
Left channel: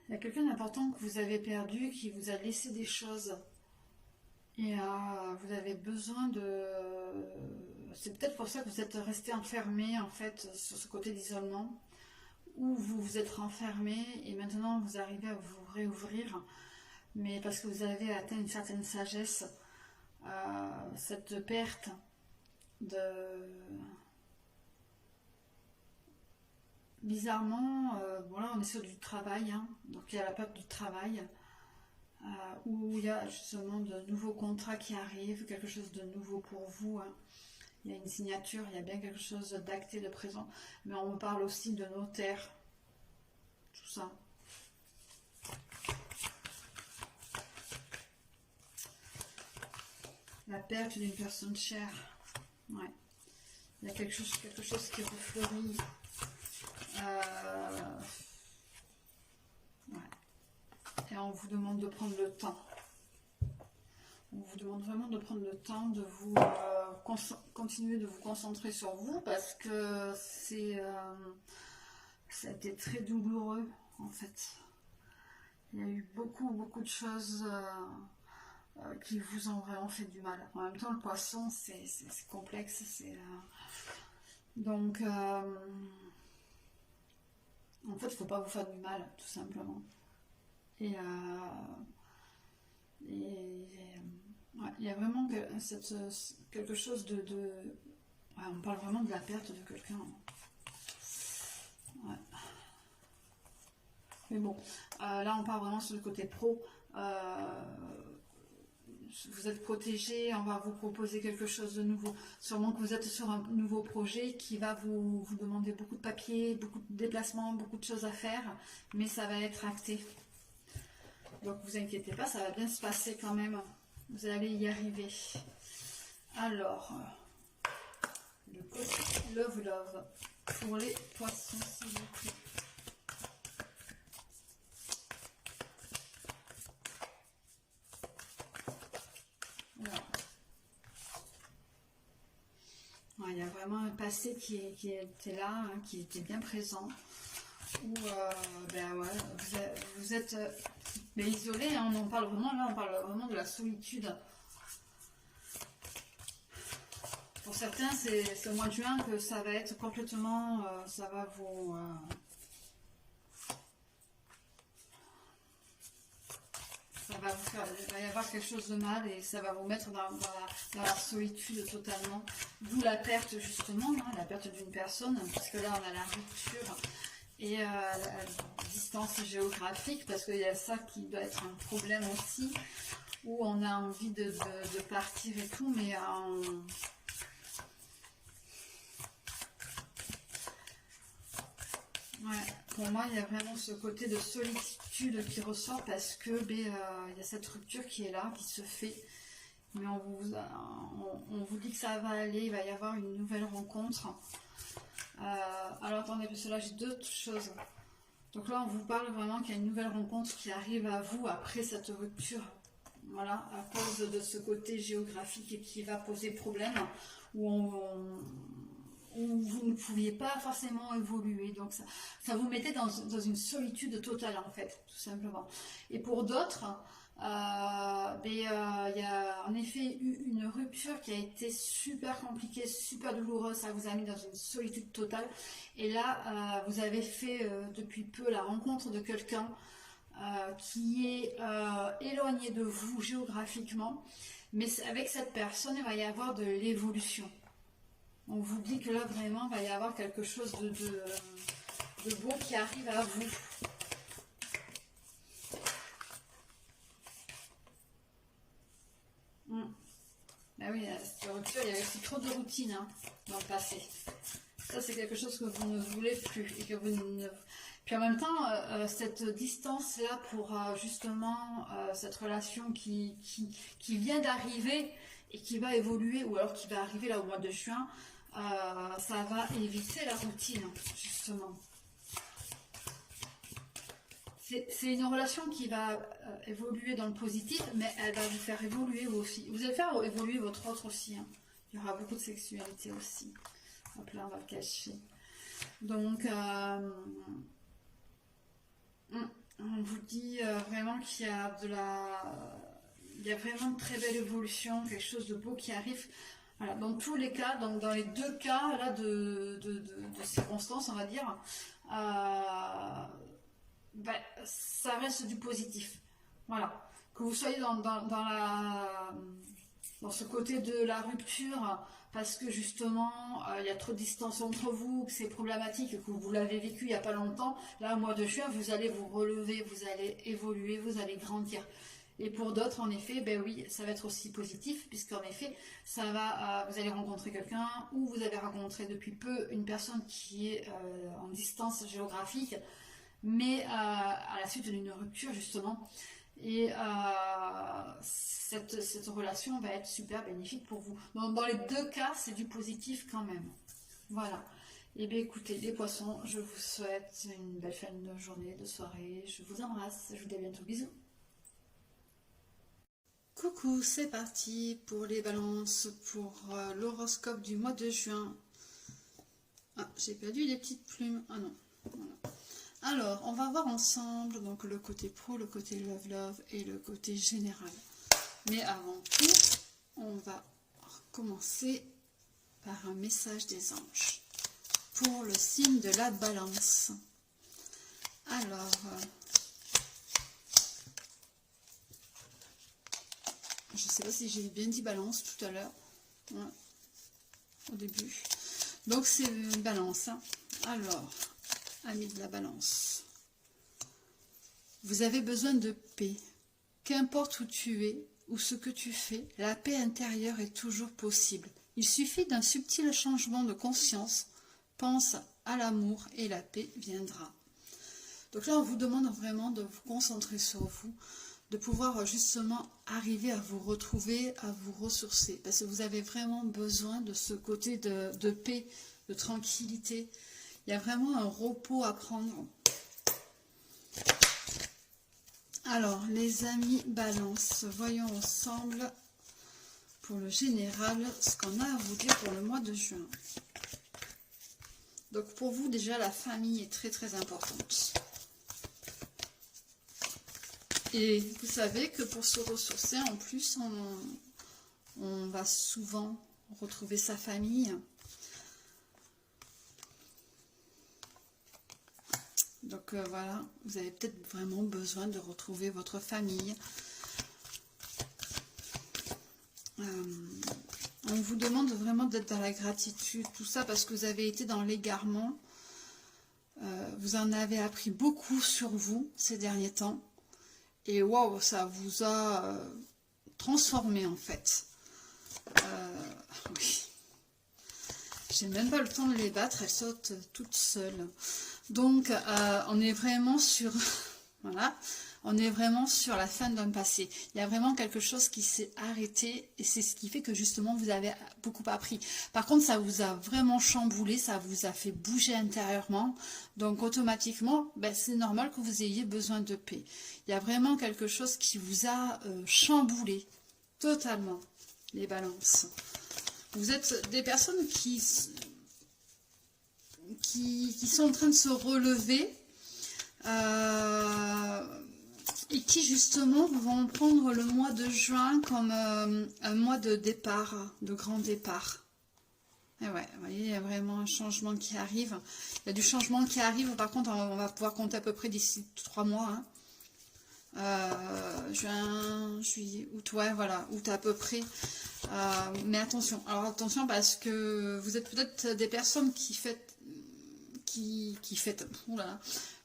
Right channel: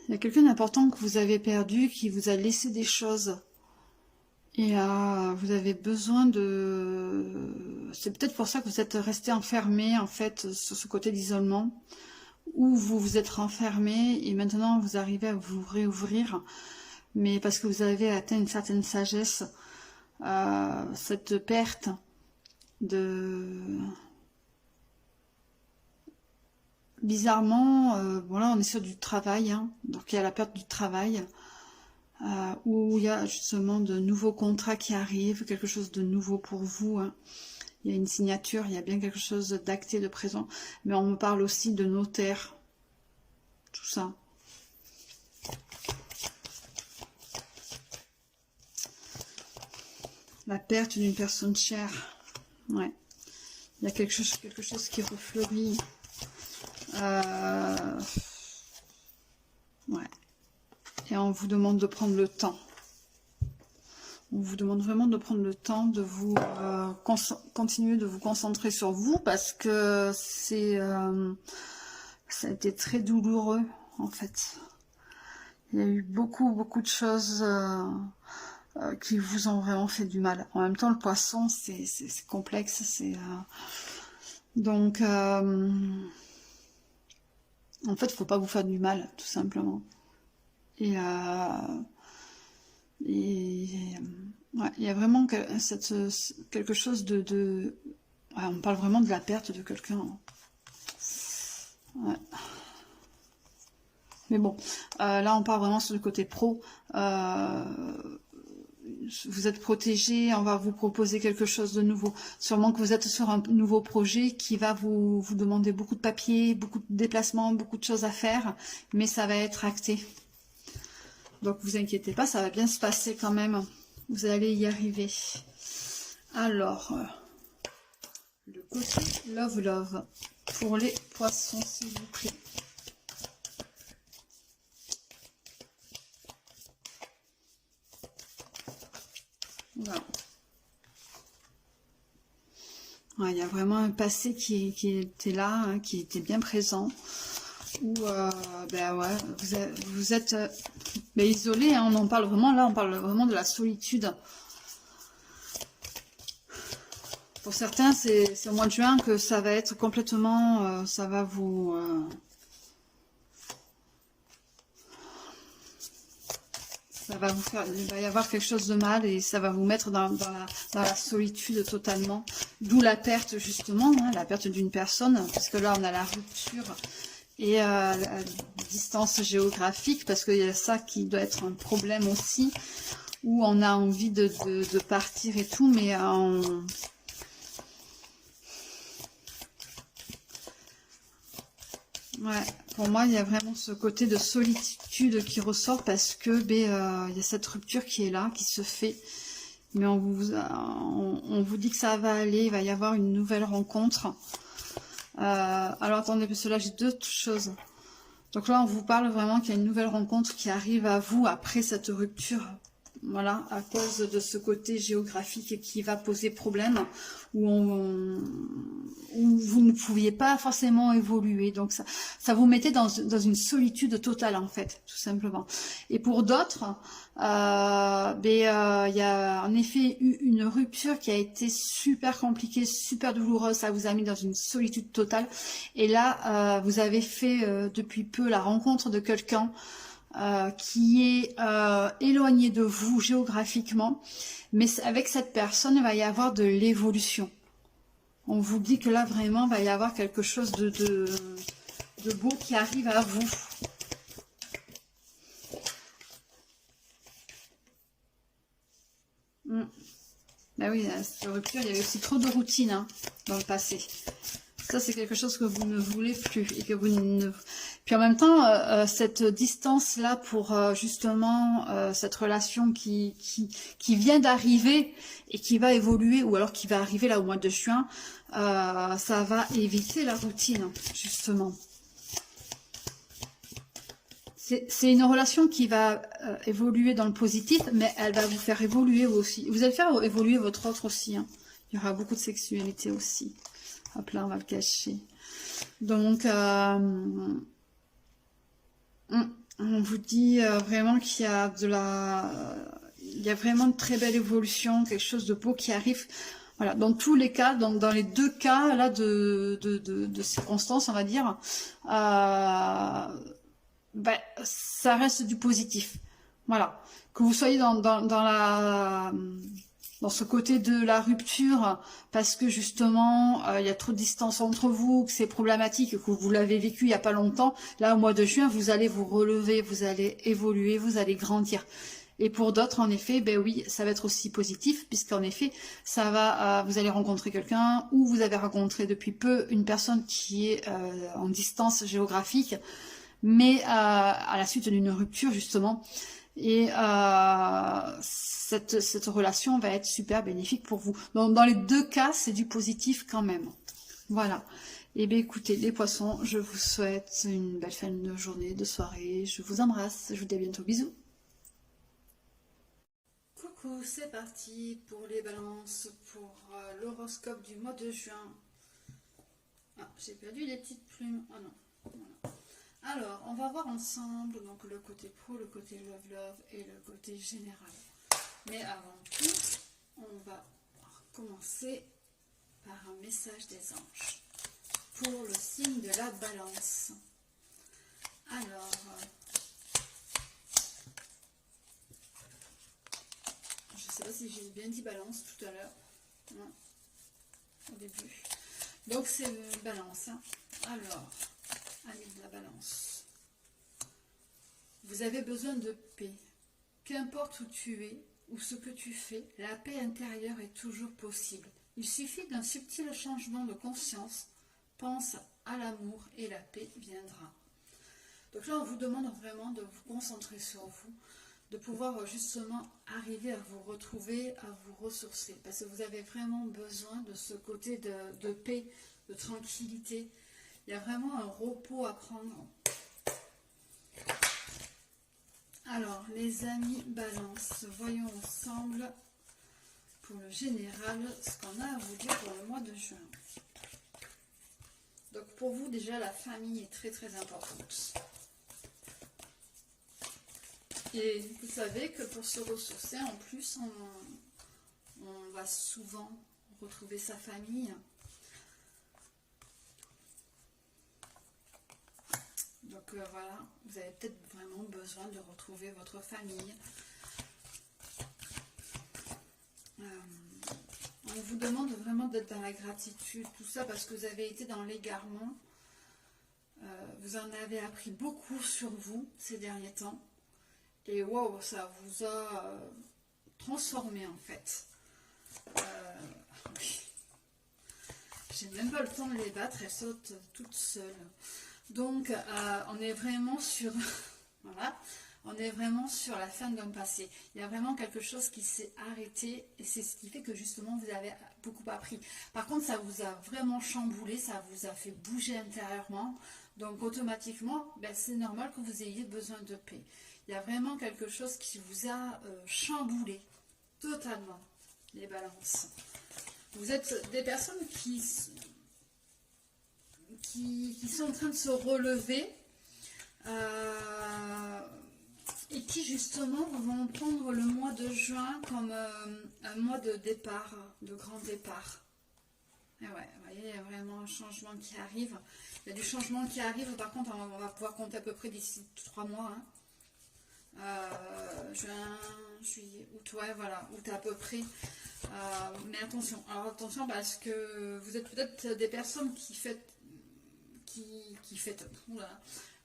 il y a quelqu'un d'important que vous avez perdu, qui vous a laissé des choses. Et vous avez besoin de... C'est peut-être pour ça que vous êtes resté enfermé, en fait, sur ce côté d'isolement, où vous vous êtes renfermé et maintenant vous arrivez à vous réouvrir, mais parce que vous avez atteint une certaine sagesse, cette perte de... Bizarrement, voilà, on est sur du travail, hein, donc il y a la perte du travail, où il y a justement de nouveaux contrats qui arrivent, quelque chose de nouveau pour vous, hein. Il y a une signature, il y a bien quelque chose d'acté, de présent, mais on me parle aussi de notaire, tout ça. La perte d'une personne chère, ouais. Il y a quelque chose qui refleurit. Ouais. Et on vous demande de prendre le temps. On vous demande vraiment de prendre le temps de vous continuer de vous concentrer sur vous, parce que ça a été très douloureux en fait. Il y a eu beaucoup de choses qui vous ont vraiment fait du mal. En même temps, le poisson, c'est complexe, donc en fait, il ne faut pas vous faire du mal, tout simplement. Et Ouais, il y a vraiment quelque chose ouais, on parle vraiment de la perte de quelqu'un. Ouais. Mais bon, là on parle vraiment sur le côté pro. Vous êtes protégé, on va vous proposer quelque chose de nouveau. Sûrement que vous êtes sur un nouveau projet qui va vous demander beaucoup de papiers, beaucoup de déplacements, beaucoup de choses à faire, mais ça va être acté. Donc vous inquiétez pas, ça va bien se passer quand même. Vous allez y arriver. Alors, le côté love pour les poissons, s'il vous plaît. Voilà. Ouais, il y a vraiment un passé qui était là, hein, qui était bien présent. Où ben ouais, vous êtes mais isolé, hein, on en parle vraiment là, on parle vraiment de la solitude. Pour certains, c'est au mois de juin que ça va être complètement, ça va vous... ça va vous faire, il va y avoir quelque chose de mal et ça va vous mettre dans la solitude totalement. D'où la perte justement, hein, la perte d'une personne, puisque là on a la rupture et la distance géographique, parce qu'il y a ça qui doit être un problème aussi, où on a envie de partir et tout, mais ouais, pour moi, il y a vraiment ce côté de solitude qui ressort parce que il y a cette rupture qui est là, qui se fait. Mais on vous dit que ça va aller, il va y avoir une nouvelle rencontre. Alors attendez, parce que là j'ai deux choses. Donc là, on vous parle vraiment qu'il y a une nouvelle rencontre qui arrive à vous après cette rupture. Voilà, à cause de ce côté géographique qui va poser problème, où vous ne pouviez pas forcément évoluer. Donc ça vous mettait dans une solitude totale en fait, tout simplement. Et pour d'autres, il y a en effet eu une rupture qui a été super compliquée, super douloureuse. Ça vous a mis dans une solitude totale. Et là, vous avez fait depuis peu la rencontre de quelqu'un qui est éloigné de vous géographiquement, mais avec cette personne, il va y avoir de l'évolution. On vous dit que là, vraiment, il va y avoir quelque chose de beau qui arrive à vous. Ben oui, cette rupture, il y avait aussi trop de routine hein, dans le passé. Ça, c'est quelque chose que vous ne voulez plus. Et que vous ne... Puis en même temps, cette distance-là pour justement cette relation qui vient d'arriver et qui va évoluer, ou alors qui va arriver là au mois de juin, ça va éviter la routine, justement. C'est une relation qui va évoluer dans le positif, mais elle va vous faire évoluer aussi. Vous allez faire évoluer votre autre aussi. Hein. Il y aura beaucoup de sexualité aussi. Hop là, on va le cacher. Donc, on vous dit vraiment qu'il y a il y a vraiment de très belle évolution, quelque chose de beau qui arrive. Voilà, dans tous les cas, donc dans les deux cas là de circonstances, on va dire, ça reste du positif. Voilà, que vous soyez dans ce côté de la rupture, parce que justement, il y a trop de distance entre vous, que c'est problématique, que vous l'avez vécu il n'y a pas longtemps. Là, au mois de juin, vous allez vous relever, vous allez évoluer, vous allez grandir. Et pour d'autres, en effet, ben oui, ça va être aussi positif, puisqu'en effet, ça va, vous allez rencontrer quelqu'un, ou vous avez rencontré depuis peu une personne qui est en distance géographique, mais à la suite d'une rupture, justement. Et cette relation va être super bénéfique pour vous. Donc, dans les deux cas, c'est du positif quand même. Voilà. Et bien écoutez, les poissons, je vous souhaite une belle fin de journée, de soirée. Je vous embrasse. Je vous dis à bientôt. Bisous. Coucou, c'est parti pour les balances, pour l'horoscope du mois de juin. Ah, j'ai perdu les petites plumes. Ah non, voilà. Alors, on va voir ensemble donc le côté pro, le côté love et le côté général. Mais avant tout, on va commencer par un message des anges pour le signe de la balance. Alors, Je ne sais pas si j'ai bien dit balance tout à l'heure. Hein, au début. Donc c'est balance. Hein. Alors, amis de la balance. Vous avez besoin de paix. Qu'importe où tu es ou ce que tu fais, la paix intérieure est toujours possible. Il suffit d'un subtil changement de conscience. Pense à l'amour et la paix viendra. Donc là, on vous demande vraiment de vous concentrer sur vous, de pouvoir justement arriver à vous retrouver, à vous ressourcer. Parce que vous avez vraiment besoin de ce côté de paix, de tranquillité. Il y a vraiment un repos à prendre. Alors, les amis balance, voyons ensemble pour le général ce qu'on a à vous dire pour le mois de juin. Donc pour vous, déjà, la famille est très très importante. Et vous savez que pour se ressourcer, en plus, on va souvent retrouver sa famille. Donc voilà, vous avez peut-être vraiment besoin de retrouver votre famille. On vous demande vraiment d'être dans la gratitude, tout ça parce que vous avez été dans l'égarement. Vous en avez appris beaucoup sur vous ces derniers temps. Et waouh, ça vous a transformé en fait. Oui. J'ai même pas le temps de les battre, elles sautent toutes seules. Donc, on est vraiment sur, voilà, on est vraiment sur la fin d'un passé. Il y a vraiment quelque chose qui s'est arrêté et c'est ce qui fait que justement vous avez beaucoup appris. Par contre, ça vous a vraiment chamboulé, ça vous a fait bouger intérieurement. Donc, automatiquement, ben, c'est normal que vous ayez besoin de paix. Il y a vraiment quelque chose qui vous a chamboulé totalement, les balances. Vous êtes des personnes qui sont en train de se relever et qui justement vont prendre le mois de juin comme un mois de départ, de grand départ. Et ouais, vous voyez, il y a vraiment un changement qui arrive. Il y a du changement qui arrive, par contre on va pouvoir compter à peu près d'ici 3 mois. Hein. Juin, juillet, août, ouais, voilà, août à peu près. Mais attention, alors attention parce que vous êtes peut-être des personnes qui fêtent, oula,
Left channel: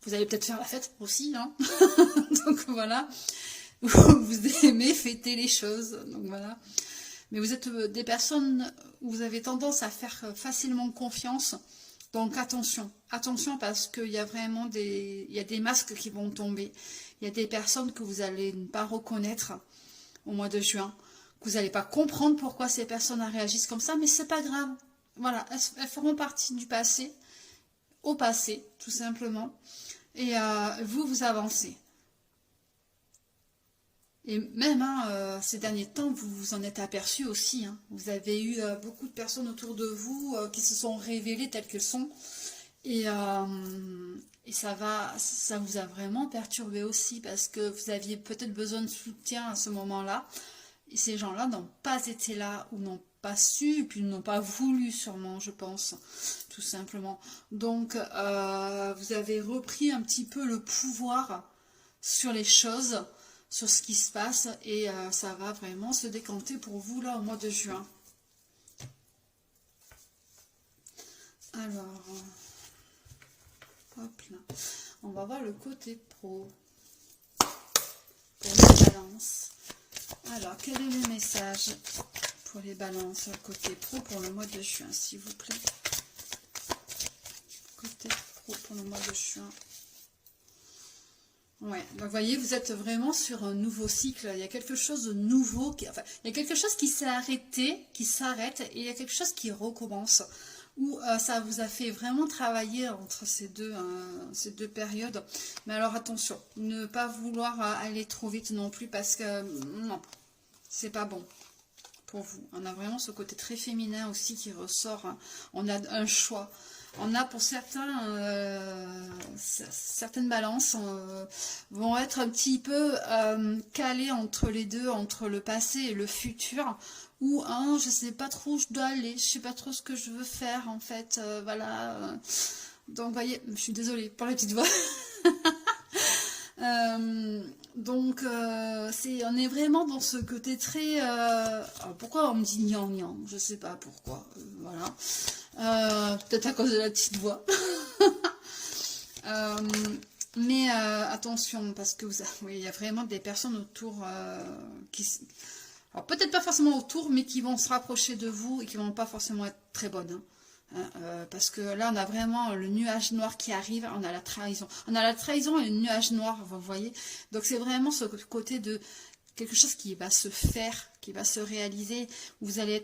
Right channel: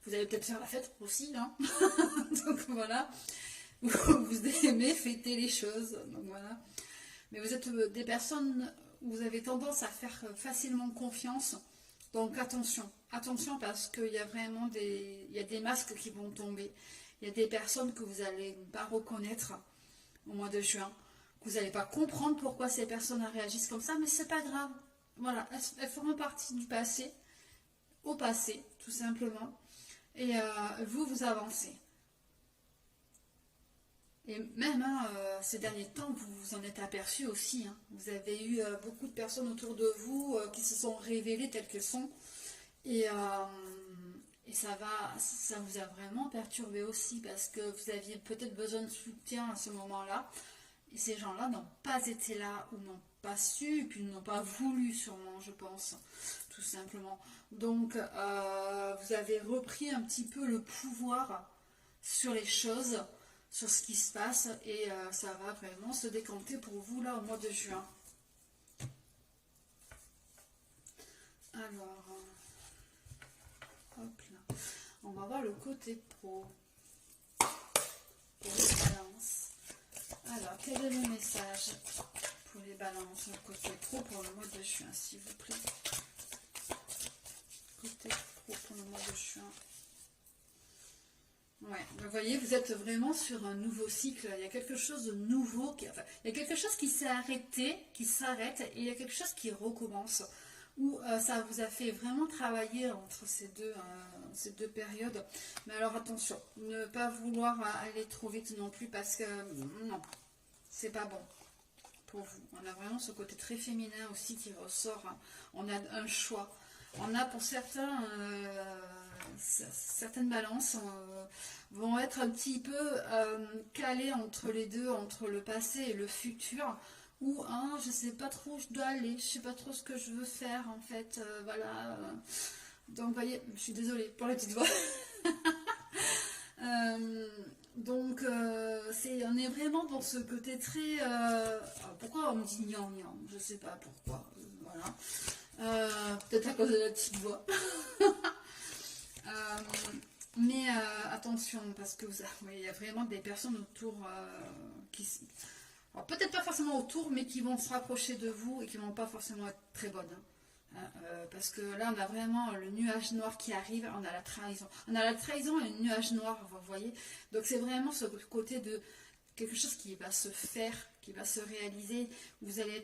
vous allez peut-être faire la fête aussi, hein. Donc voilà, vous aimez fêter les choses, donc voilà. Mais vous êtes des personnes où vous avez tendance à faire facilement confiance, donc attention, attention parce qu'il y a vraiment il y a des masques qui vont tomber. Il y a des personnes que vous allez ne pas reconnaître au mois de juin, que vous n'allez pas comprendre pourquoi ces personnes réagissent comme ça, mais c'est pas grave. Voilà, elles feront partie du passé, au passé, tout simplement. Et vous avancez. Et même, hein, ces derniers temps, vous vous en êtes aperçu aussi. Hein. Vous avez eu beaucoup de personnes autour de vous qui se sont révélées telles qu'elles sont. Et ça vous a vraiment perturbé aussi parce que vous aviez peut-être besoin de soutien à ce moment-là. Et ces gens-là n'ont pas été là ou n'ont pas su, et puis n'ont pas voulu sûrement, je pense, tout simplement. Donc, vous avez repris un petit peu le pouvoir sur les choses, sur ce qui se passe, et ça va vraiment se décanter pour vous là au mois de juin. Alors... hop là. On va voir le côté pro pour les balances. Alors, quel est le message pour les balances, le côté pro pour le mois de juin, s'il vous plaît? Côté pro pour le mois de juin. Ouais, donc vous voyez, vous êtes vraiment sur un nouveau cycle. Il y a quelque chose de nouveau, il y a quelque chose qui s'est arrêté, qui s'arrête, et il y a quelque chose qui recommence. Où ça vous a fait vraiment travailler entre ces deux périodes. Mais alors attention, ne pas vouloir aller trop vite non plus parce que non, c'est pas bon pour vous. On a vraiment ce côté très féminin aussi qui ressort. Hein. On a un choix. On a pour certains, certaines balances vont être un petit peu calées entre les deux, entre le passé et le futur. Ou hein, je sais pas trop où je dois aller, je sais pas trop ce que je veux faire en fait, voilà. Donc vous voyez, je suis désolée pour la petite voix. Donc on est vraiment dans ce côté très... alors pourquoi on me dit gnangnan? Je sais pas pourquoi. Voilà. Peut-être à cause de la petite voix. Mais attention, parce que oui, il y a vraiment des personnes autour qui... Alors peut-être pas forcément autour, mais qui vont se rapprocher de vous et qui vont pas forcément être très bonnes. Parce que là, on a vraiment le nuage noir qui arrive, on a la trahison. On a la trahison et le nuage noir, vous voyez. Donc c'est vraiment ce côté de quelque chose qui va se faire, qui va se réaliser. Vous allez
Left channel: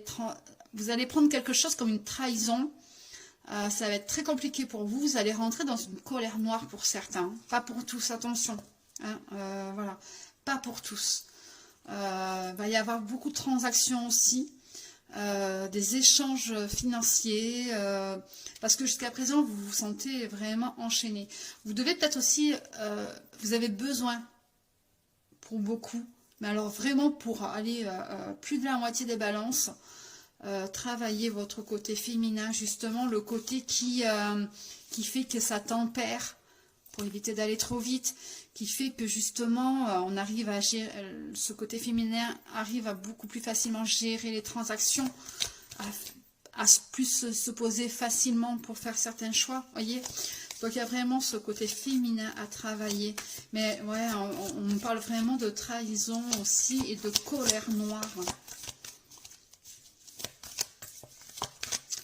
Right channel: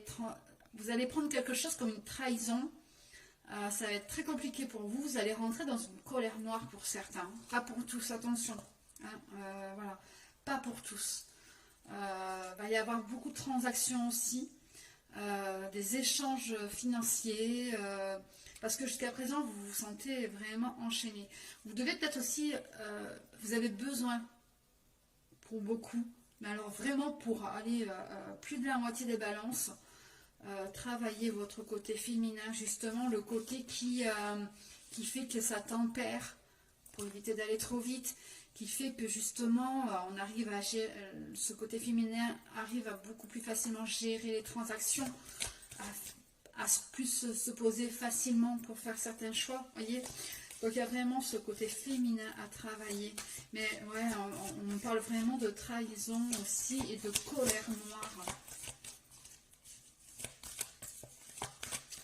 prendre quelque chose comme une trahison. Ça va être très compliqué pour vous. Vous allez rentrer dans une colère noire pour certains. Pas pour tous, attention. Voilà, pas pour tous. Va y avoir beaucoup de transactions aussi. Des échanges financiers, parce que jusqu'à présent vous vous sentez vraiment enchaîné. Vous devez peut-être aussi, vous avez besoin pour beaucoup, mais alors vraiment pour aller plus de la moitié des balances, travailler votre côté féminin, justement le côté qui fait que ça tempère pour éviter d'aller trop vite, qui fait que justement on arrive à gérer, ce côté féminin arrive à beaucoup plus facilement gérer les transactions, à plus se poser facilement pour faire certains choix, voyez. Donc il y a vraiment ce côté féminin à travailler, mais ouais, on parle vraiment de trahison aussi et de colère noire.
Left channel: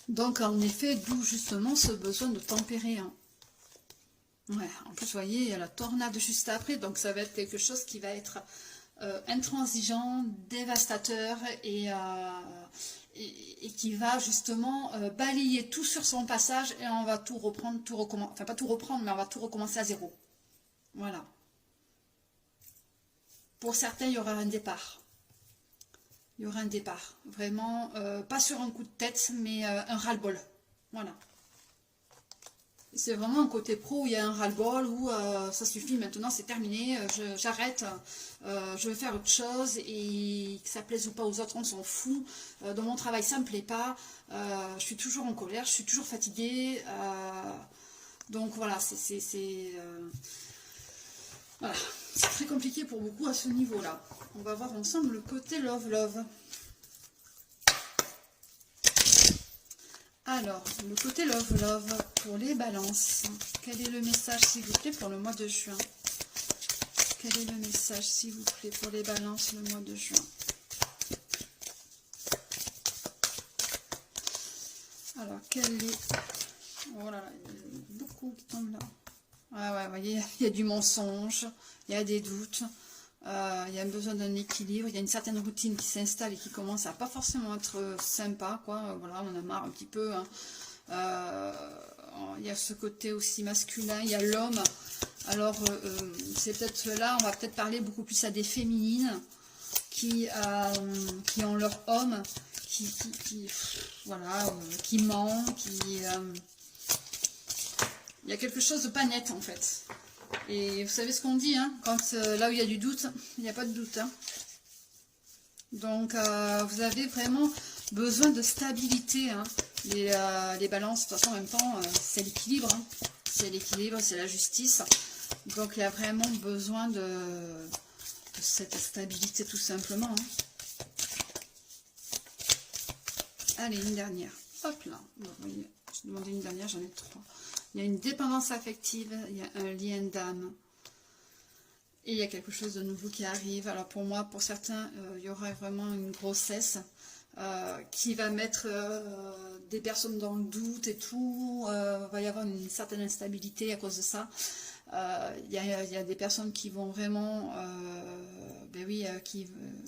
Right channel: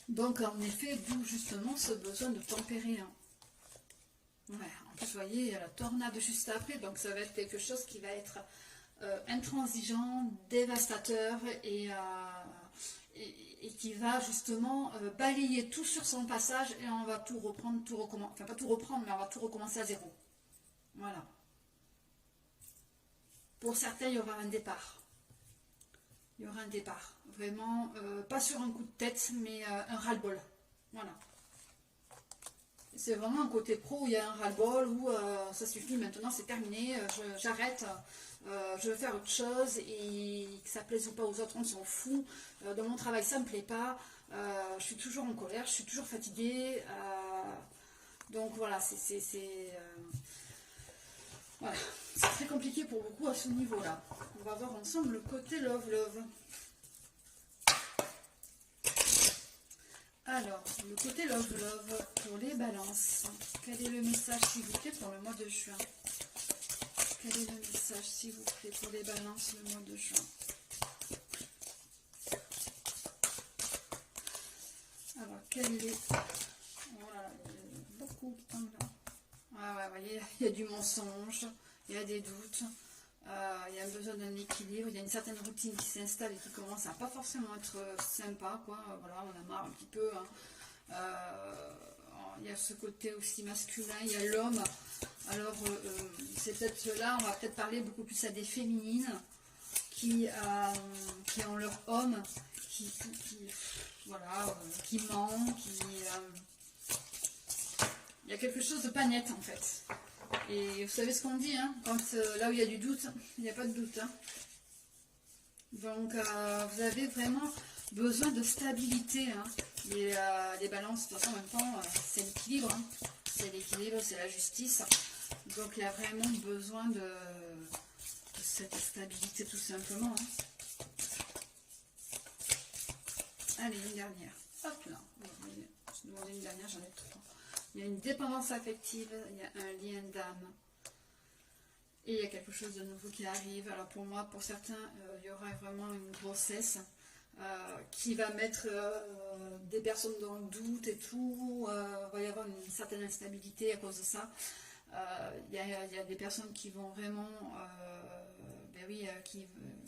Donc en effet, d'où justement ce besoin de tempérer. Ouais, en plus, vous voyez, il y a la tornade juste après, donc ça va être quelque chose qui va être intransigeant, dévastateur et qui va justement balayer tout sur son passage et on va tout reprendre, tout recommencer. Enfin, pas tout reprendre, mais on va tout recommencer à zéro. Voilà. Pour certains, il y aura un départ. Il y aura un départ. Vraiment, pas sur un coup de tête, mais un ras-le-bol. Voilà. C'est vraiment un côté pro où il y a un ras-le-bol, où ça suffit, maintenant c'est terminé, j'arrête, je veux faire autre chose, et que ça plaise ou pas aux autres, on s'en fout. Dans mon travail, ça ne me plaît pas, je suis toujours en colère, je suis toujours fatiguée. Donc voilà, voilà, c'est très compliqué pour beaucoup à ce niveau-là. On va voir ensemble le côté love. Alors, le côté love pour les balances. Quel est le message, s'il vous plaît, pour le mois de juin? Quel est le message, s'il vous plaît, pour les balances, le mois de juin? Alors, quel est... Oh là là, il y a beaucoup qui tombent là. Ah ouais, vous voyez, il y a du mensonge, il y a des doutes. Il y a besoin d'un équilibre, il y a une certaine routine qui s'installe et qui commence à pas forcément être sympa, quoi. Voilà, on en a marre un petit peu. Il y a ce côté aussi masculin, il y a l'homme. Alors, c'est peut-être là, on va peut-être parler beaucoup plus à des féminines qui ont leur homme, voilà, qui ment, il y a quelque chose de pas net en fait. Et vous savez ce qu'on dit, hein, quand là où il y a du doute, il n'y a pas de doute. Hein. Donc, vous avez vraiment besoin de stabilité. Hein. Les balances, de toute façon, en même temps, c'est l'équilibre. Hein. C'est l'équilibre, c'est la justice. Donc, il y a vraiment besoin de cette stabilité, tout simplement. Hein. Allez, une dernière. Hop là. Vous voyez, je demandais une dernière, j'en ai 3. Il y a une dépendance affective, il y a un lien d'âme. Et il y a quelque chose de nouveau qui arrive. Alors pour moi, pour certains, il y aura vraiment une grossesse qui va mettre des personnes dans le doute et tout. Il va y avoir une certaine instabilité à cause de ça. Il y a des personnes qui vont vraiment... ben oui,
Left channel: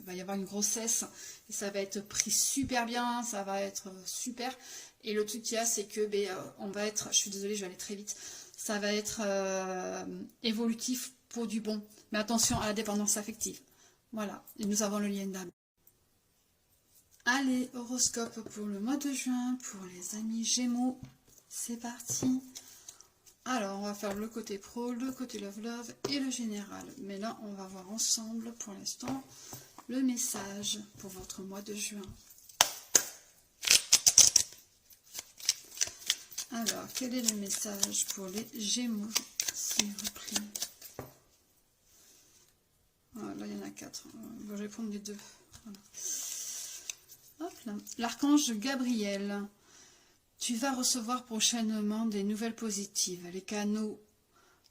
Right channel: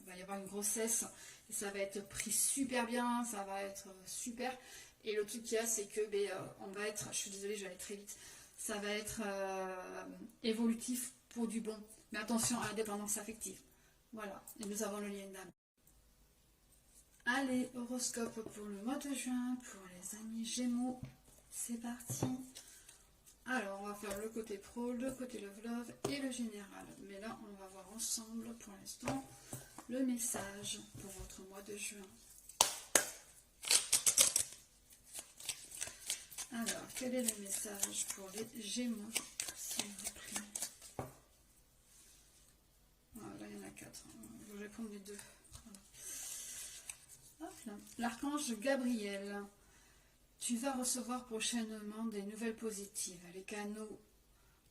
va y avoir une grossesse. Et ça va être pris super bien, ça va être super... Et le truc qu'il y a, c'est que on va être, je suis désolée, je vais aller très vite, ça va être évolutif pour du bon. Mais attention à la dépendance affective. Voilà, et nous avons le lien d'âme. Allez, horoscope pour le mois de juin, pour les amis Gémeaux. C'est parti. Alors, on va faire le côté pro, le côté love et le général. Mais là, on va voir ensemble, pour l'instant, le message pour votre mois de juin. Alors, quel est le message pour les Gémeaux, s'il vous plaît? Voilà, il y en a 4. Bon, je vais prendre les deux. Voilà. L'archange Gabriel. Tu vas recevoir prochainement des nouvelles positives. Les canaux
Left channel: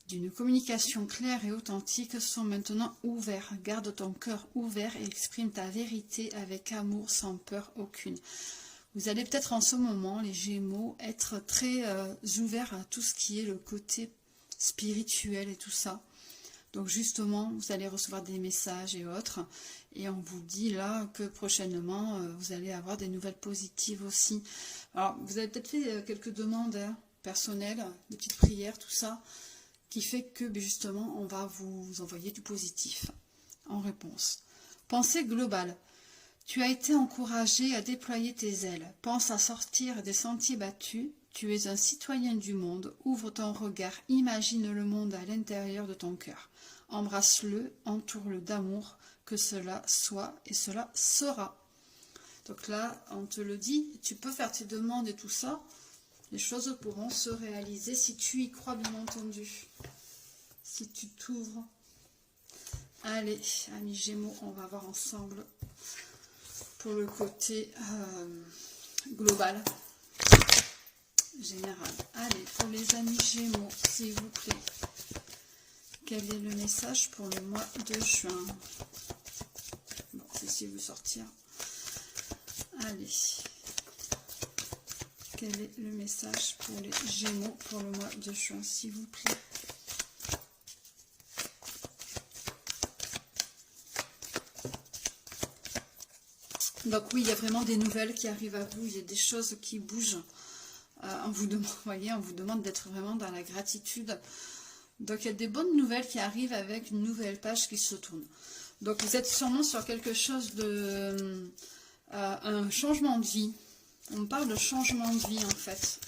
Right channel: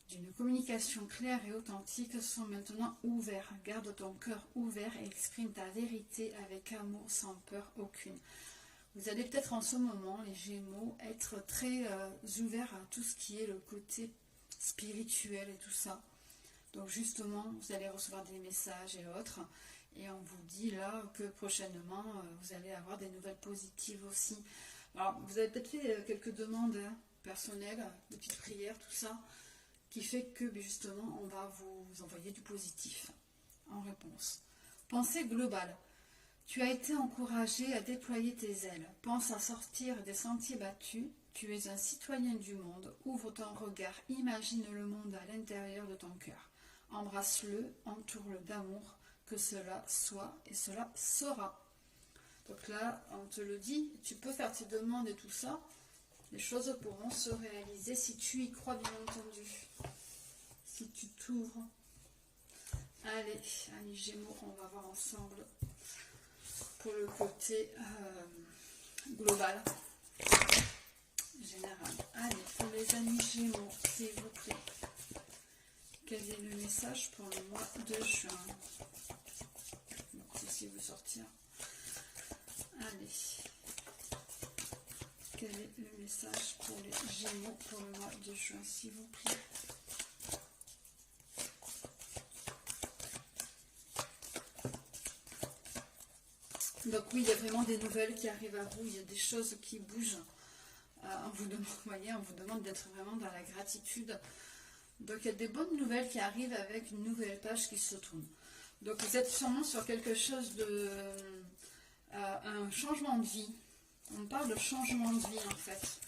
d'une communication claire et authentique sont maintenant ouverts. Garde ton cœur ouvert et exprime ta vérité avec amour sans peur aucune. Vous allez peut-être en ce moment, les Gémeaux, être très ouverts à tout ce qui est le côté spirituel et tout ça. Donc justement, vous allez recevoir des messages et autres. Et on vous dit là que prochainement, vous allez avoir des nouvelles positives aussi. Alors, vous avez peut-être fait quelques demandes personnelles, des petites prières, tout ça, qui fait que justement, on va vous envoyer du positif en réponse. Pensée globale. Tu as été encouragé à déployer tes ailes. Pense à sortir des sentiers battus. Tu es un citoyen du monde. Ouvre ton regard. Imagine le monde à l'intérieur de ton cœur. Embrasse-le, entoure-le d'amour. Que cela soit et cela sera. Donc là, on te le dit, tu peux faire tes demandes et tout ça. Les choses pourront se réaliser si tu y crois, bien entendu. Si tu t'ouvres. Allez, amis Gémeaux, on va voir ensemble pour le côté global, général. Allez, pour les amis Gémeaux, s'il vous plaît. Quel est le message pour le mois de juin? Bon, j'essaie de vous sortir. Allez. Quel est le message pour les Gémeaux pour le mois de juin, s'il vous plaît? Donc oui, il y a vraiment des nouvelles qui arrivent à vous, il y a des choses qui bougent. On vous demande d'être vraiment dans la gratitude. Donc il y a des bonnes nouvelles qui arrivent avec une nouvelle page qui se tourne. Donc vous êtes sûrement sur quelque chose de... un changement de vie. On parle de changement de vie en fait.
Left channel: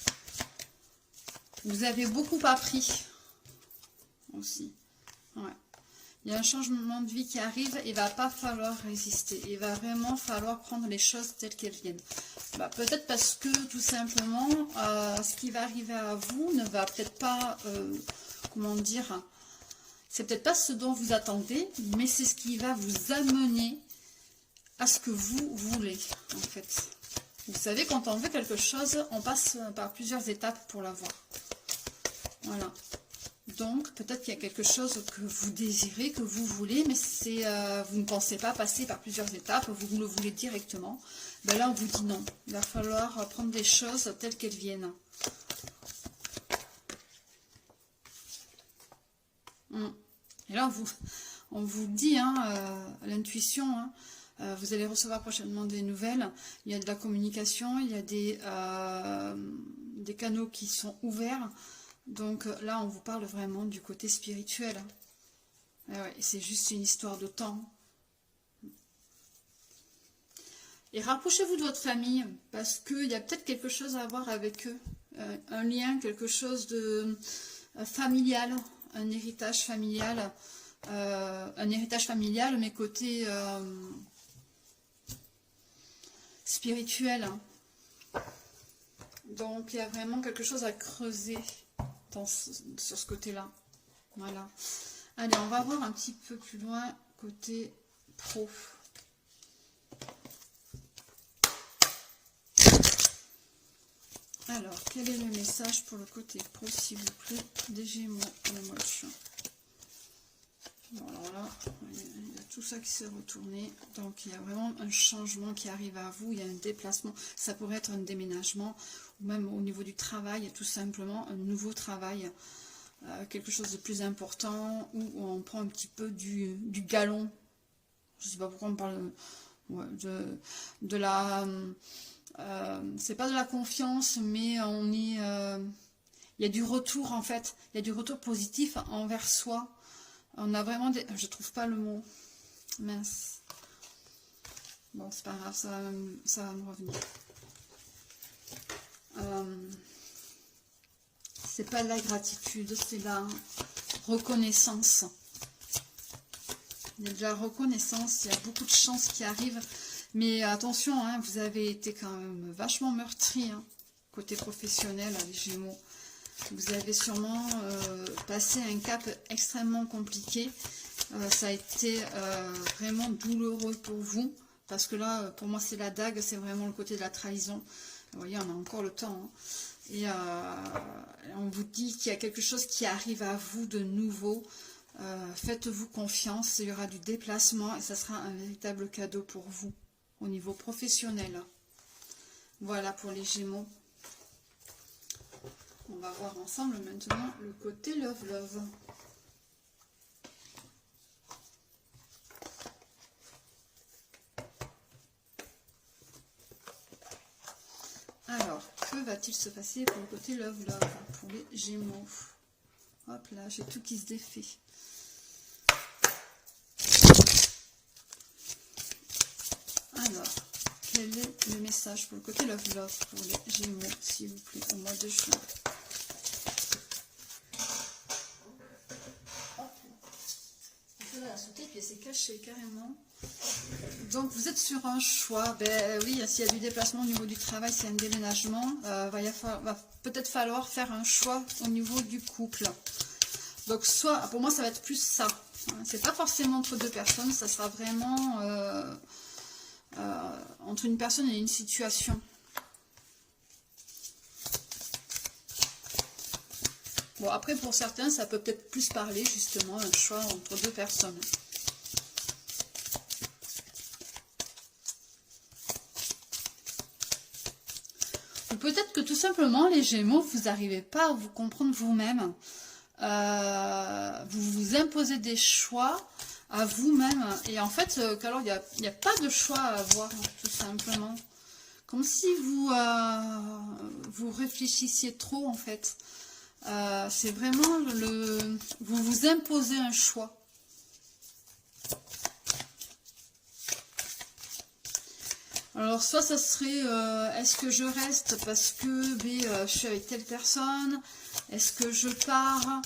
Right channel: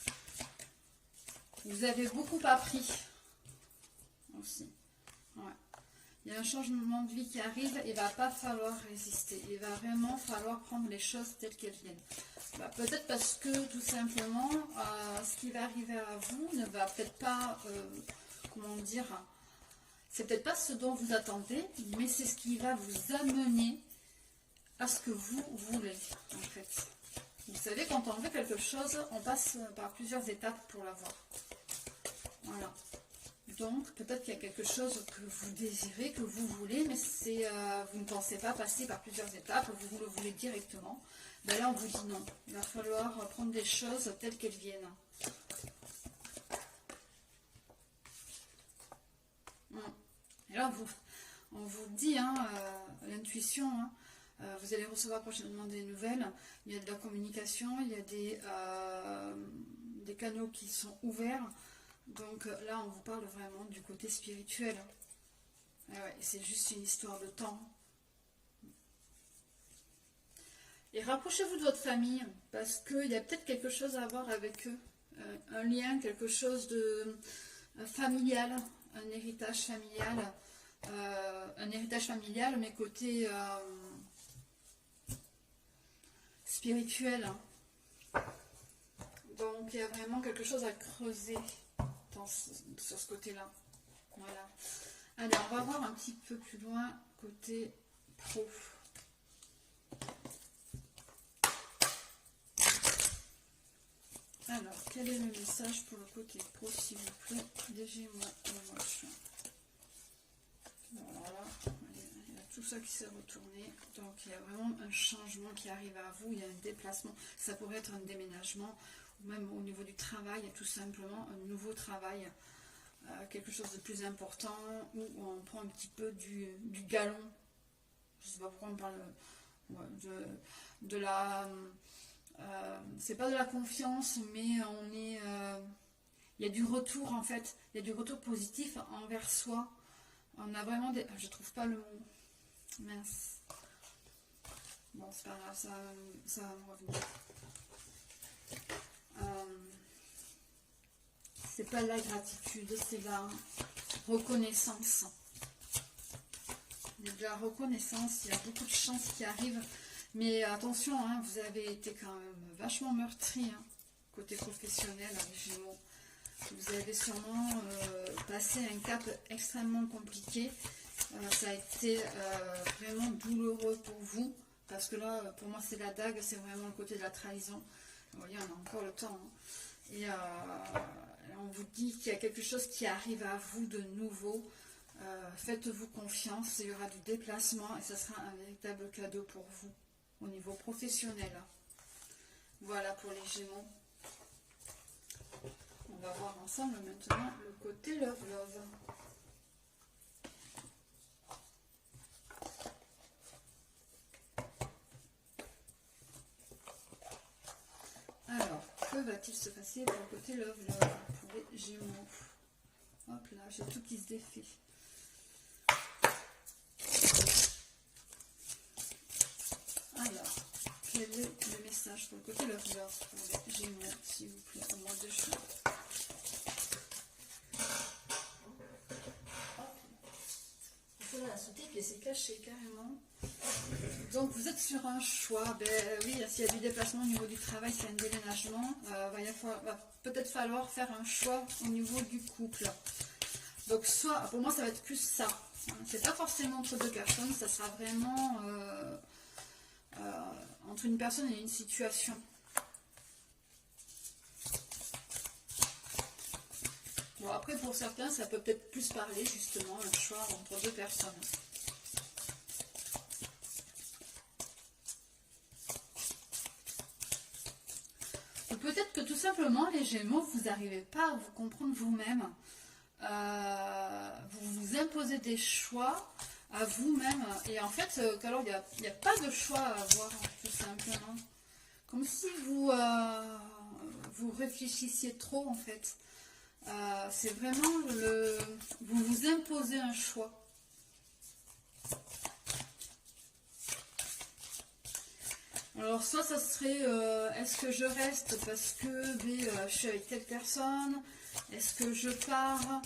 Vous avez beaucoup appris aussi. Ouais. Il y a un changement de vie qui arrive et il ne va pas falloir résister. Il va vraiment falloir prendre les choses telles qu'elles viennent. Bah, peut-être parce que tout simplement, ce qui va arriver à vous ne va peut-être pas, comment dire, c'est peut-être pas ce dont vous attendez, mais c'est ce qui va vous amener à ce que vous voulez, en fait. Vous savez, quand on veut quelque chose, on passe par plusieurs étapes pour l'avoir. Voilà. Donc, peut-être qu'il y a quelque chose que vous désirez, que vous voulez, mais vous ne pensez pas passer par plusieurs étapes, vous le voulez directement. Ben là, on vous dit non. Il va falloir prendre des choses telles qu'elles viennent. Et là, on vous dit, hein, l'intuition, hein, vous allez recevoir prochainement des nouvelles. Il y a de la communication, il y a des canaux qui sont ouverts. Donc là, on vous parle vraiment du côté spirituel. Ouais, c'est juste une histoire de temps. Et rapprochez-vous de votre famille, parce qu'il y a peut-être quelque chose à voir avec eux. Un lien, quelque chose de familial, un héritage familial. Mais côté spirituel. Donc, il y a vraiment quelque chose à creuser sur ce côté-là. Voilà. Allez, on va voir un petit peu plus loin, côté pro. Alors, quel est le message pour le côté pro, s'il vous plaît, des Gémeaux le mois de juin? Bon, alors là, il y a tout ça qui s'est retourné. Donc, il y a vraiment un changement qui arrive à vous. Il y a un déplacement. Ça pourrait être un déménagement, ou même au niveau du travail, tout simplement, un nouveau travail. Quelque chose de plus important, où on prend un petit peu du galon. Je ne sais pas pourquoi on parle de la... c'est pas de la confiance, mais on est... il y a du retour, en fait. Il y a du retour positif envers soi. On a vraiment des... Je trouve pas le mot. Mince. Bon, c'est pas grave, ça va me revenir. C'est pas de la gratitude, c'est de la reconnaissance. Il y a de la reconnaissance, il y a beaucoup de chances qui arrivent. Mais attention, hein, vous avez été quand même vachement meurtri, hein, côté professionnel, les Gémeaux. Vous avez sûrement passé un cap extrêmement compliqué Ça a été vraiment douloureux pour vous. Parce que là, pour moi, c'est la dague, c'est vraiment le côté de la trahison. Vous voyez, on a encore le temps. Hein. Et on vous dit qu'il y a quelque chose qui arrive à vous de nouveau. Faites-vous confiance, il y aura du déplacement et ça sera un véritable cadeau pour vous au niveau professionnel. Voilà pour les Gémeaux. On va voir ensemble maintenant le côté Love Love. Alors, que va-t-il se passer pour le côté Love Love pour les Gémeaux? Hop là, j'ai tout qui se défait. Alors, quel est le message pour le côté Love Love pour les Gémeaux, s'il vous plaît, au mois de juin? La sauter, puis elle s'est cachée carrément. Donc vous êtes sur un choix. Ben oui, s'il y a du déplacement au niveau du travail, s'il y a un déménagement, va peut-être falloir faire un choix au niveau du couple. Donc soit, pour moi ça va être plus ça. C'est pas forcément entre deux personnes, ça sera vraiment entre une personne et une situation. Bon, après, pour certains, ça peut peut-être plus parler, justement, un choix entre deux personnes. Ou peut-être que tout simplement, les Gémeaux, vous n'arrivez pas à vous comprendre vous-même. Vous vous imposez des choix à vous-même. Et en fait, alors, il n'y a pas de choix à avoir, tout simplement. Comme si vous réfléchissiez trop, en fait. C'est vraiment vous vous imposez un choix. Alors soit ça serait est-ce que je reste parce que je suis avec telle personne, est-ce que je pars,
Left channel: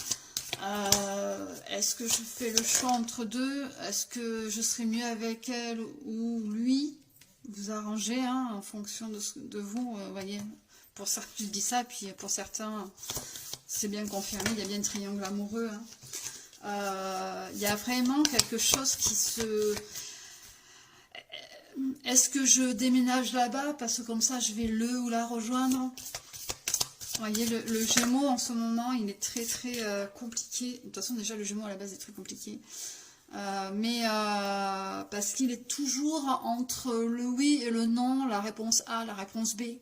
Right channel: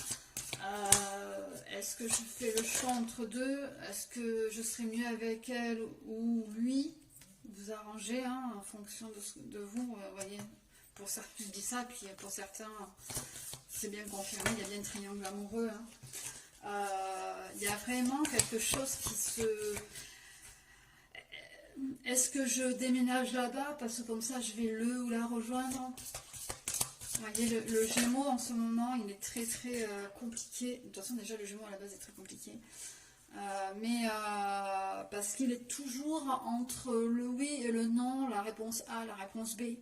est-ce que je fais le choix entre deux, est-ce que je serais mieux avec elle ou lui, vous arrangez hein, en fonction de vous, voyez, pour certains je dis ça, puis pour certains c'est bien confirmé, il y a bien un triangle amoureux. Hein. Il y a vraiment quelque chose qui se... Est-ce que je déménage là-bas parce que comme ça je vais le ou la rejoindre? Vous voyez, le Gémeaux en ce moment, il est très très compliqué. De toute façon, déjà le Gémeaux à la base est très compliqué. Parce qu'il est toujours entre le oui et le non, la réponse A, la réponse B.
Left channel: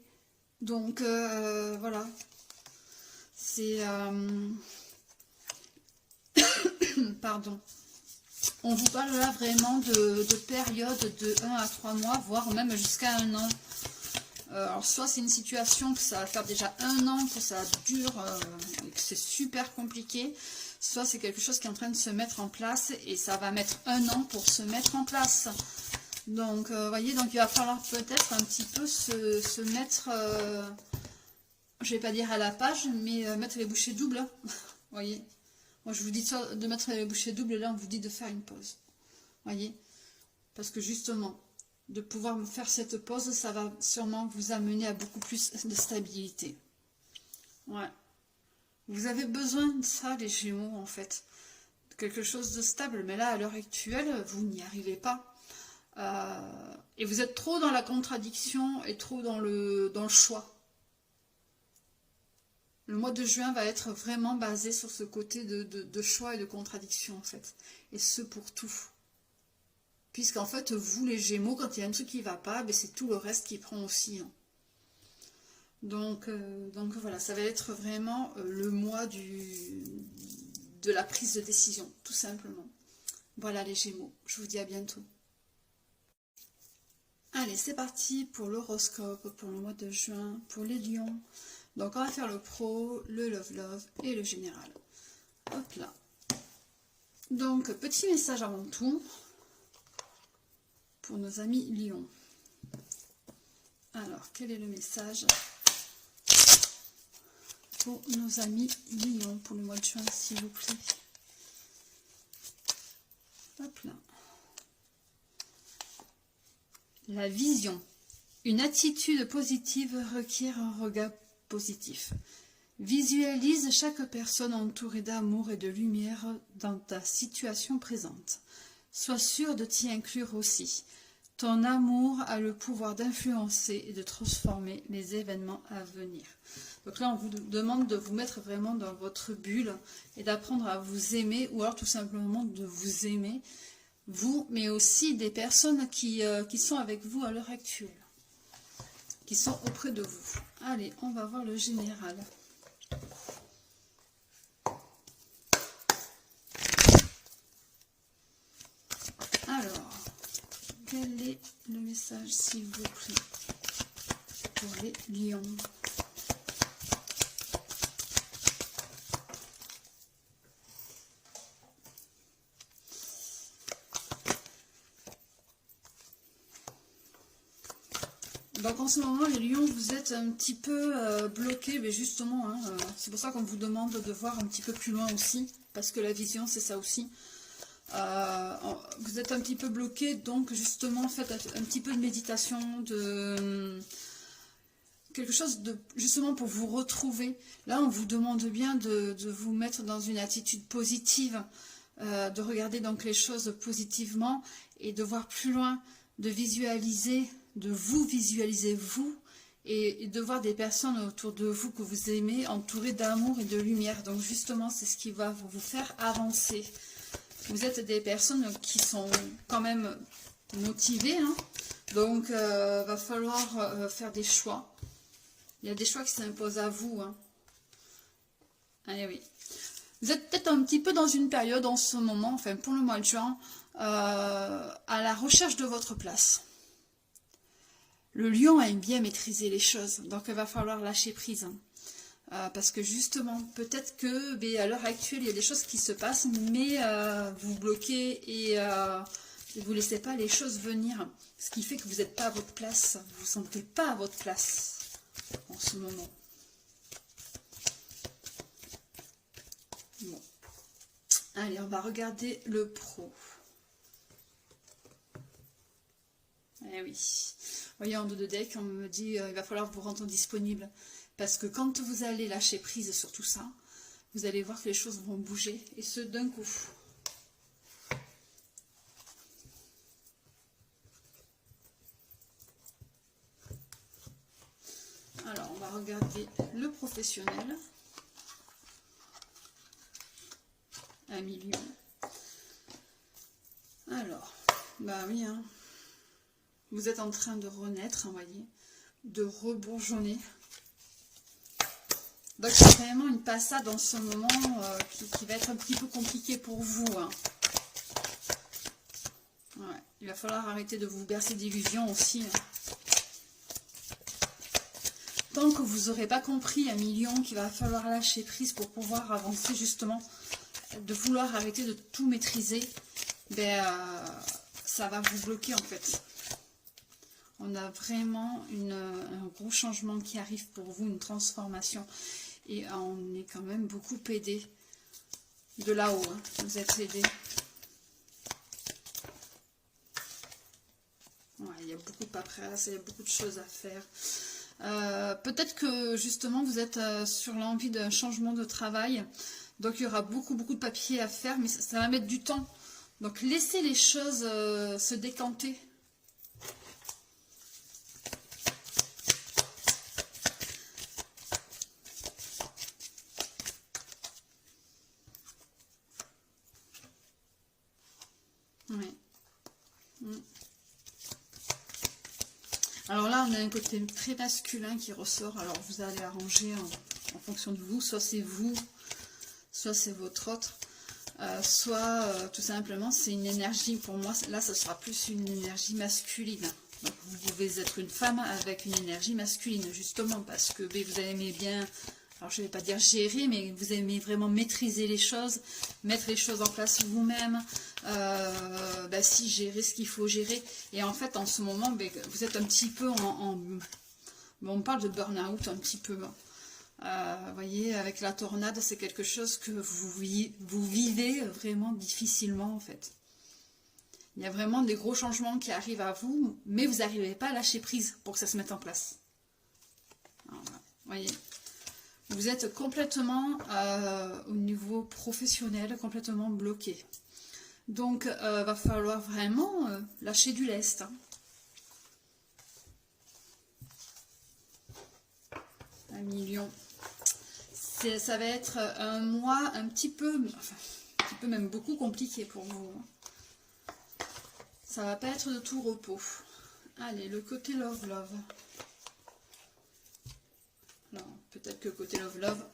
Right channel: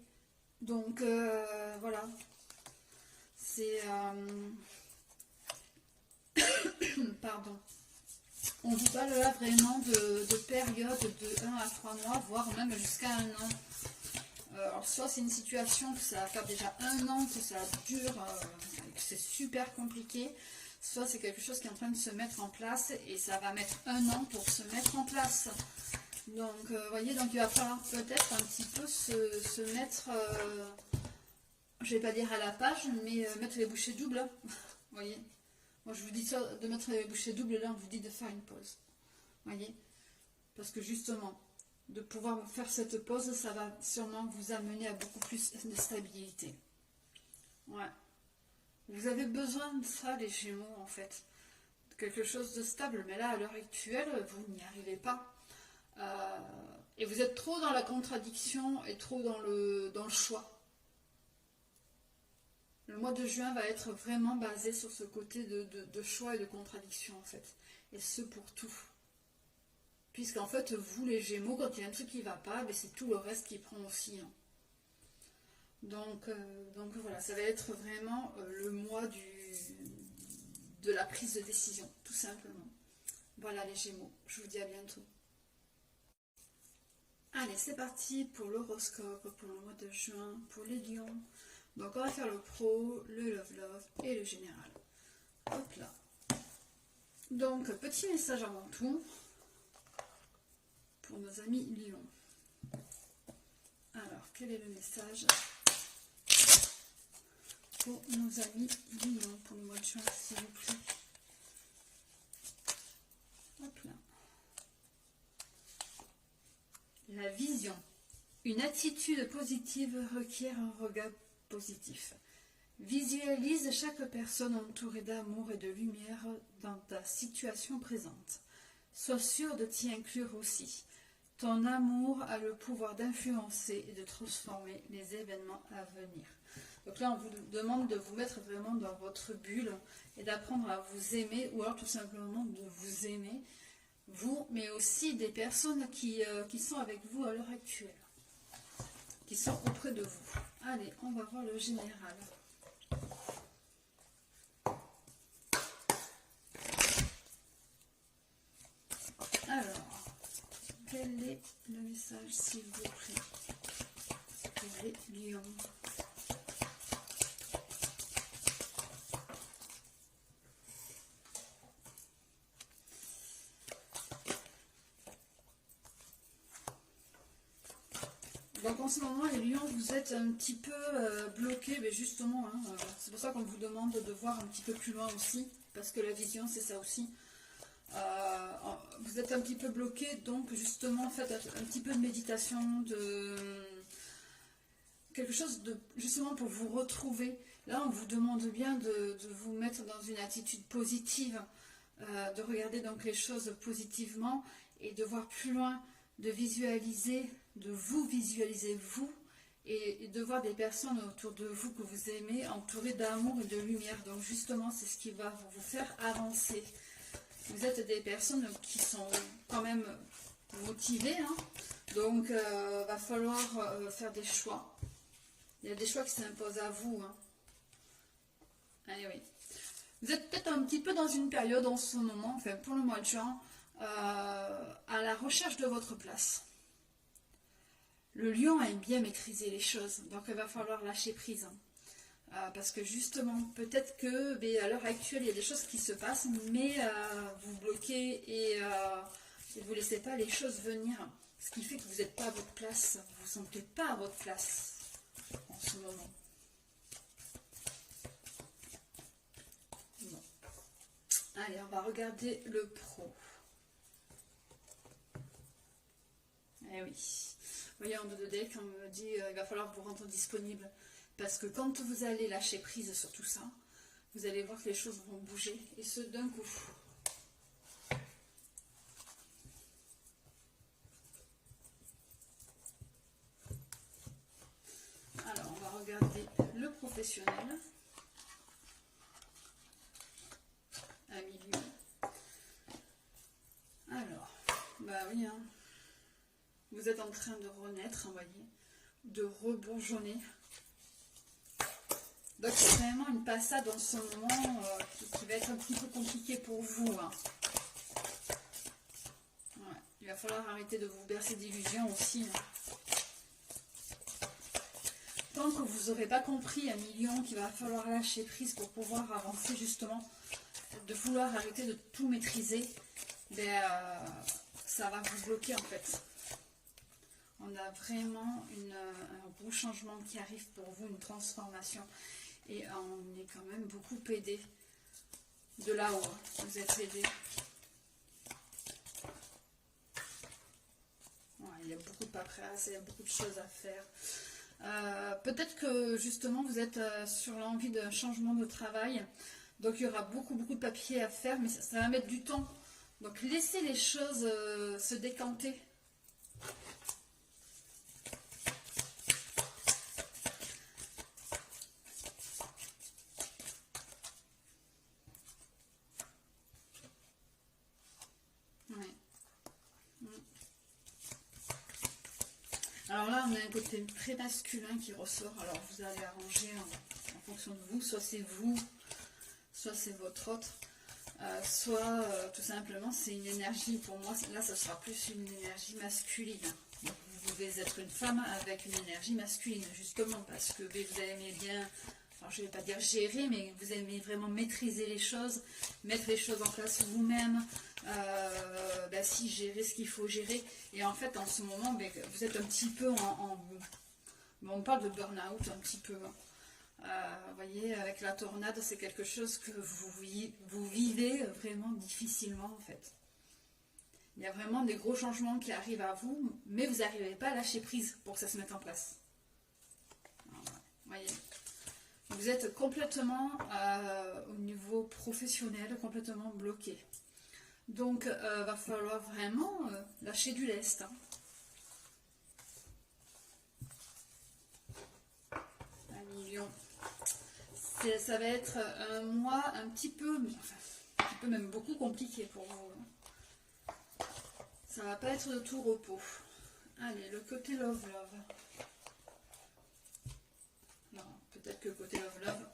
Donc voilà. C'est... Pardon. On vous parle là vraiment de périodes de 1 à 3 mois, voire même jusqu'à 1 an. Alors soit c'est une situation que ça va faire déjà 1 an, que ça dure et que c'est super compliqué, soit c'est quelque chose qui est en train de se mettre en place et ça va mettre 1 an pour se mettre en place. Donc voyez, donc il va falloir peut-être un petit peu se mettre, je vais pas dire à la page, mais mettre les bouchées doubles. Hein. Voyez. Moi, je vous dis de mettre les bouchées doubles, là, on vous dit de faire une pause. Voyez? Parce que justement, de pouvoir faire cette pause, ça va sûrement vous amener à beaucoup plus de stabilité. Ouais. Vous avez besoin de ça, les Gémeaux, en fait. Quelque chose de stable. Mais là, à l'heure actuelle, vous n'y arrivez pas. Et vous êtes trop dans la contradiction et trop dans le choix. Le mois de juin va être vraiment basé sur ce côté de choix et de contradiction, en fait. Et ce, pour tout. Puisqu'en fait, vous, les Gémeaux, quand il y a un truc qui ne va pas, ben, c'est tout le reste qui prend aussi. Hein. Donc voilà, ça va être vraiment le mois de la prise de décision, tout simplement. Voilà, les Gémeaux. Je vous dis à bientôt. Allez, c'est parti pour l'horoscope, pour le mois de juin, pour les lions. Donc on va faire le pro, le love et le général. Hop là. Donc petit message avant tout pour nos amis lions. Alors quel est le message pour nos amis lions pour le mois de juin, s'il vous plaît? Hop là. La vision. Une attitude positive requiert un regard positif. Visualise chaque personne entourée d'amour et de lumière dans ta situation présente. Sois sûr de t'y inclure aussi. Ton amour a le pouvoir d'influencer et de transformer les événements à venir. Donc là, on vous demande de vous mettre vraiment dans votre bulle et d'apprendre à vous aimer, ou alors tout simplement de vous aimer, vous, mais aussi des personnes qui sont avec vous à l'heure actuelle, qui sont auprès de vous. Allez, on va voir le général. Alors, quel est le message, s'il vous plaît, pour les lions? Donc en ce moment, les lions, vous êtes un petit peu bloqués, mais justement, hein, c'est pour ça qu'on vous demande de voir un petit peu plus loin aussi, parce que la vision, c'est ça aussi. Vous êtes un petit peu bloqué, donc justement faites un petit peu de méditation, de quelque chose de justement pour vous retrouver. Là, on vous demande bien de vous mettre dans une attitude positive, de regarder donc les choses positivement et de voir plus loin, de visualiser, de vous visualiser vous et de voir des personnes autour de vous que vous aimez, entourées d'amour et de lumière. Donc justement, c'est ce qui va vous faire avancer. Vous êtes des personnes qui sont quand même motivées, hein. Donc va falloir faire des choix. Il y a des choix qui s'imposent à vous, hein. Allez, oui. Vous êtes peut-être un petit peu dans une période en ce moment, enfin pour le mois de juin, à la recherche de votre place. Le lion aime bien maîtriser les choses, donc il va falloir lâcher prise, hein. Parce que justement, peut-être que à l'heure actuelle, il y a des choses qui se passent, mais vous bloquez et vous ne laissez pas les choses venir. Ce qui fait que vous n'êtes pas à votre place, vous ne vous sentez pas à votre place en ce moment. Bon. Allez, on va regarder le pro. Eh oui. Vous voyez, en dos de deck, on me dit il va falloir vous rendre disponible. Parce que quand vous allez lâcher prise sur tout ça, vous allez voir que les choses vont bouger, et ce d'un coup. Alors, on va regarder le professionnel. Un million. Alors, bah oui, hein. Vous êtes en train de renaître, vous voyez, de rebourgeonner. Donc c'est vraiment une passade en ce moment qui va être un petit peu compliquée pour vous, hein. Ouais, il va falloir arrêter de vous bercer d'illusions aussi, hein. Tant que vous n'aurez pas compris, un million, qu'il va falloir lâcher prise pour pouvoir avancer justement, de vouloir arrêter de tout maîtriser, ça va vous bloquer en fait. On a vraiment un gros changement qui arrive pour vous, une transformation. Et on est quand même beaucoup aidé de là-haut, hein. Vous êtes aidé. Ouais, il y a beaucoup de paperasse, il y a beaucoup de choses à faire. Peut-être que justement vous êtes sur l'envie d'un changement de travail. Donc il y aura beaucoup de papiers à faire, mais ça va mettre du temps. Donc laissez les choses se décanter. Ouais. Alors là, on a un côté très masculin qui ressort. Alors vous allez arranger en fonction de vous. Soit c'est vous, soit c'est votre autre. Soit tout simplement c'est une énergie, pour moi là ça sera plus une énergie masculine. Donc vous pouvez être une femme avec une énergie masculine justement parce que vous aimez bien, alors je ne vais pas dire gérer, mais vous aimez vraiment maîtriser les choses, mettre les choses en place vous-même, si gérer ce qu'il faut gérer. Et en fait en ce moment vous êtes un petit peu on parle de burn-out un petit peu. Vous voyez, avec la tornade, c'est quelque chose que vous vivez vraiment difficilement en fait. Il y a vraiment des gros changements qui arrivent à vous, mais vous n'arrivez pas à lâcher prise pour que ça se mette en place. Alors, vous voyez, Vous êtes complètement au niveau professionnel, complètement bloqué. Donc, va falloir vraiment lâcher du lest. Hein. Un million. Ça va être un mois un petit peu, enfin, un petit peu même beaucoup compliqué pour vous. Ça va pas être de tout repos. Allez, le côté love. Non, peut-être que côté love.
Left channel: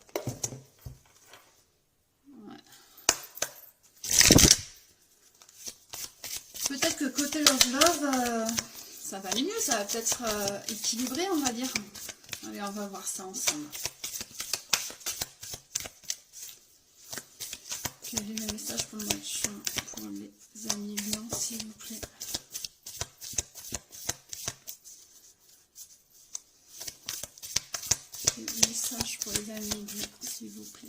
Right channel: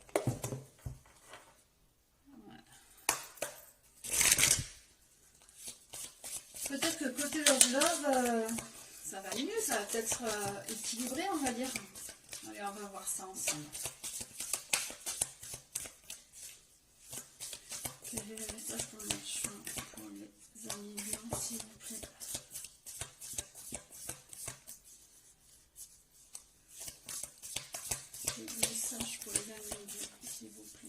Ouais. Peut-être que côté love, ça va aller mieux, ça va peut-être équilibré, on va dire. Allez, on va voir ça ensemble. Quel est le message pour le mois de juin pour les amis lions, s'il vous plaît? Quel est le message pour les amis lions, s'il vous plaît?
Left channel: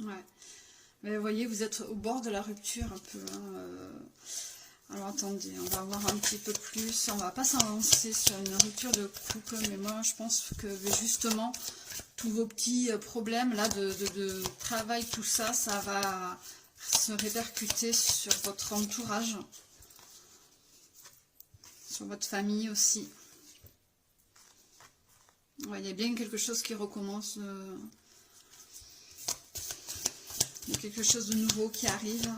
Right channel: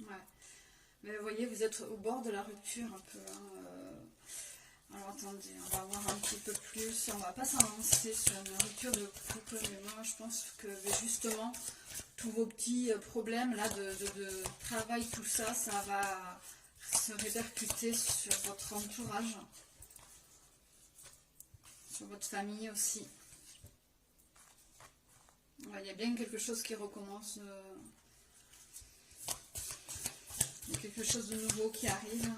Ouais. Mais vous voyez, vous êtes au bord de la rupture un peu. Hein, Alors attendez, on va voir un petit peu plus. On va pas s'avancer sur une rupture de couple, mais moi je pense que justement, tous vos petits problèmes là de travail, tout ça, ça va se répercuter sur votre entourage, sur votre famille aussi. Ouais, il y a bien quelque chose qui recommence. Il y a quelque chose de nouveau qui arrive.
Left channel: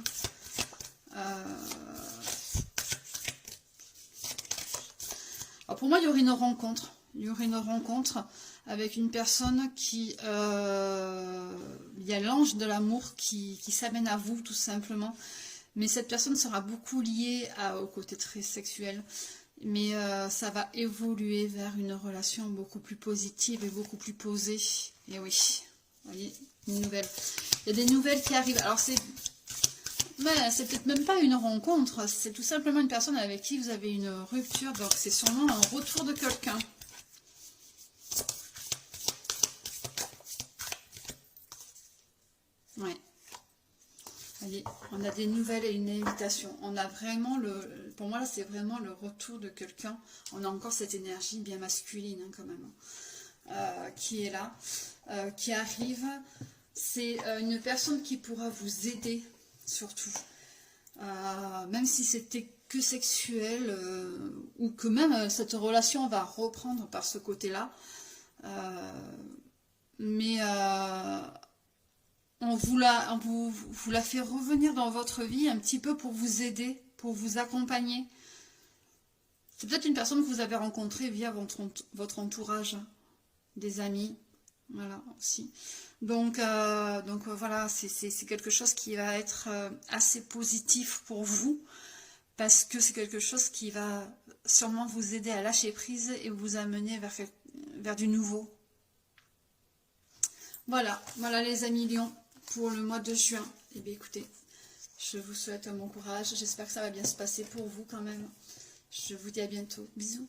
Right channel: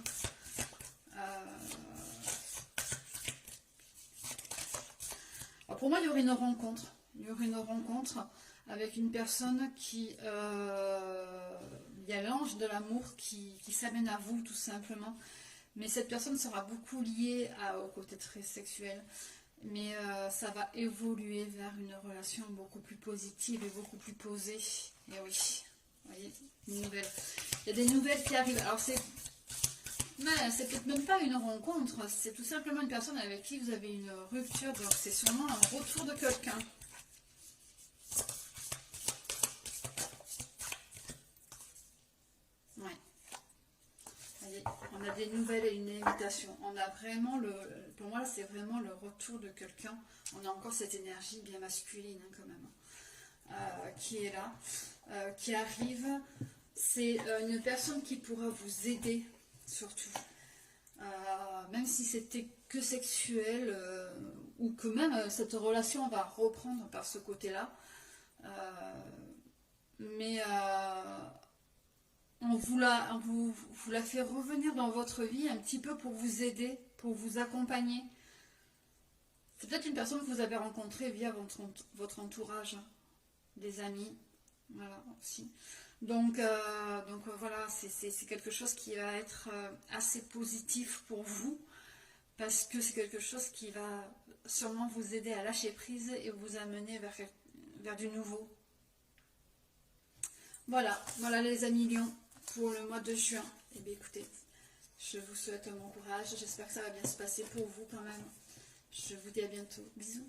Alors pour moi, il y aurait une rencontre. Il y aurait une rencontre avec une personne qui... il y a l'ange de l'amour qui s'amène à vous, tout simplement. Mais cette personne sera beaucoup liée au côté très sexuel. Mais ça va évoluer vers une relation beaucoup plus positive et beaucoup plus posée. Et oui, vous voyez, une nouvelle. Il y a des nouvelles qui arrivent. Alors c'est peut-être même pas une rencontre, c'est tout simplement une personne avec qui vous avez une rupture. Donc c'est sûrement un retour de quelqu'un. Ouais. Voyez, on a des nouvelles et une invitation. On a vraiment pour moi là c'est vraiment le retour de quelqu'un. On a encore cette énergie bien masculine hein, quand même, qui est là, qui arrive. C'est une personne qui pourra vous aider surtout. Même si c'était que sexuel ou que même cette relation va reprendre par ce côté-là. Mais on vous la fait revenir dans votre vie un petit peu pour vous aider, pour vous accompagner. C'est peut-être une personne que vous avez rencontrée via votre entourage, des amis, voilà aussi. Donc voilà, c'est quelque chose qui va être assez positif pour vous, parce que c'est quelque chose qui va sûrement vous aider à lâcher prise et vous amener vers du nouveau. Voilà les amis lions pour le mois de juin. Eh bien écoutez, je vous souhaite un bon courage, j'espère que ça va bien se passer pour vous quand même. Je vous dis à bientôt, bisous.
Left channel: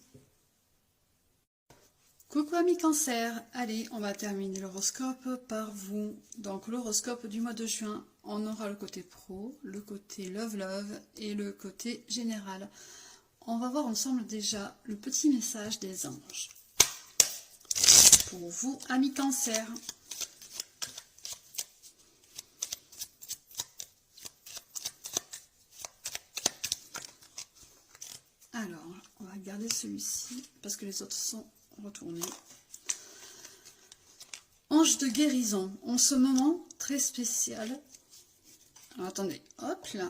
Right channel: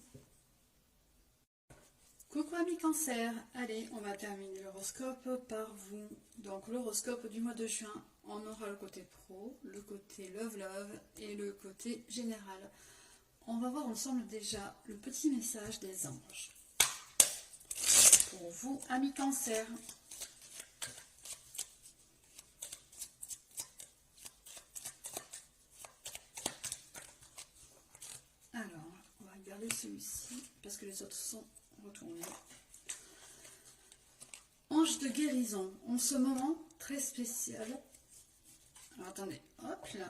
Coucou amis cancer, allez on va terminer l'horoscope par vous. Donc l'horoscope du mois de juin, on aura le côté pro, le côté love et le côté général. On va voir ensemble déjà le petit message des anges. Pour vous amis cancer. Alors, on va regarder celui-ci parce que les autres sont retournés. Ange de guérison, en ce moment très spécial. Alors attendez, hop là.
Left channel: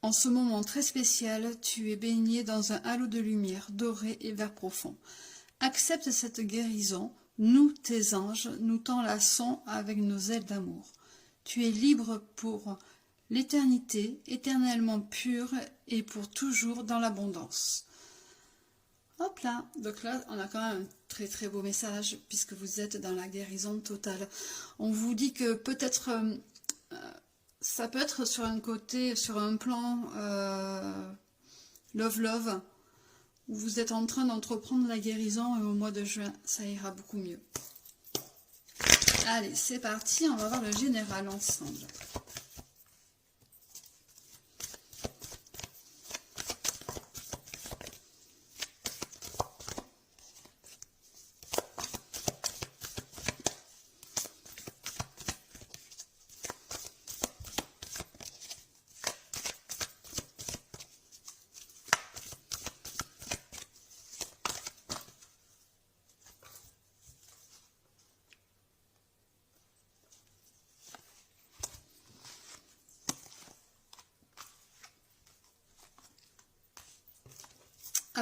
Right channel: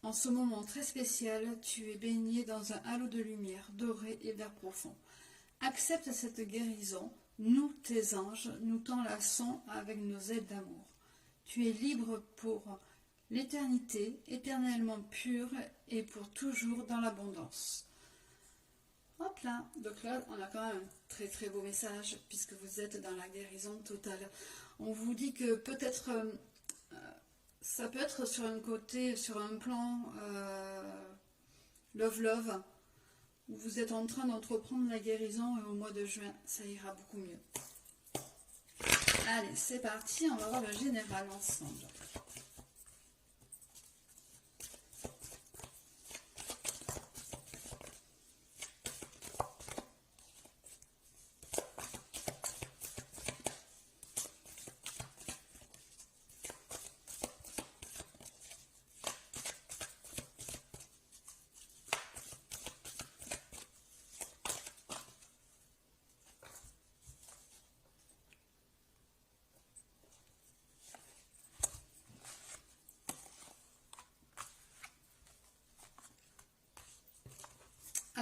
En ce moment très spécial, tu es baigné dans un halo de lumière doré et vert profond. Accepte cette guérison, nous, tes anges, nous t'enlaçons avec nos ailes d'amour. Tu es libre pour l'éternité, éternellement pure et pour toujours dans l'abondance. Hop là, donc là on a quand même un très très beau message puisque vous êtes dans la guérison totale. On vous dit que peut-être ça peut être sur un côté, sur un plan love, où vous êtes en train d'entreprendre la guérison et au mois de juin ça ira beaucoup mieux. Allez, c'est parti, on va voir le général ensemble.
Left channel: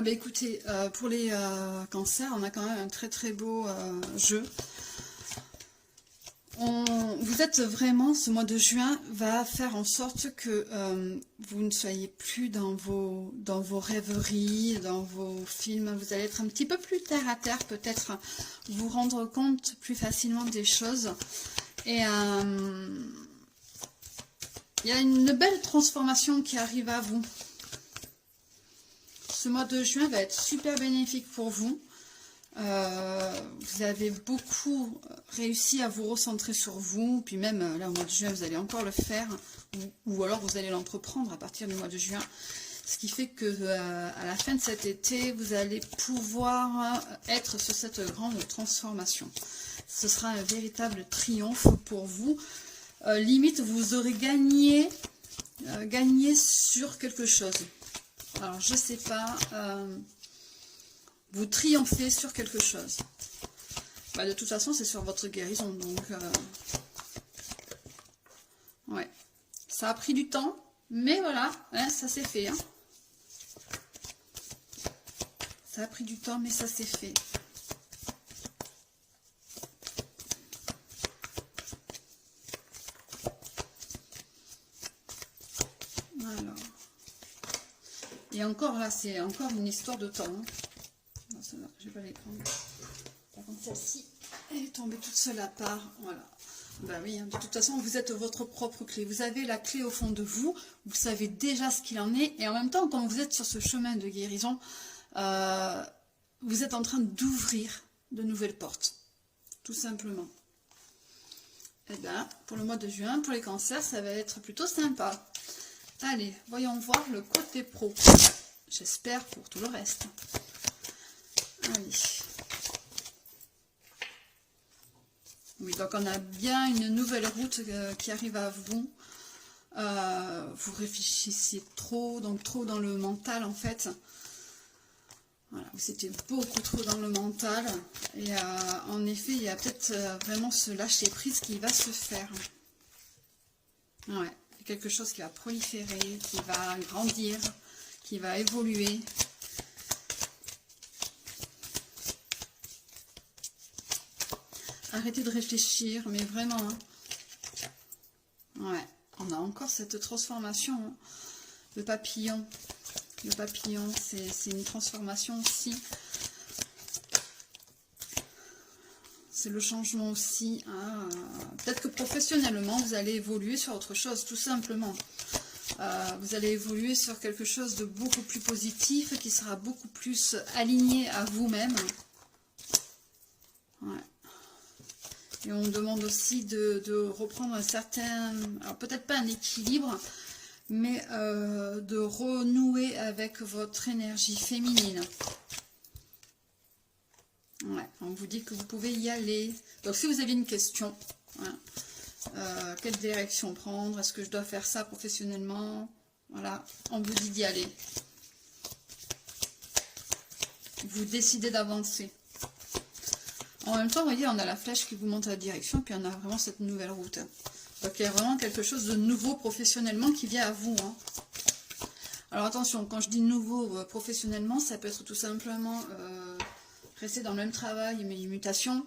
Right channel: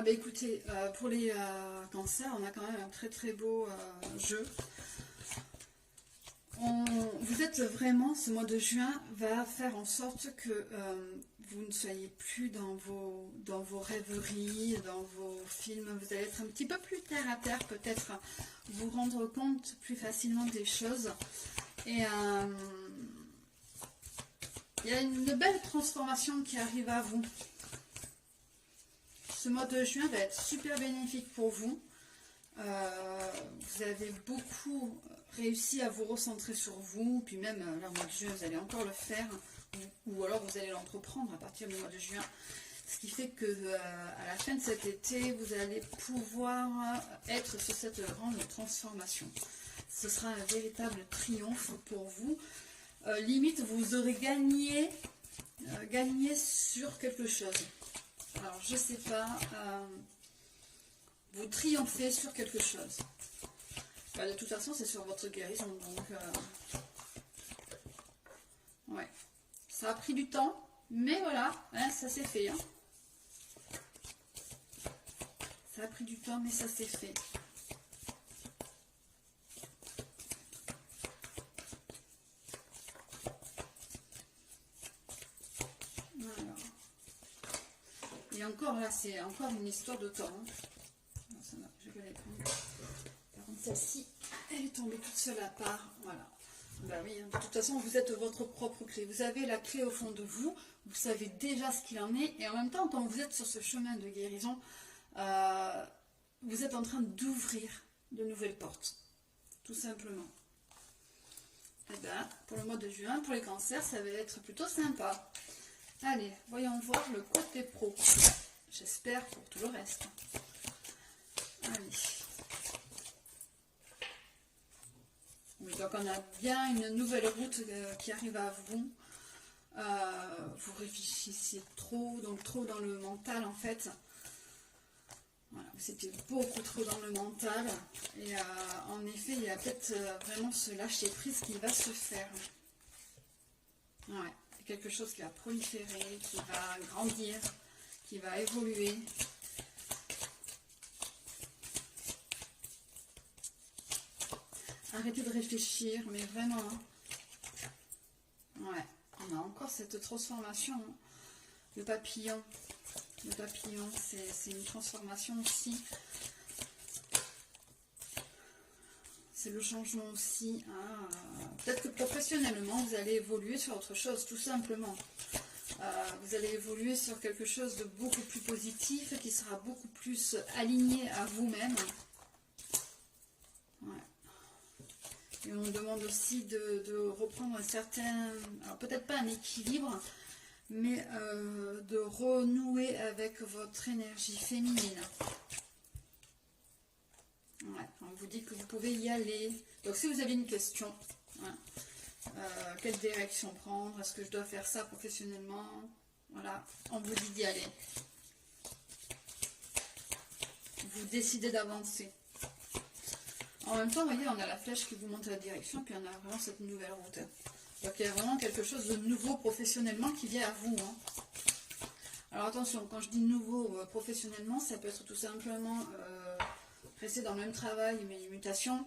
Ah bah écoutez, pour les cancers, on a quand même un très très beau jeu. Vous êtes vraiment, ce mois de juin va faire en sorte que vous ne soyez plus dans vos rêveries, dans vos films. Vous allez être un petit peu plus terre à terre, peut-être vous rendre compte plus facilement des choses. Et il y a une belle transformation qui arrive à vous. Ce mois de juin va être super bénéfique pour vous. Vous avez beaucoup réussi à vous recentrer sur vous, puis même là au mois de juin vous allez encore le faire, ou alors vous allez l'entreprendre à partir du mois de juin, ce qui fait que à la fin de cet été vous allez pouvoir être sur cette grande transformation. Ce sera un véritable triomphe pour vous. Limite vous aurez gagné sur quelque chose. Alors je sais pas, vous triomphez sur quelque chose. Bah, de toute façon, c'est sur votre guérison, donc ouais. Ça a pris du temps, mais voilà, hein, ça s'est fait. Hein. Ça a pris du temps, mais ça s'est fait. Alors. Et encore là, c'est encore une histoire de temps. Hein. Non, ça, non, je vais pas les prendre. Par contre, celle-ci, elle est tombée toute seule à part. Voilà. Bah oui, hein, de toute façon, vous êtes votre propre clé. Vous avez la clé au fond de vous. Vous savez déjà ce qu'il en est. Et en même temps, comme vous êtes sur ce chemin de guérison, vous êtes en train d'ouvrir de nouvelles portes. Tout simplement. Et bien, pour le mois de juin, pour les cancers, ça va être plutôt sympa. Allez, voyons voir le côté pro. J'espère pour tout le reste. Allez. Oui, donc on a bien une nouvelle route qui arrive à vous. Vous réfléchissiez trop, donc trop dans le mental en fait. Voilà, vous étiez beaucoup trop dans le mental. Et en effet, il y a peut-être vraiment ce lâcher prise qui va se faire. Ouais, quelque chose qui va proliférer, qui va grandir, qui va évoluer. Arrêtez de réfléchir, mais vraiment. Hein. Ouais, on a encore cette transformation. Hein. Le papillon, c'est une transformation aussi. C'est le changement aussi. Hein. Peut-être que professionnellement, vous allez évoluer sur autre chose, tout simplement. Vous allez évoluer sur quelque chose de beaucoup plus positif, qui sera beaucoup plus aligné à vous-même. Ouais. Et on demande aussi de reprendre un certain, alors peut-être pas un équilibre, mais de renouer avec votre énergie féminine. Ouais, on vous dit que vous pouvez y aller. Donc si vous avez une question, hein, quelle direction prendre, est-ce que je dois faire ça professionnellement, voilà, on vous dit d'y aller. Vous décidez d'avancer. En même temps, vous voyez, on a la flèche qui vous montre la direction, puis on a vraiment cette nouvelle route. Donc il y a vraiment quelque chose de nouveau professionnellement qui vient à vous. Hein. Alors attention, quand je dis nouveau professionnellement, ça peut être tout simplement rester dans le même travail, mais une mutation,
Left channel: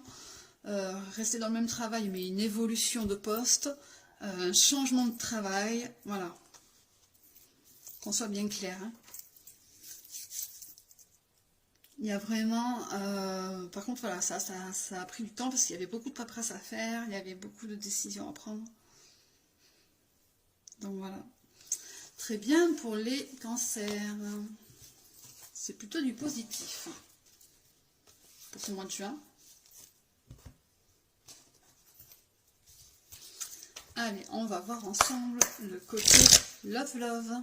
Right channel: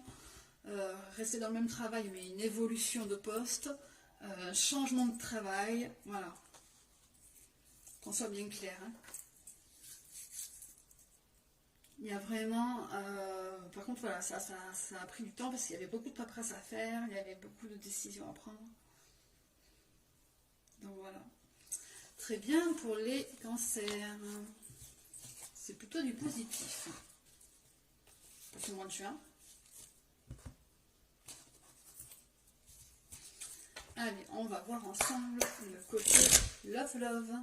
rester dans le même travail, mais une évolution de poste, un changement de travail, voilà. Qu'on soit bien clair. Hein. Il y a vraiment, par contre, voilà, ça a pris du temps parce qu'il y avait beaucoup de paperasse à faire, il y avait beaucoup de décisions à prendre. Donc voilà. Très bien pour les cancers. C'est plutôt du positif pour ce mois de juin. Allez, on va voir ensemble le côté Love Love.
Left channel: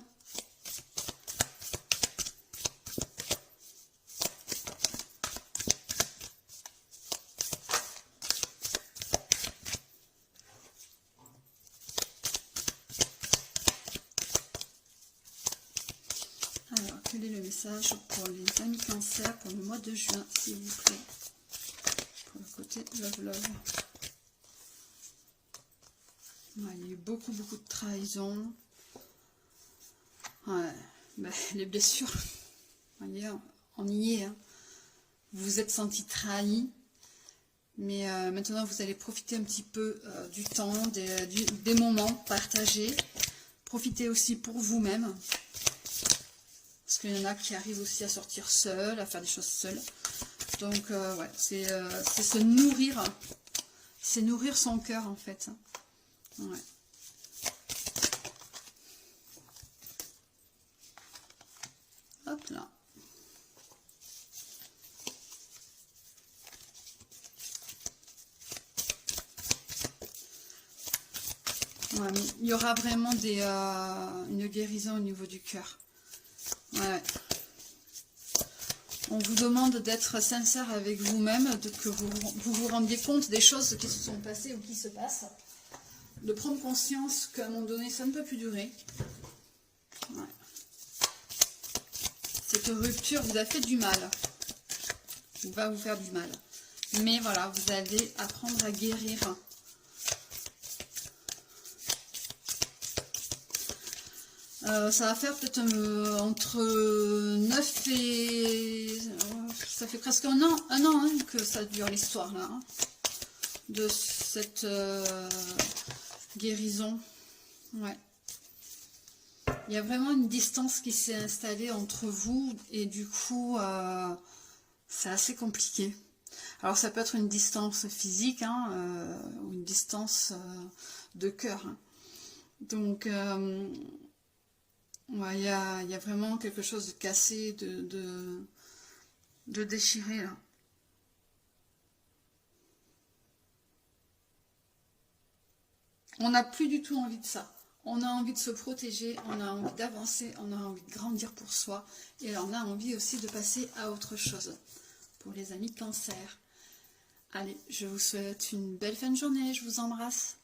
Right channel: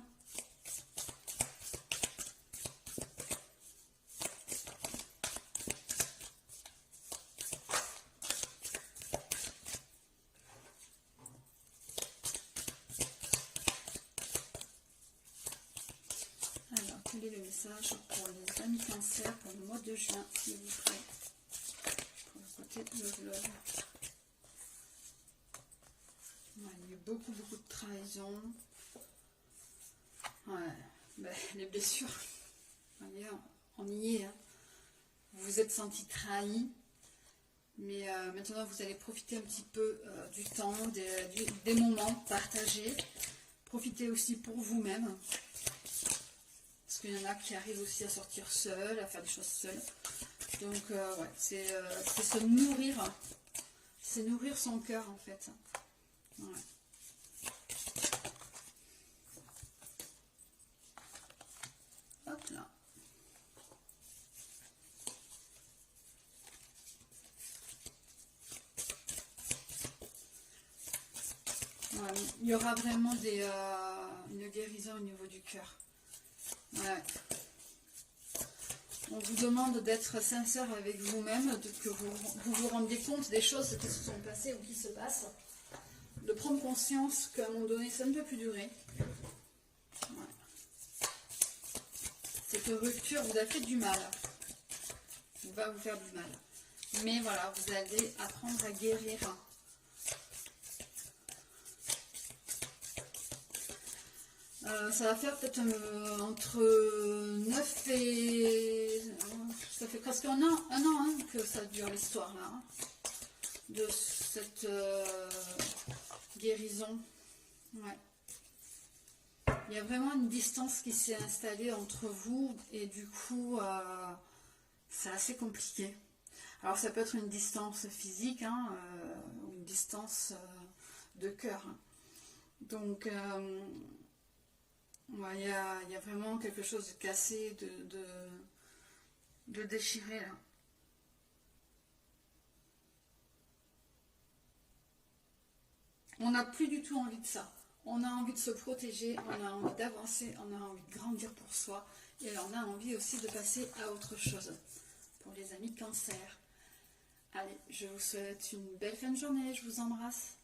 Alors, quel est le message pour les amis cancer pour le mois de juin, s'il vous plaît, pour le côté Love Love. Ouais, il y a eu beaucoup de trahison. Ouais, ben, les blessures, vous voyez, on y est. Hein. Vous vous êtes senti trahi. Mais maintenant, vous allez profiter un petit peu du temps, des moments partagés. Profitez aussi pour vous-même. Parce qu'il y en a qui arrivent aussi à sortir seuls, à faire des choses seuls. Donc, ouais, c'est se nourrir. C'est nourrir son cœur, en fait. Ouais. Hop là. Ouais, mais il y aura vraiment une guérison au niveau du cœur. Ouais. On vous demande d'être sincère avec vous-même, que vous rendiez compte des choses qui se sont passées ou qui se passent. De prendre conscience qu'à un moment donné, ça ne peut plus durer. Ouais. Cette rupture vous a fait du mal. Va vous faire du mal. Mais voilà, vous allez apprendre à guérir. Ça va faire peut-être entre 9 et... ça fait presque un an hein, que ça dure l'histoire là. Hein, de cette guérison. Ouais. Il y a vraiment une distance qui s'est installée entre vous et du coup, c'est assez compliqué. Alors ça peut être une distance physique hein, ou une distance de cœur. Hein. Donc... ouais, il y a vraiment quelque chose de cassé, de déchiré là. On n'a plus du tout envie de ça. On a envie de se protéger, on a envie d'avancer, on a envie de grandir pour soi. Et on a envie aussi de passer à autre chose. Pour les amis cancer. Allez, je vous souhaite une belle fin de journée, je vous embrasse.